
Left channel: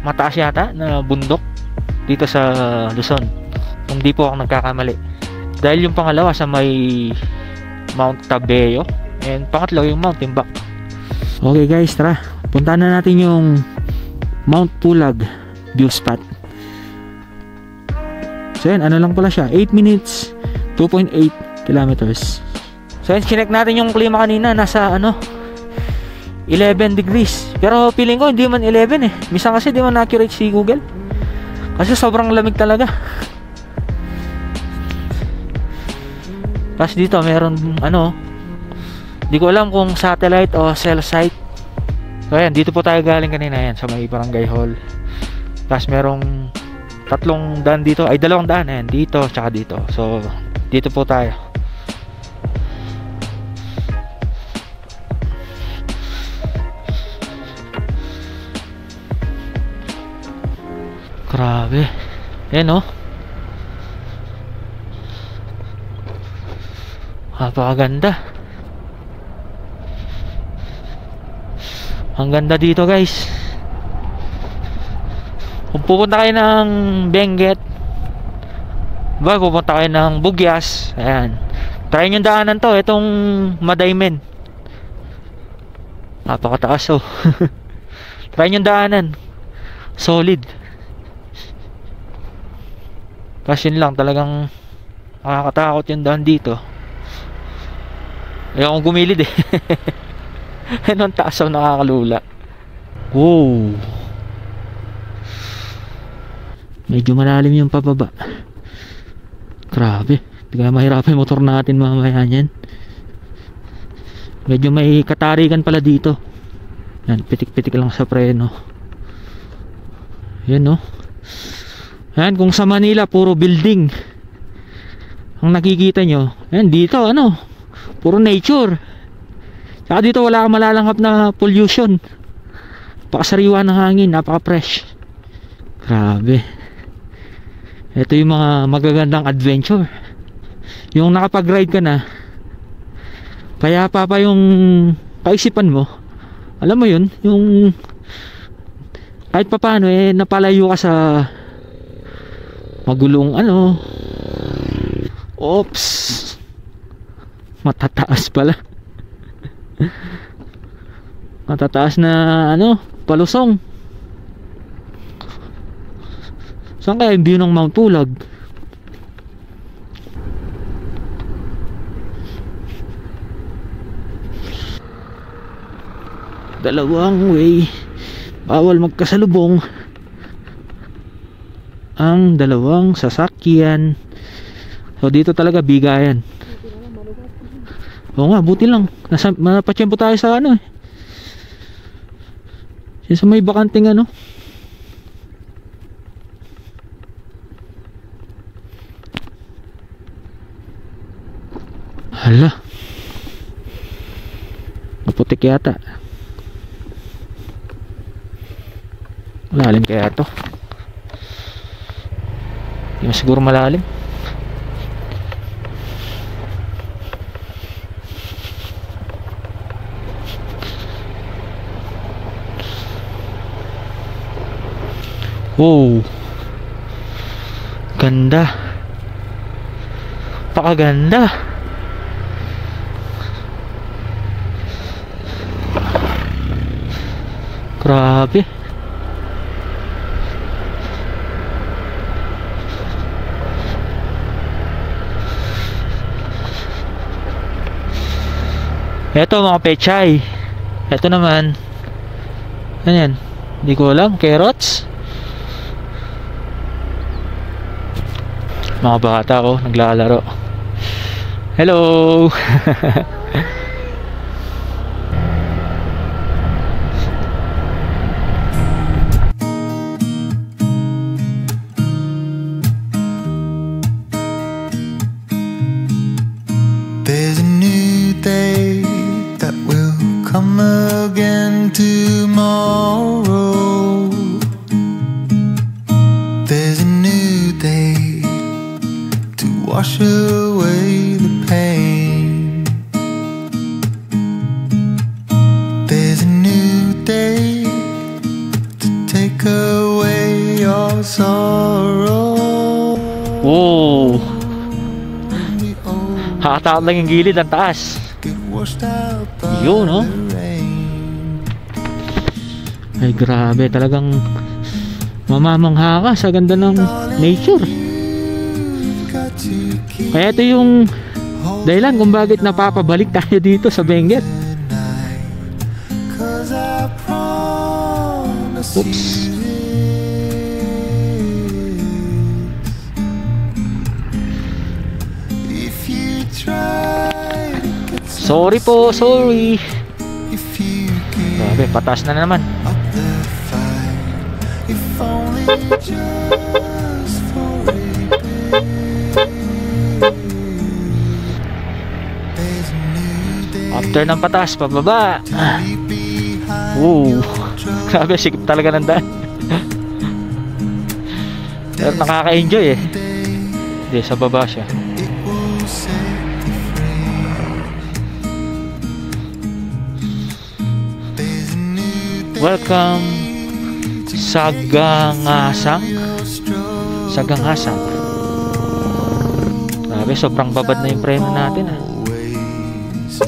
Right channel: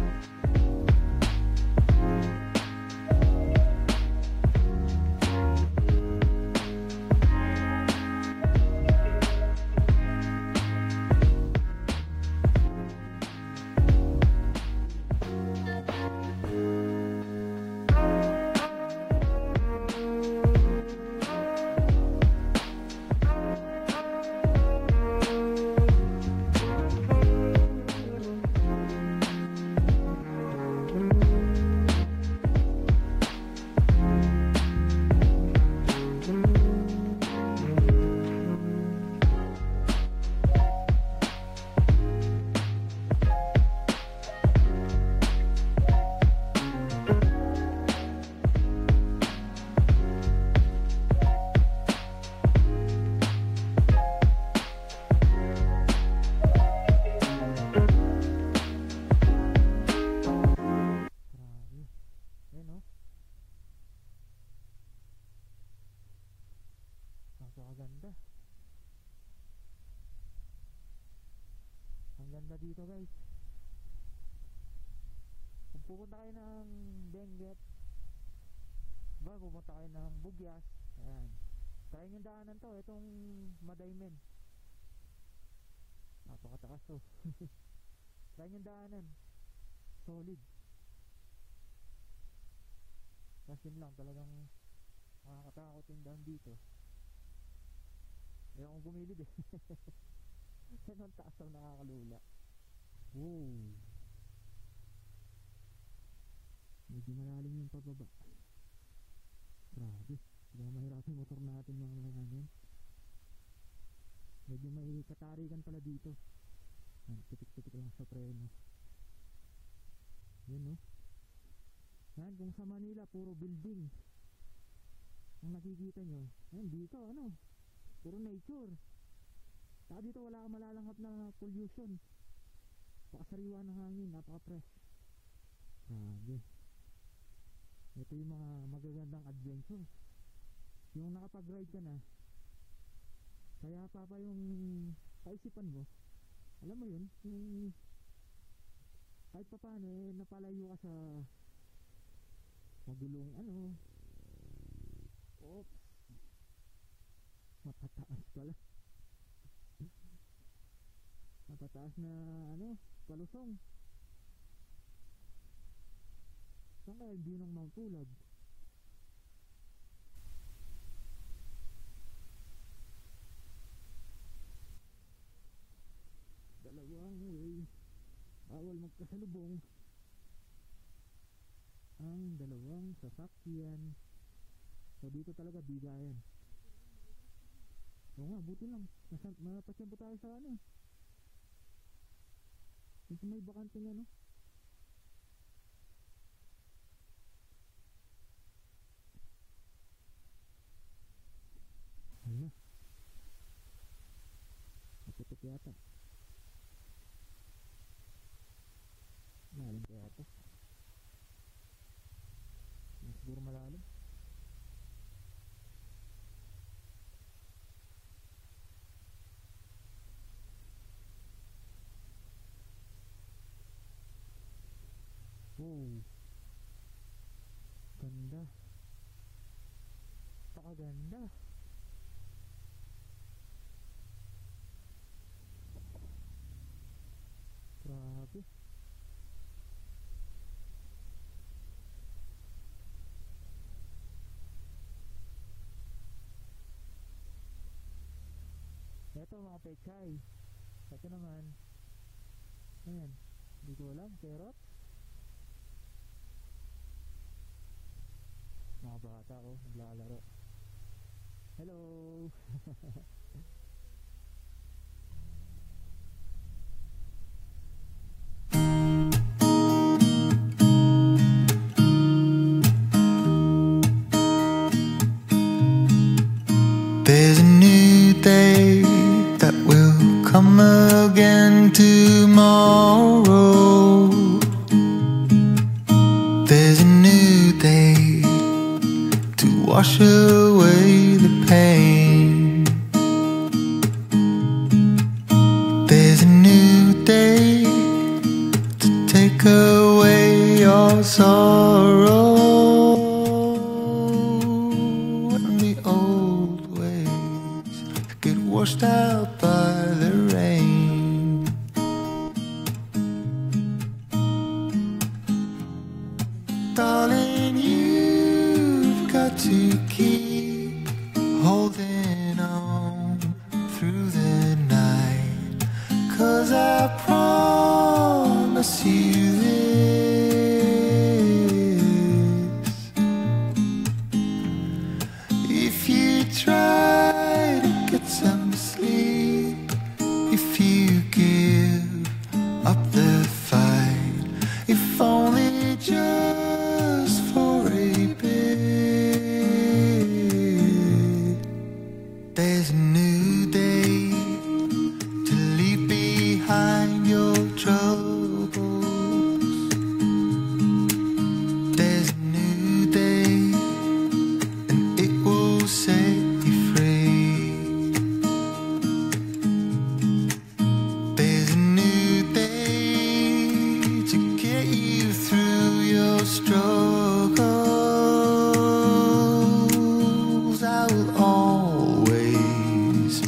mataas yata na bundok dito sa Luzon. Hindi po ako nagkakamali. Dahil yung pangalawa sa may Mount Tabeo, and pangatlo yung Mount Timbak. Okay guys, tara. Puntahan na natin yung Mount Pulag view spot. So yan, lang pala siya, 8 minutes 2.8 kilometers. So yan, chinek natin yung klima kanina, nasa 11 degrees. Pero feeling ko hindi man 11 eh. Minsan kasi di man accurate si Google. Kasi sobrang lamig talaga. Tapos dito meron di ko alam kung satellite o cell site. So ayan, dito po tayo galing kanina, yan sa may Barangay Hall. Tapos merong 3 daan dito, ay 2 daan, ayan, dito tsaka dito. So dito po tayo. Grabe. Ayan oh. Napakaganda. Ang ganda dito guys. Kung pupunta kayo ng Benguet, ba pupunta kayo ng Bugyas, ayan, try nyo daanan to, itong Madaymen. Napakataas oh. Try nyo daanan, solid. Kasi yun lang, talagang nakakatakot yung daan dito. Ayaw kong gumilid eh. Anong taas ang nakakalula. Wow, medyo malalim yung pababa. Grabe, kaya mahirapan yung motor natin mamaya yan. Medyo may katarikan pala dito. Yan, pitik-pitik lang sa preno. Yan no. Yan, kung sa Manila puro building ang nakikita nyo, yan dito ano, puro nature. Saka dito wala kang malalanghap na pollution. Napakasariwa ng hangin, napaka-fresh. Grabe. Ito yung mga magagandang adventure. Yung nakapag-ride ka na, kaya pa yung kaisipan mo. Alam mo yun, yung kahit pa paano eh napalayo ka sa magulong ano. Oops, matataas pala. Matataas na ano, palusong. Saan kaya yung view ng Mount Pulag? Dalawang way, bawal magkasalubong ang dalawang sasakyan. So dito talaga bigayan. Oo nga, buti lang napatsyempo tayo sa ano eh, sa may bakanting ano. Hala, maputik yata. Malalim kaya to? Hindi siguro malalim. Wow, ganda, pakaganda. Grabe. Eto mga pechay. Eto naman, ano yan? Hindi ko alam, carrots. Mga bata ko naglalaro. Hello. There's a new day that will come again tomorrow. There's a new day to wash away the pain. There's a new day to take away your sorrow. Oh, hakataon lang yung gilid at taas. Get washed out by Yun, no? the rain. Ay grabe, talagang mamamangha ka sa ganda ng nature. Kaya ito yung dahilan kung bakit napapabalik tayo dito sa Benguet. Sorry po, sorry. Grabe, pataas na naman. Up the fight, if only just for a bit. There's a new day After ng pataas, pababa. to leave behind Wow. your troubles. Sabi, sikip talaga ng daan. Pero nakaka-enjoy eh. Hindi, sa baba siya. It will set you free. There's a new day Welcome to sa get you Gangasang. through your struggle. Sa Gangasang. Sabi, sobrang babad na yung preno natin. Always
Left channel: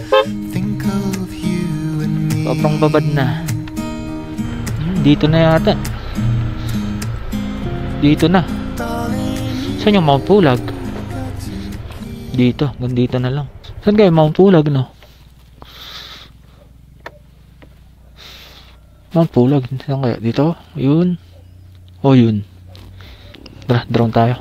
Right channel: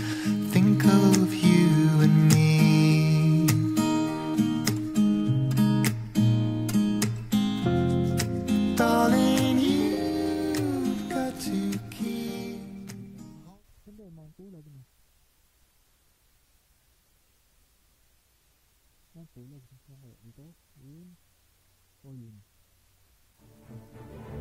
think of you and me. Sobrang babad na. Dito na yata. Dito na. Darling, Saan yung Mount Pulag? Dito. Dito na lang. Saan kayo Mount Pulag, no? Mount Pulag. Saan kaya? Dito? Yun. O yun. Tara, drone tayo.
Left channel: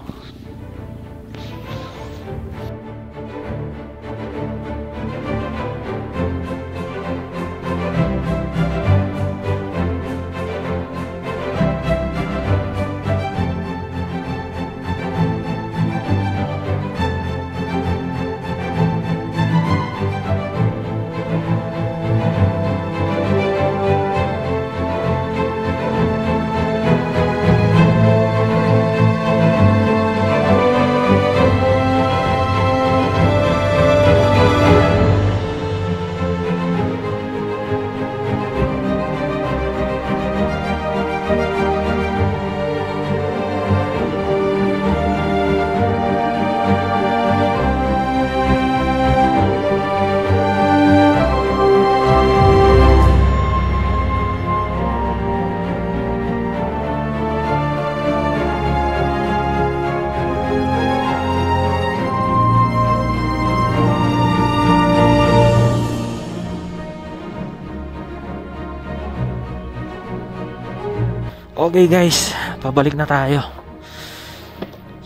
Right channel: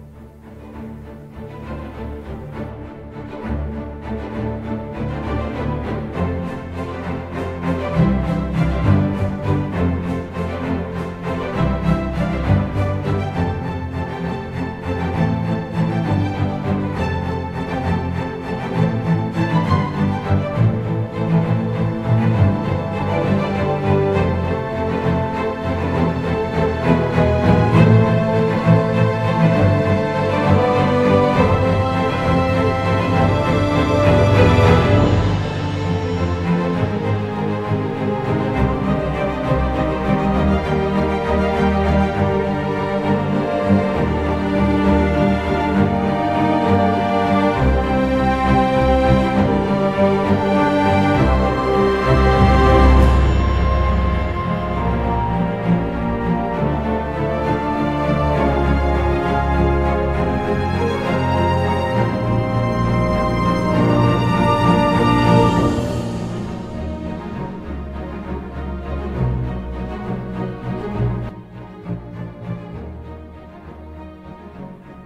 Okay guys, pabalik na tayo.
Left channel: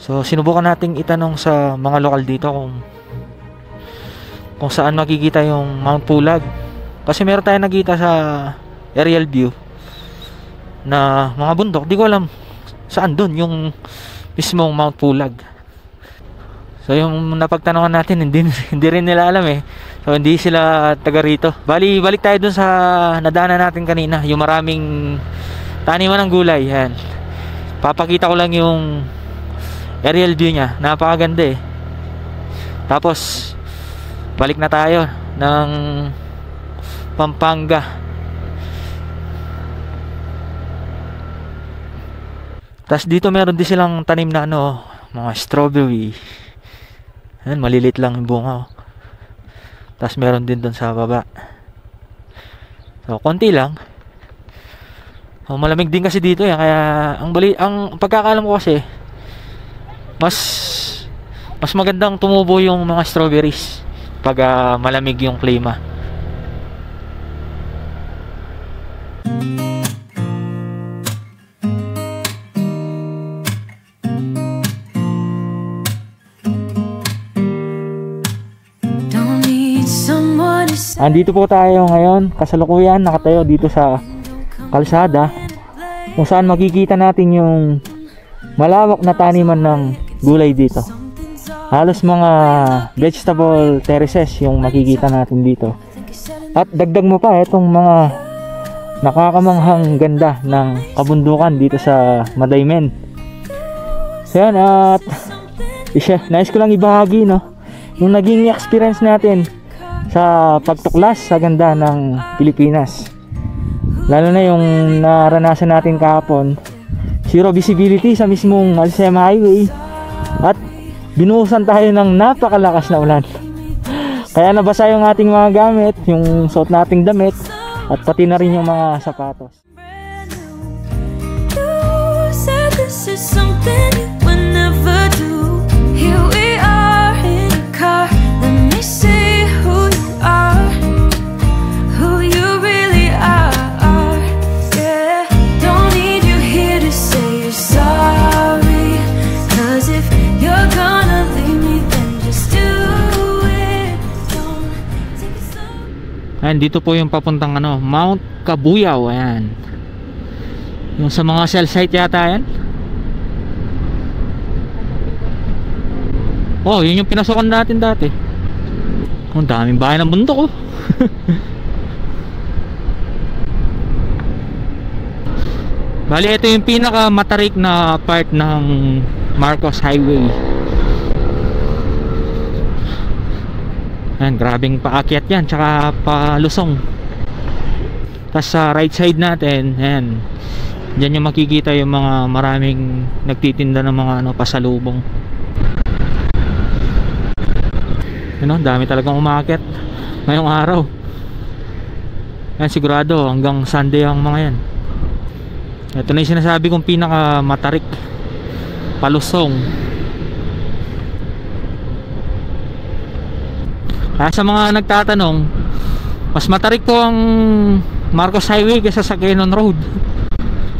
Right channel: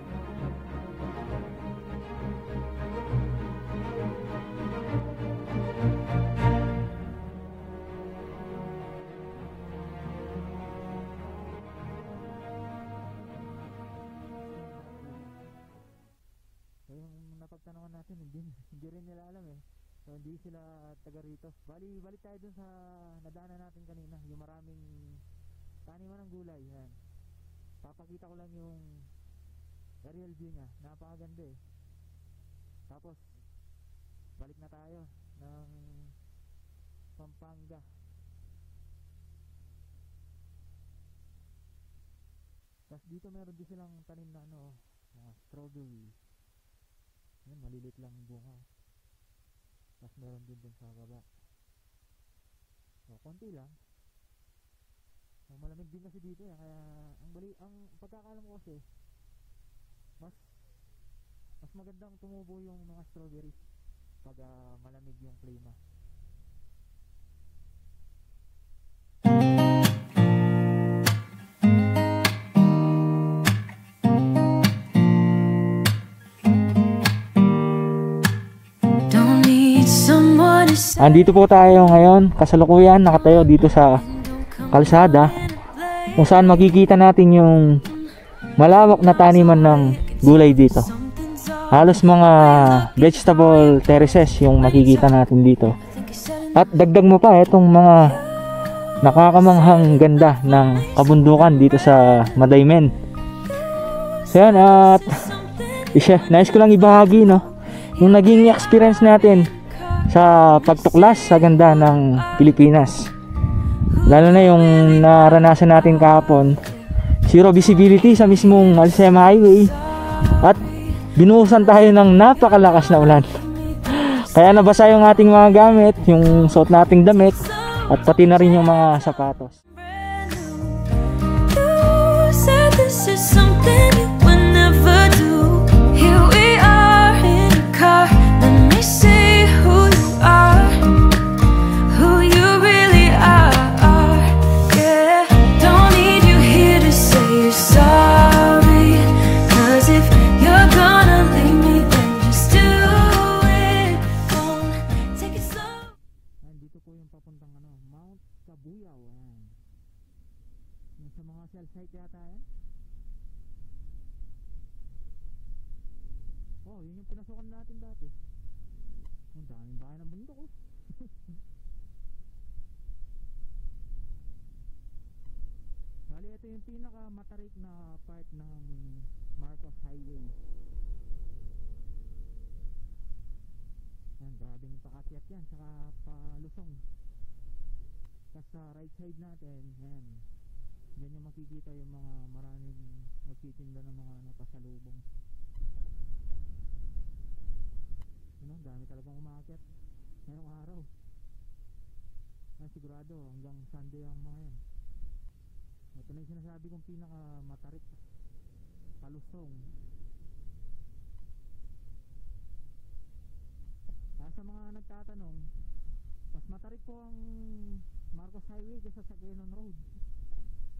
So sinubukan nating itanong sa mga lokal dito kung saan makikita yung Mount Pulag. Kasi meron tayong nakita sa aerial view na mga bundok. Di ko alam saan doon yung mismong Mount Pulag. So yung napagtanongan natin hindi rin nila alam eh. So hindi sila taga rito. Bali balik tayo dun sa nadaanan natin kanina, yung maraming taniman ng gulay. Yan. Papakita ko lang yung aerial view niya. Napakaganda eh. Tapos balik na tayo ng Pampanga. Tapos dito meron din silang tanim na mga strawberry. Yan, malilit lang yung bunga. Tapos meron din doon sa baba. So konti lang. Malamig din kasi dito eh, kaya ang pagkakaalam ko kasi mas magandang tumubo yung mga strawberries pag malamig yung klima. Andito po tayo ngayon, kasalukuyan nakatayo dito sa kalsada kung saan makikita natin yung malawak na taniman ng gulay dito. Halos mga vegetable terraces yung makikita natin dito. At dagdag mo pa itong mga nakakamanghang ganda ng kabundukan dito sa Madaymen. So yan, at nais ko lang ibahagi yung naging experience natin sa pagtuklas sa ganda ng Pilipinas. Lalo na yung naranasan natin kahapon, zero visibility sa mismong Alsema Highway at binuhusan tayo ng napakalakas na ulan. Kaya nabasa yung ating mga gamit, yung suot nating damit at pati na rin yung mga sapatos. You said this is something you would never do. Here we are in a car. Let me see who you are, who you really are. Yeah, don't need you here to say you're sorry. 'Cause if you're gonna leave me, then just do it. Don't take it slow. Ayan, dito po yung papuntang Mount Kabuyao. Ayan. Yung sa mga cell site yata yan. Oh, yun yung pinasukan natin dati. Ang daming bahay ng bundok oh. Bali, ito yung pinaka matarik na part ng Marcos Highway. Ayan, grabing paakyat yan, tsaka palusong. Tapos sa right side natin, ayan, dyan yung makikita yung mga maraming nagtitinda ng mga ano, pasalubong. Ano, dami talagang umaakyat ngayong araw. Ayan, sigurado hanggang Sunday ang mga yan. Ito na yung sinasabi kong pinaka matarik, palusong. Kaya sa mga nagtatanong, mas matarik po ang Marcos Highway kaysa sa Quezon Road.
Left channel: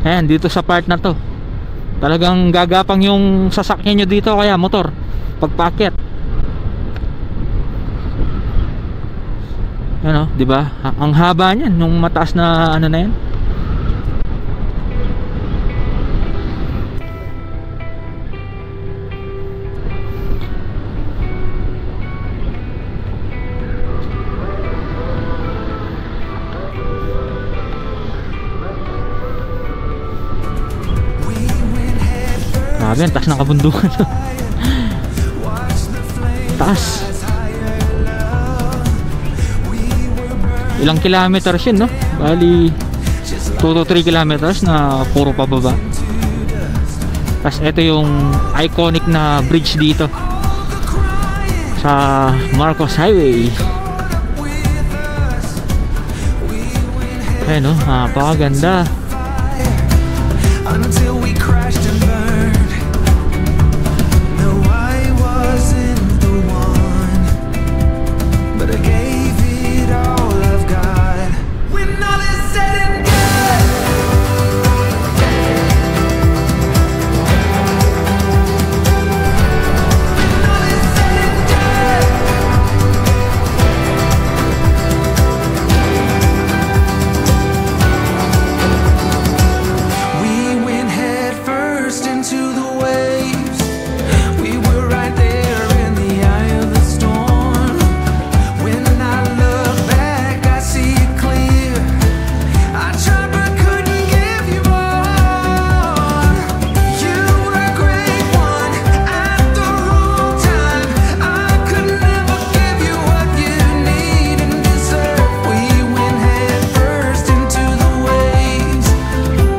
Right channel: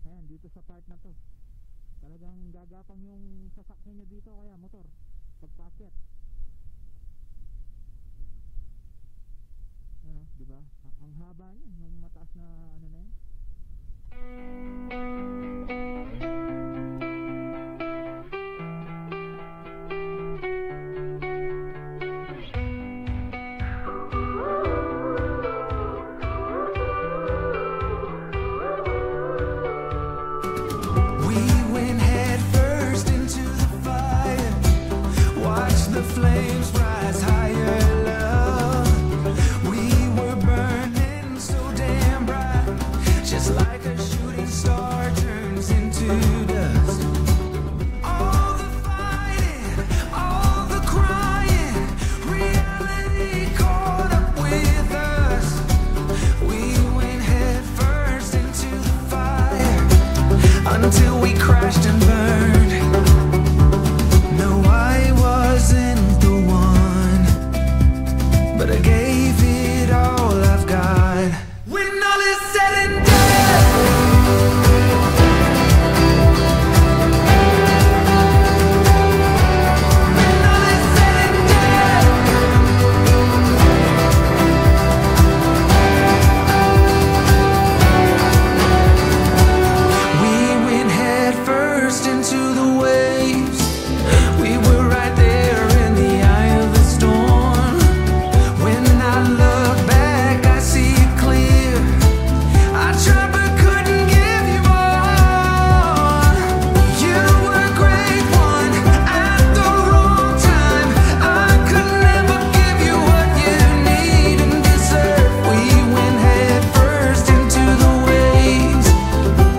Ayan, dito sa part na to, talagang gagapang yung sasakyan nyo dito, kaya motor, pagpaakyat. Ano, di ba? Ang haba niyan, nung mataas na ano na yan. Grabe, taas ng kabundukan. Taas. Ilang kilometers yun, no? Bali 2 to 3 kilometers na puro pababa. Tapos ito yung iconic na bridge dito sa Marcos Highway. Ayan, no? Napakaganda. Until we crashed and burned. No, I wasn't the one, but I gave it all I've got. When all is said and done, when all is said and done, we went head first into the waves. We were right there in the eye of the storm. When I look back, I see it clear. I tried but couldn't give you more. You were a great one at the wrong time. I could never give you what you need and deserve. We went head first into the waves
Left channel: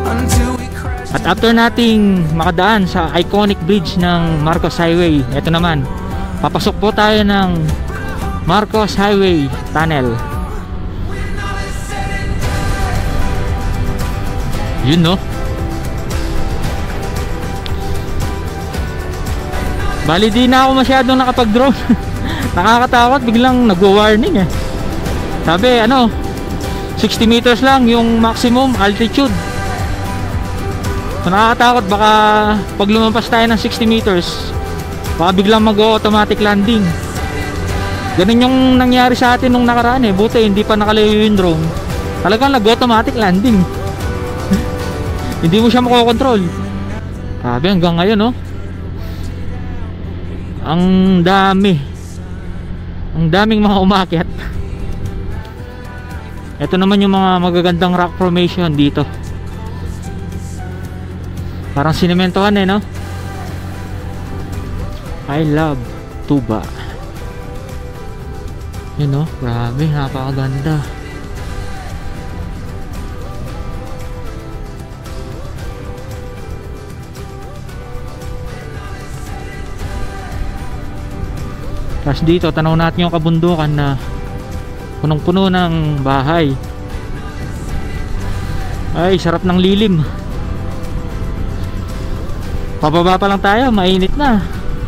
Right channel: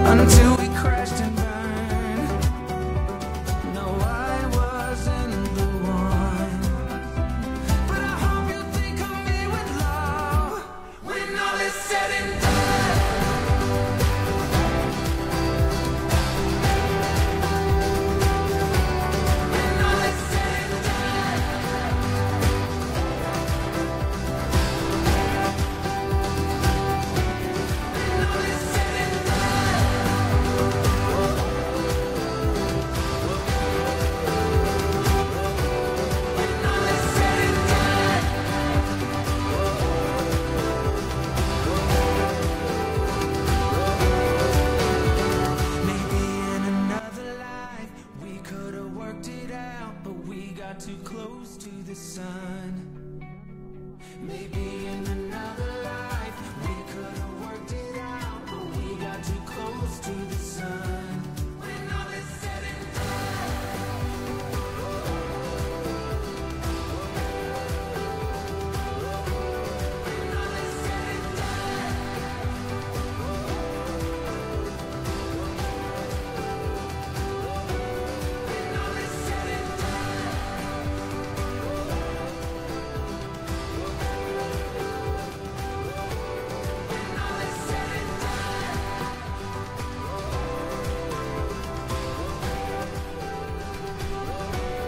until we crashed. At after nating makadaan sa iconic bridge ng Marcos Highway, ito naman, papasok po tayo ng Marcos Highway Tunnel. Yun, no? Bali, di na ako masyadong nakapag-drone. Nakakatakot, biglang nagwa-warning eh. Sabi, ano, 60 meters lang yung maximum altitude. So, nakakatakot, baka pag lumampas tayo ng 60 meters, baka biglang mag-automatic landing. Ganun yung nangyari sa atin nung nakaraan eh. Buti hindi pa nakalayo yung drone, talagang nag-automatic landing. Hindi mo siya makokontrol. Sabi, hanggang ngayon, no? Ang daming mga umakyat. Ito naman yung mga magagandang rock formation dito. Parang sinementohan eh, no? I love Tuba. Yun, no? Grabe, napakaganda. Tapos dito, tanaw natin yung kabundukan na punong-puno ng bahay. Ay, sarap ng lilim. Pababa pa lang tayo, mainit na.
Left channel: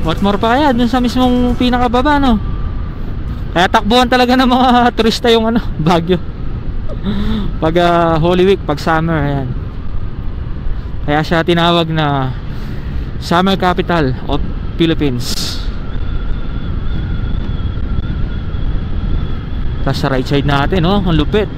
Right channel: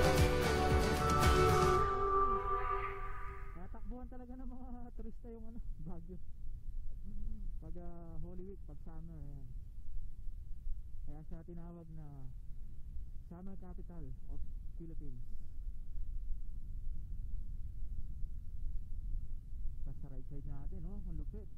What more pa kaya dun sa mismong pinakababa, no? Kaya takbuhan talaga ng mga turista yung ano, Baguio. Pag Holy Week, pag summer, ayan. Kaya siya tinawag na Summer Capital of Philippines. Tapos sa right side natin, oh, ang lupit.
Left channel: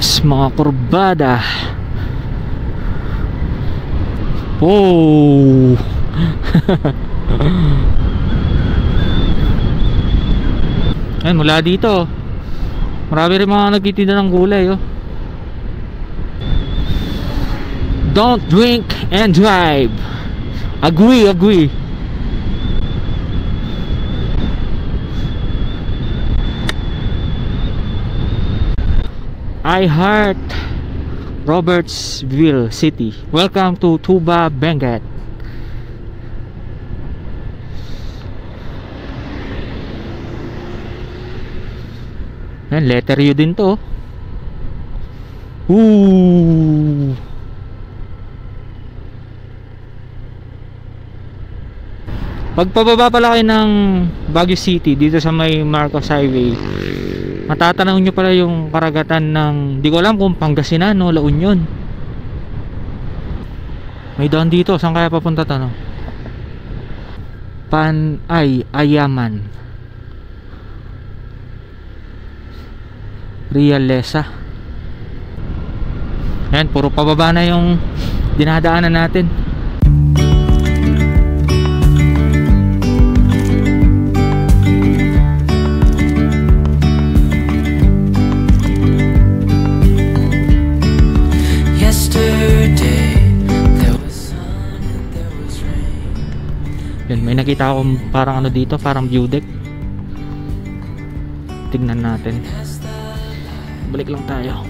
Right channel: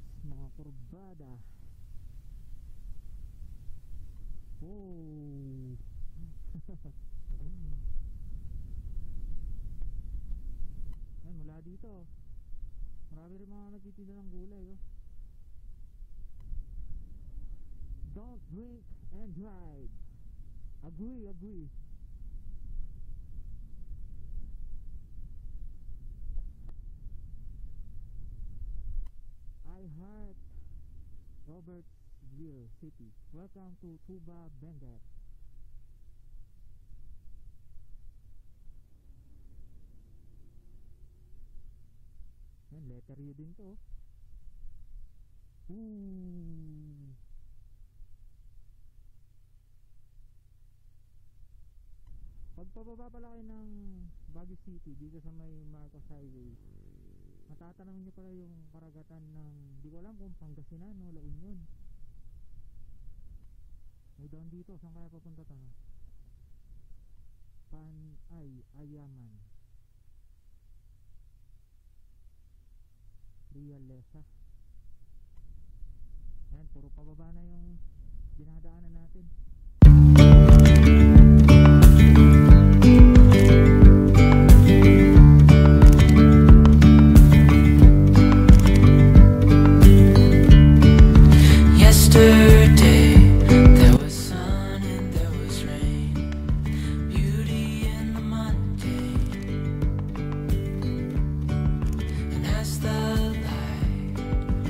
Ops, mga kurbada. Oh. Ayun, mula dito marami rin mga nagtitinda ng gulay, oh. Don't drink and drive. Agree. I heart Robertsville City. Welcome to Tuba, Benguet. Yan, letter U din to. Ooh. Pagpababa pala kayo ng Baguio City dito sa may Marcos Highway, matatanaw nyo pala yung karagatan ng, di ko alam kung Pangasinan o La Union. May daan dito, saan kaya papunta to, no? Ayaman, Realesa. Ayan, puro pababa na yung dinadaanan natin. Yan, may nakita akong parang ano dito, parang view deck. Tignan natin. Balik lang tayo.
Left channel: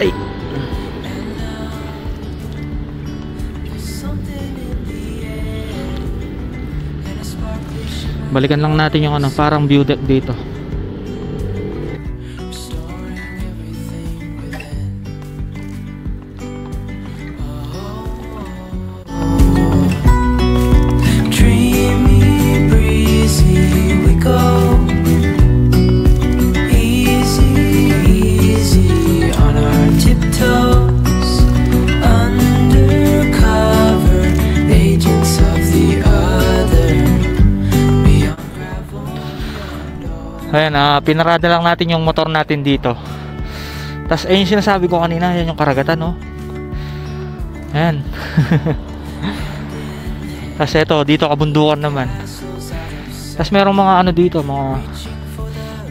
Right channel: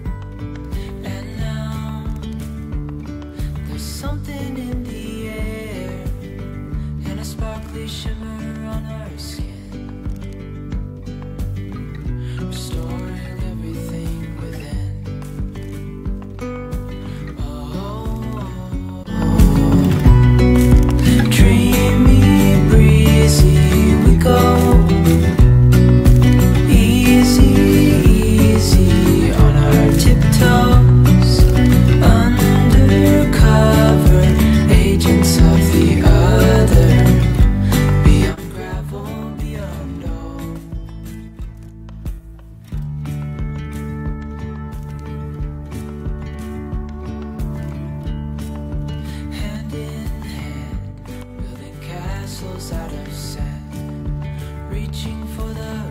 Ay. Balikan lang natin yung ano, parang view deck dito. Ayan, pinarada lang natin yung motor natin dito. Tapos ayun yung sinasabi ko kanina, yan yung karagatan, no? Ayan. Tapos eto, dito kabundukan naman. Tapos merong mga ano dito, mga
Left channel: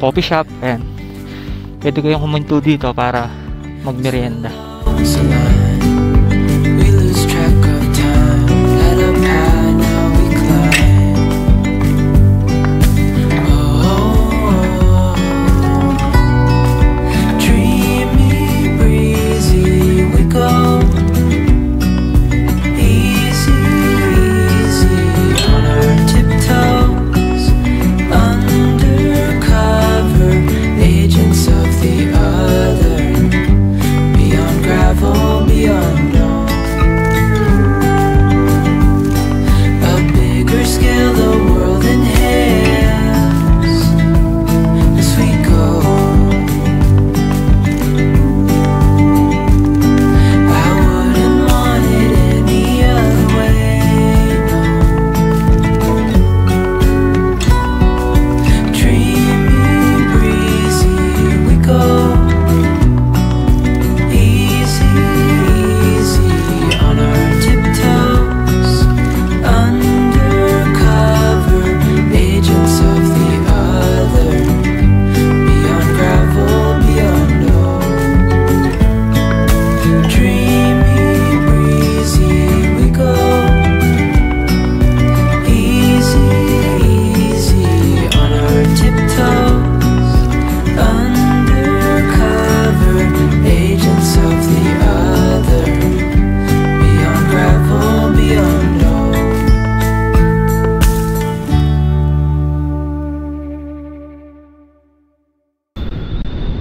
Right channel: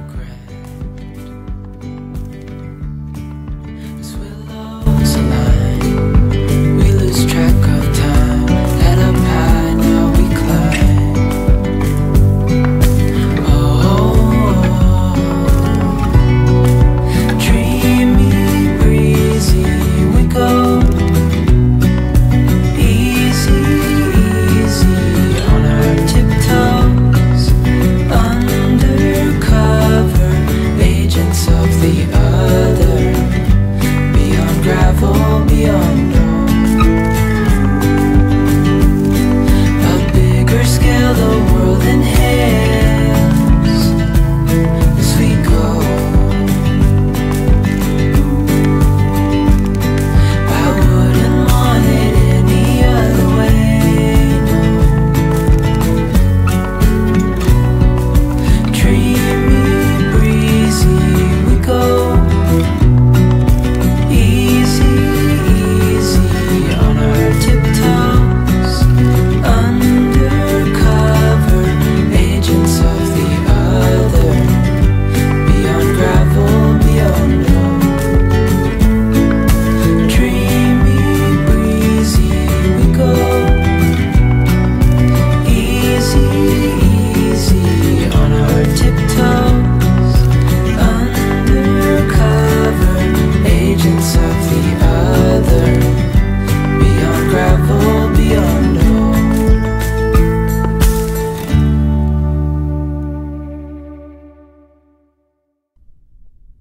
coffee shop. Ayan, pwede kayong kumunto dito para magmerienda. We lose track of time. Head up high, now we climb.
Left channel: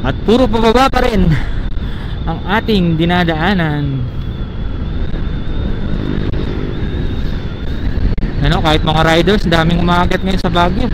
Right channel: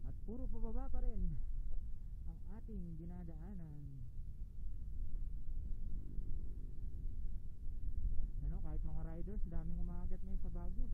At puro pababa pa rin ang ating dinadaanan. Ano, kahit mga riders, daming umaakyat ngayon sa Baguio.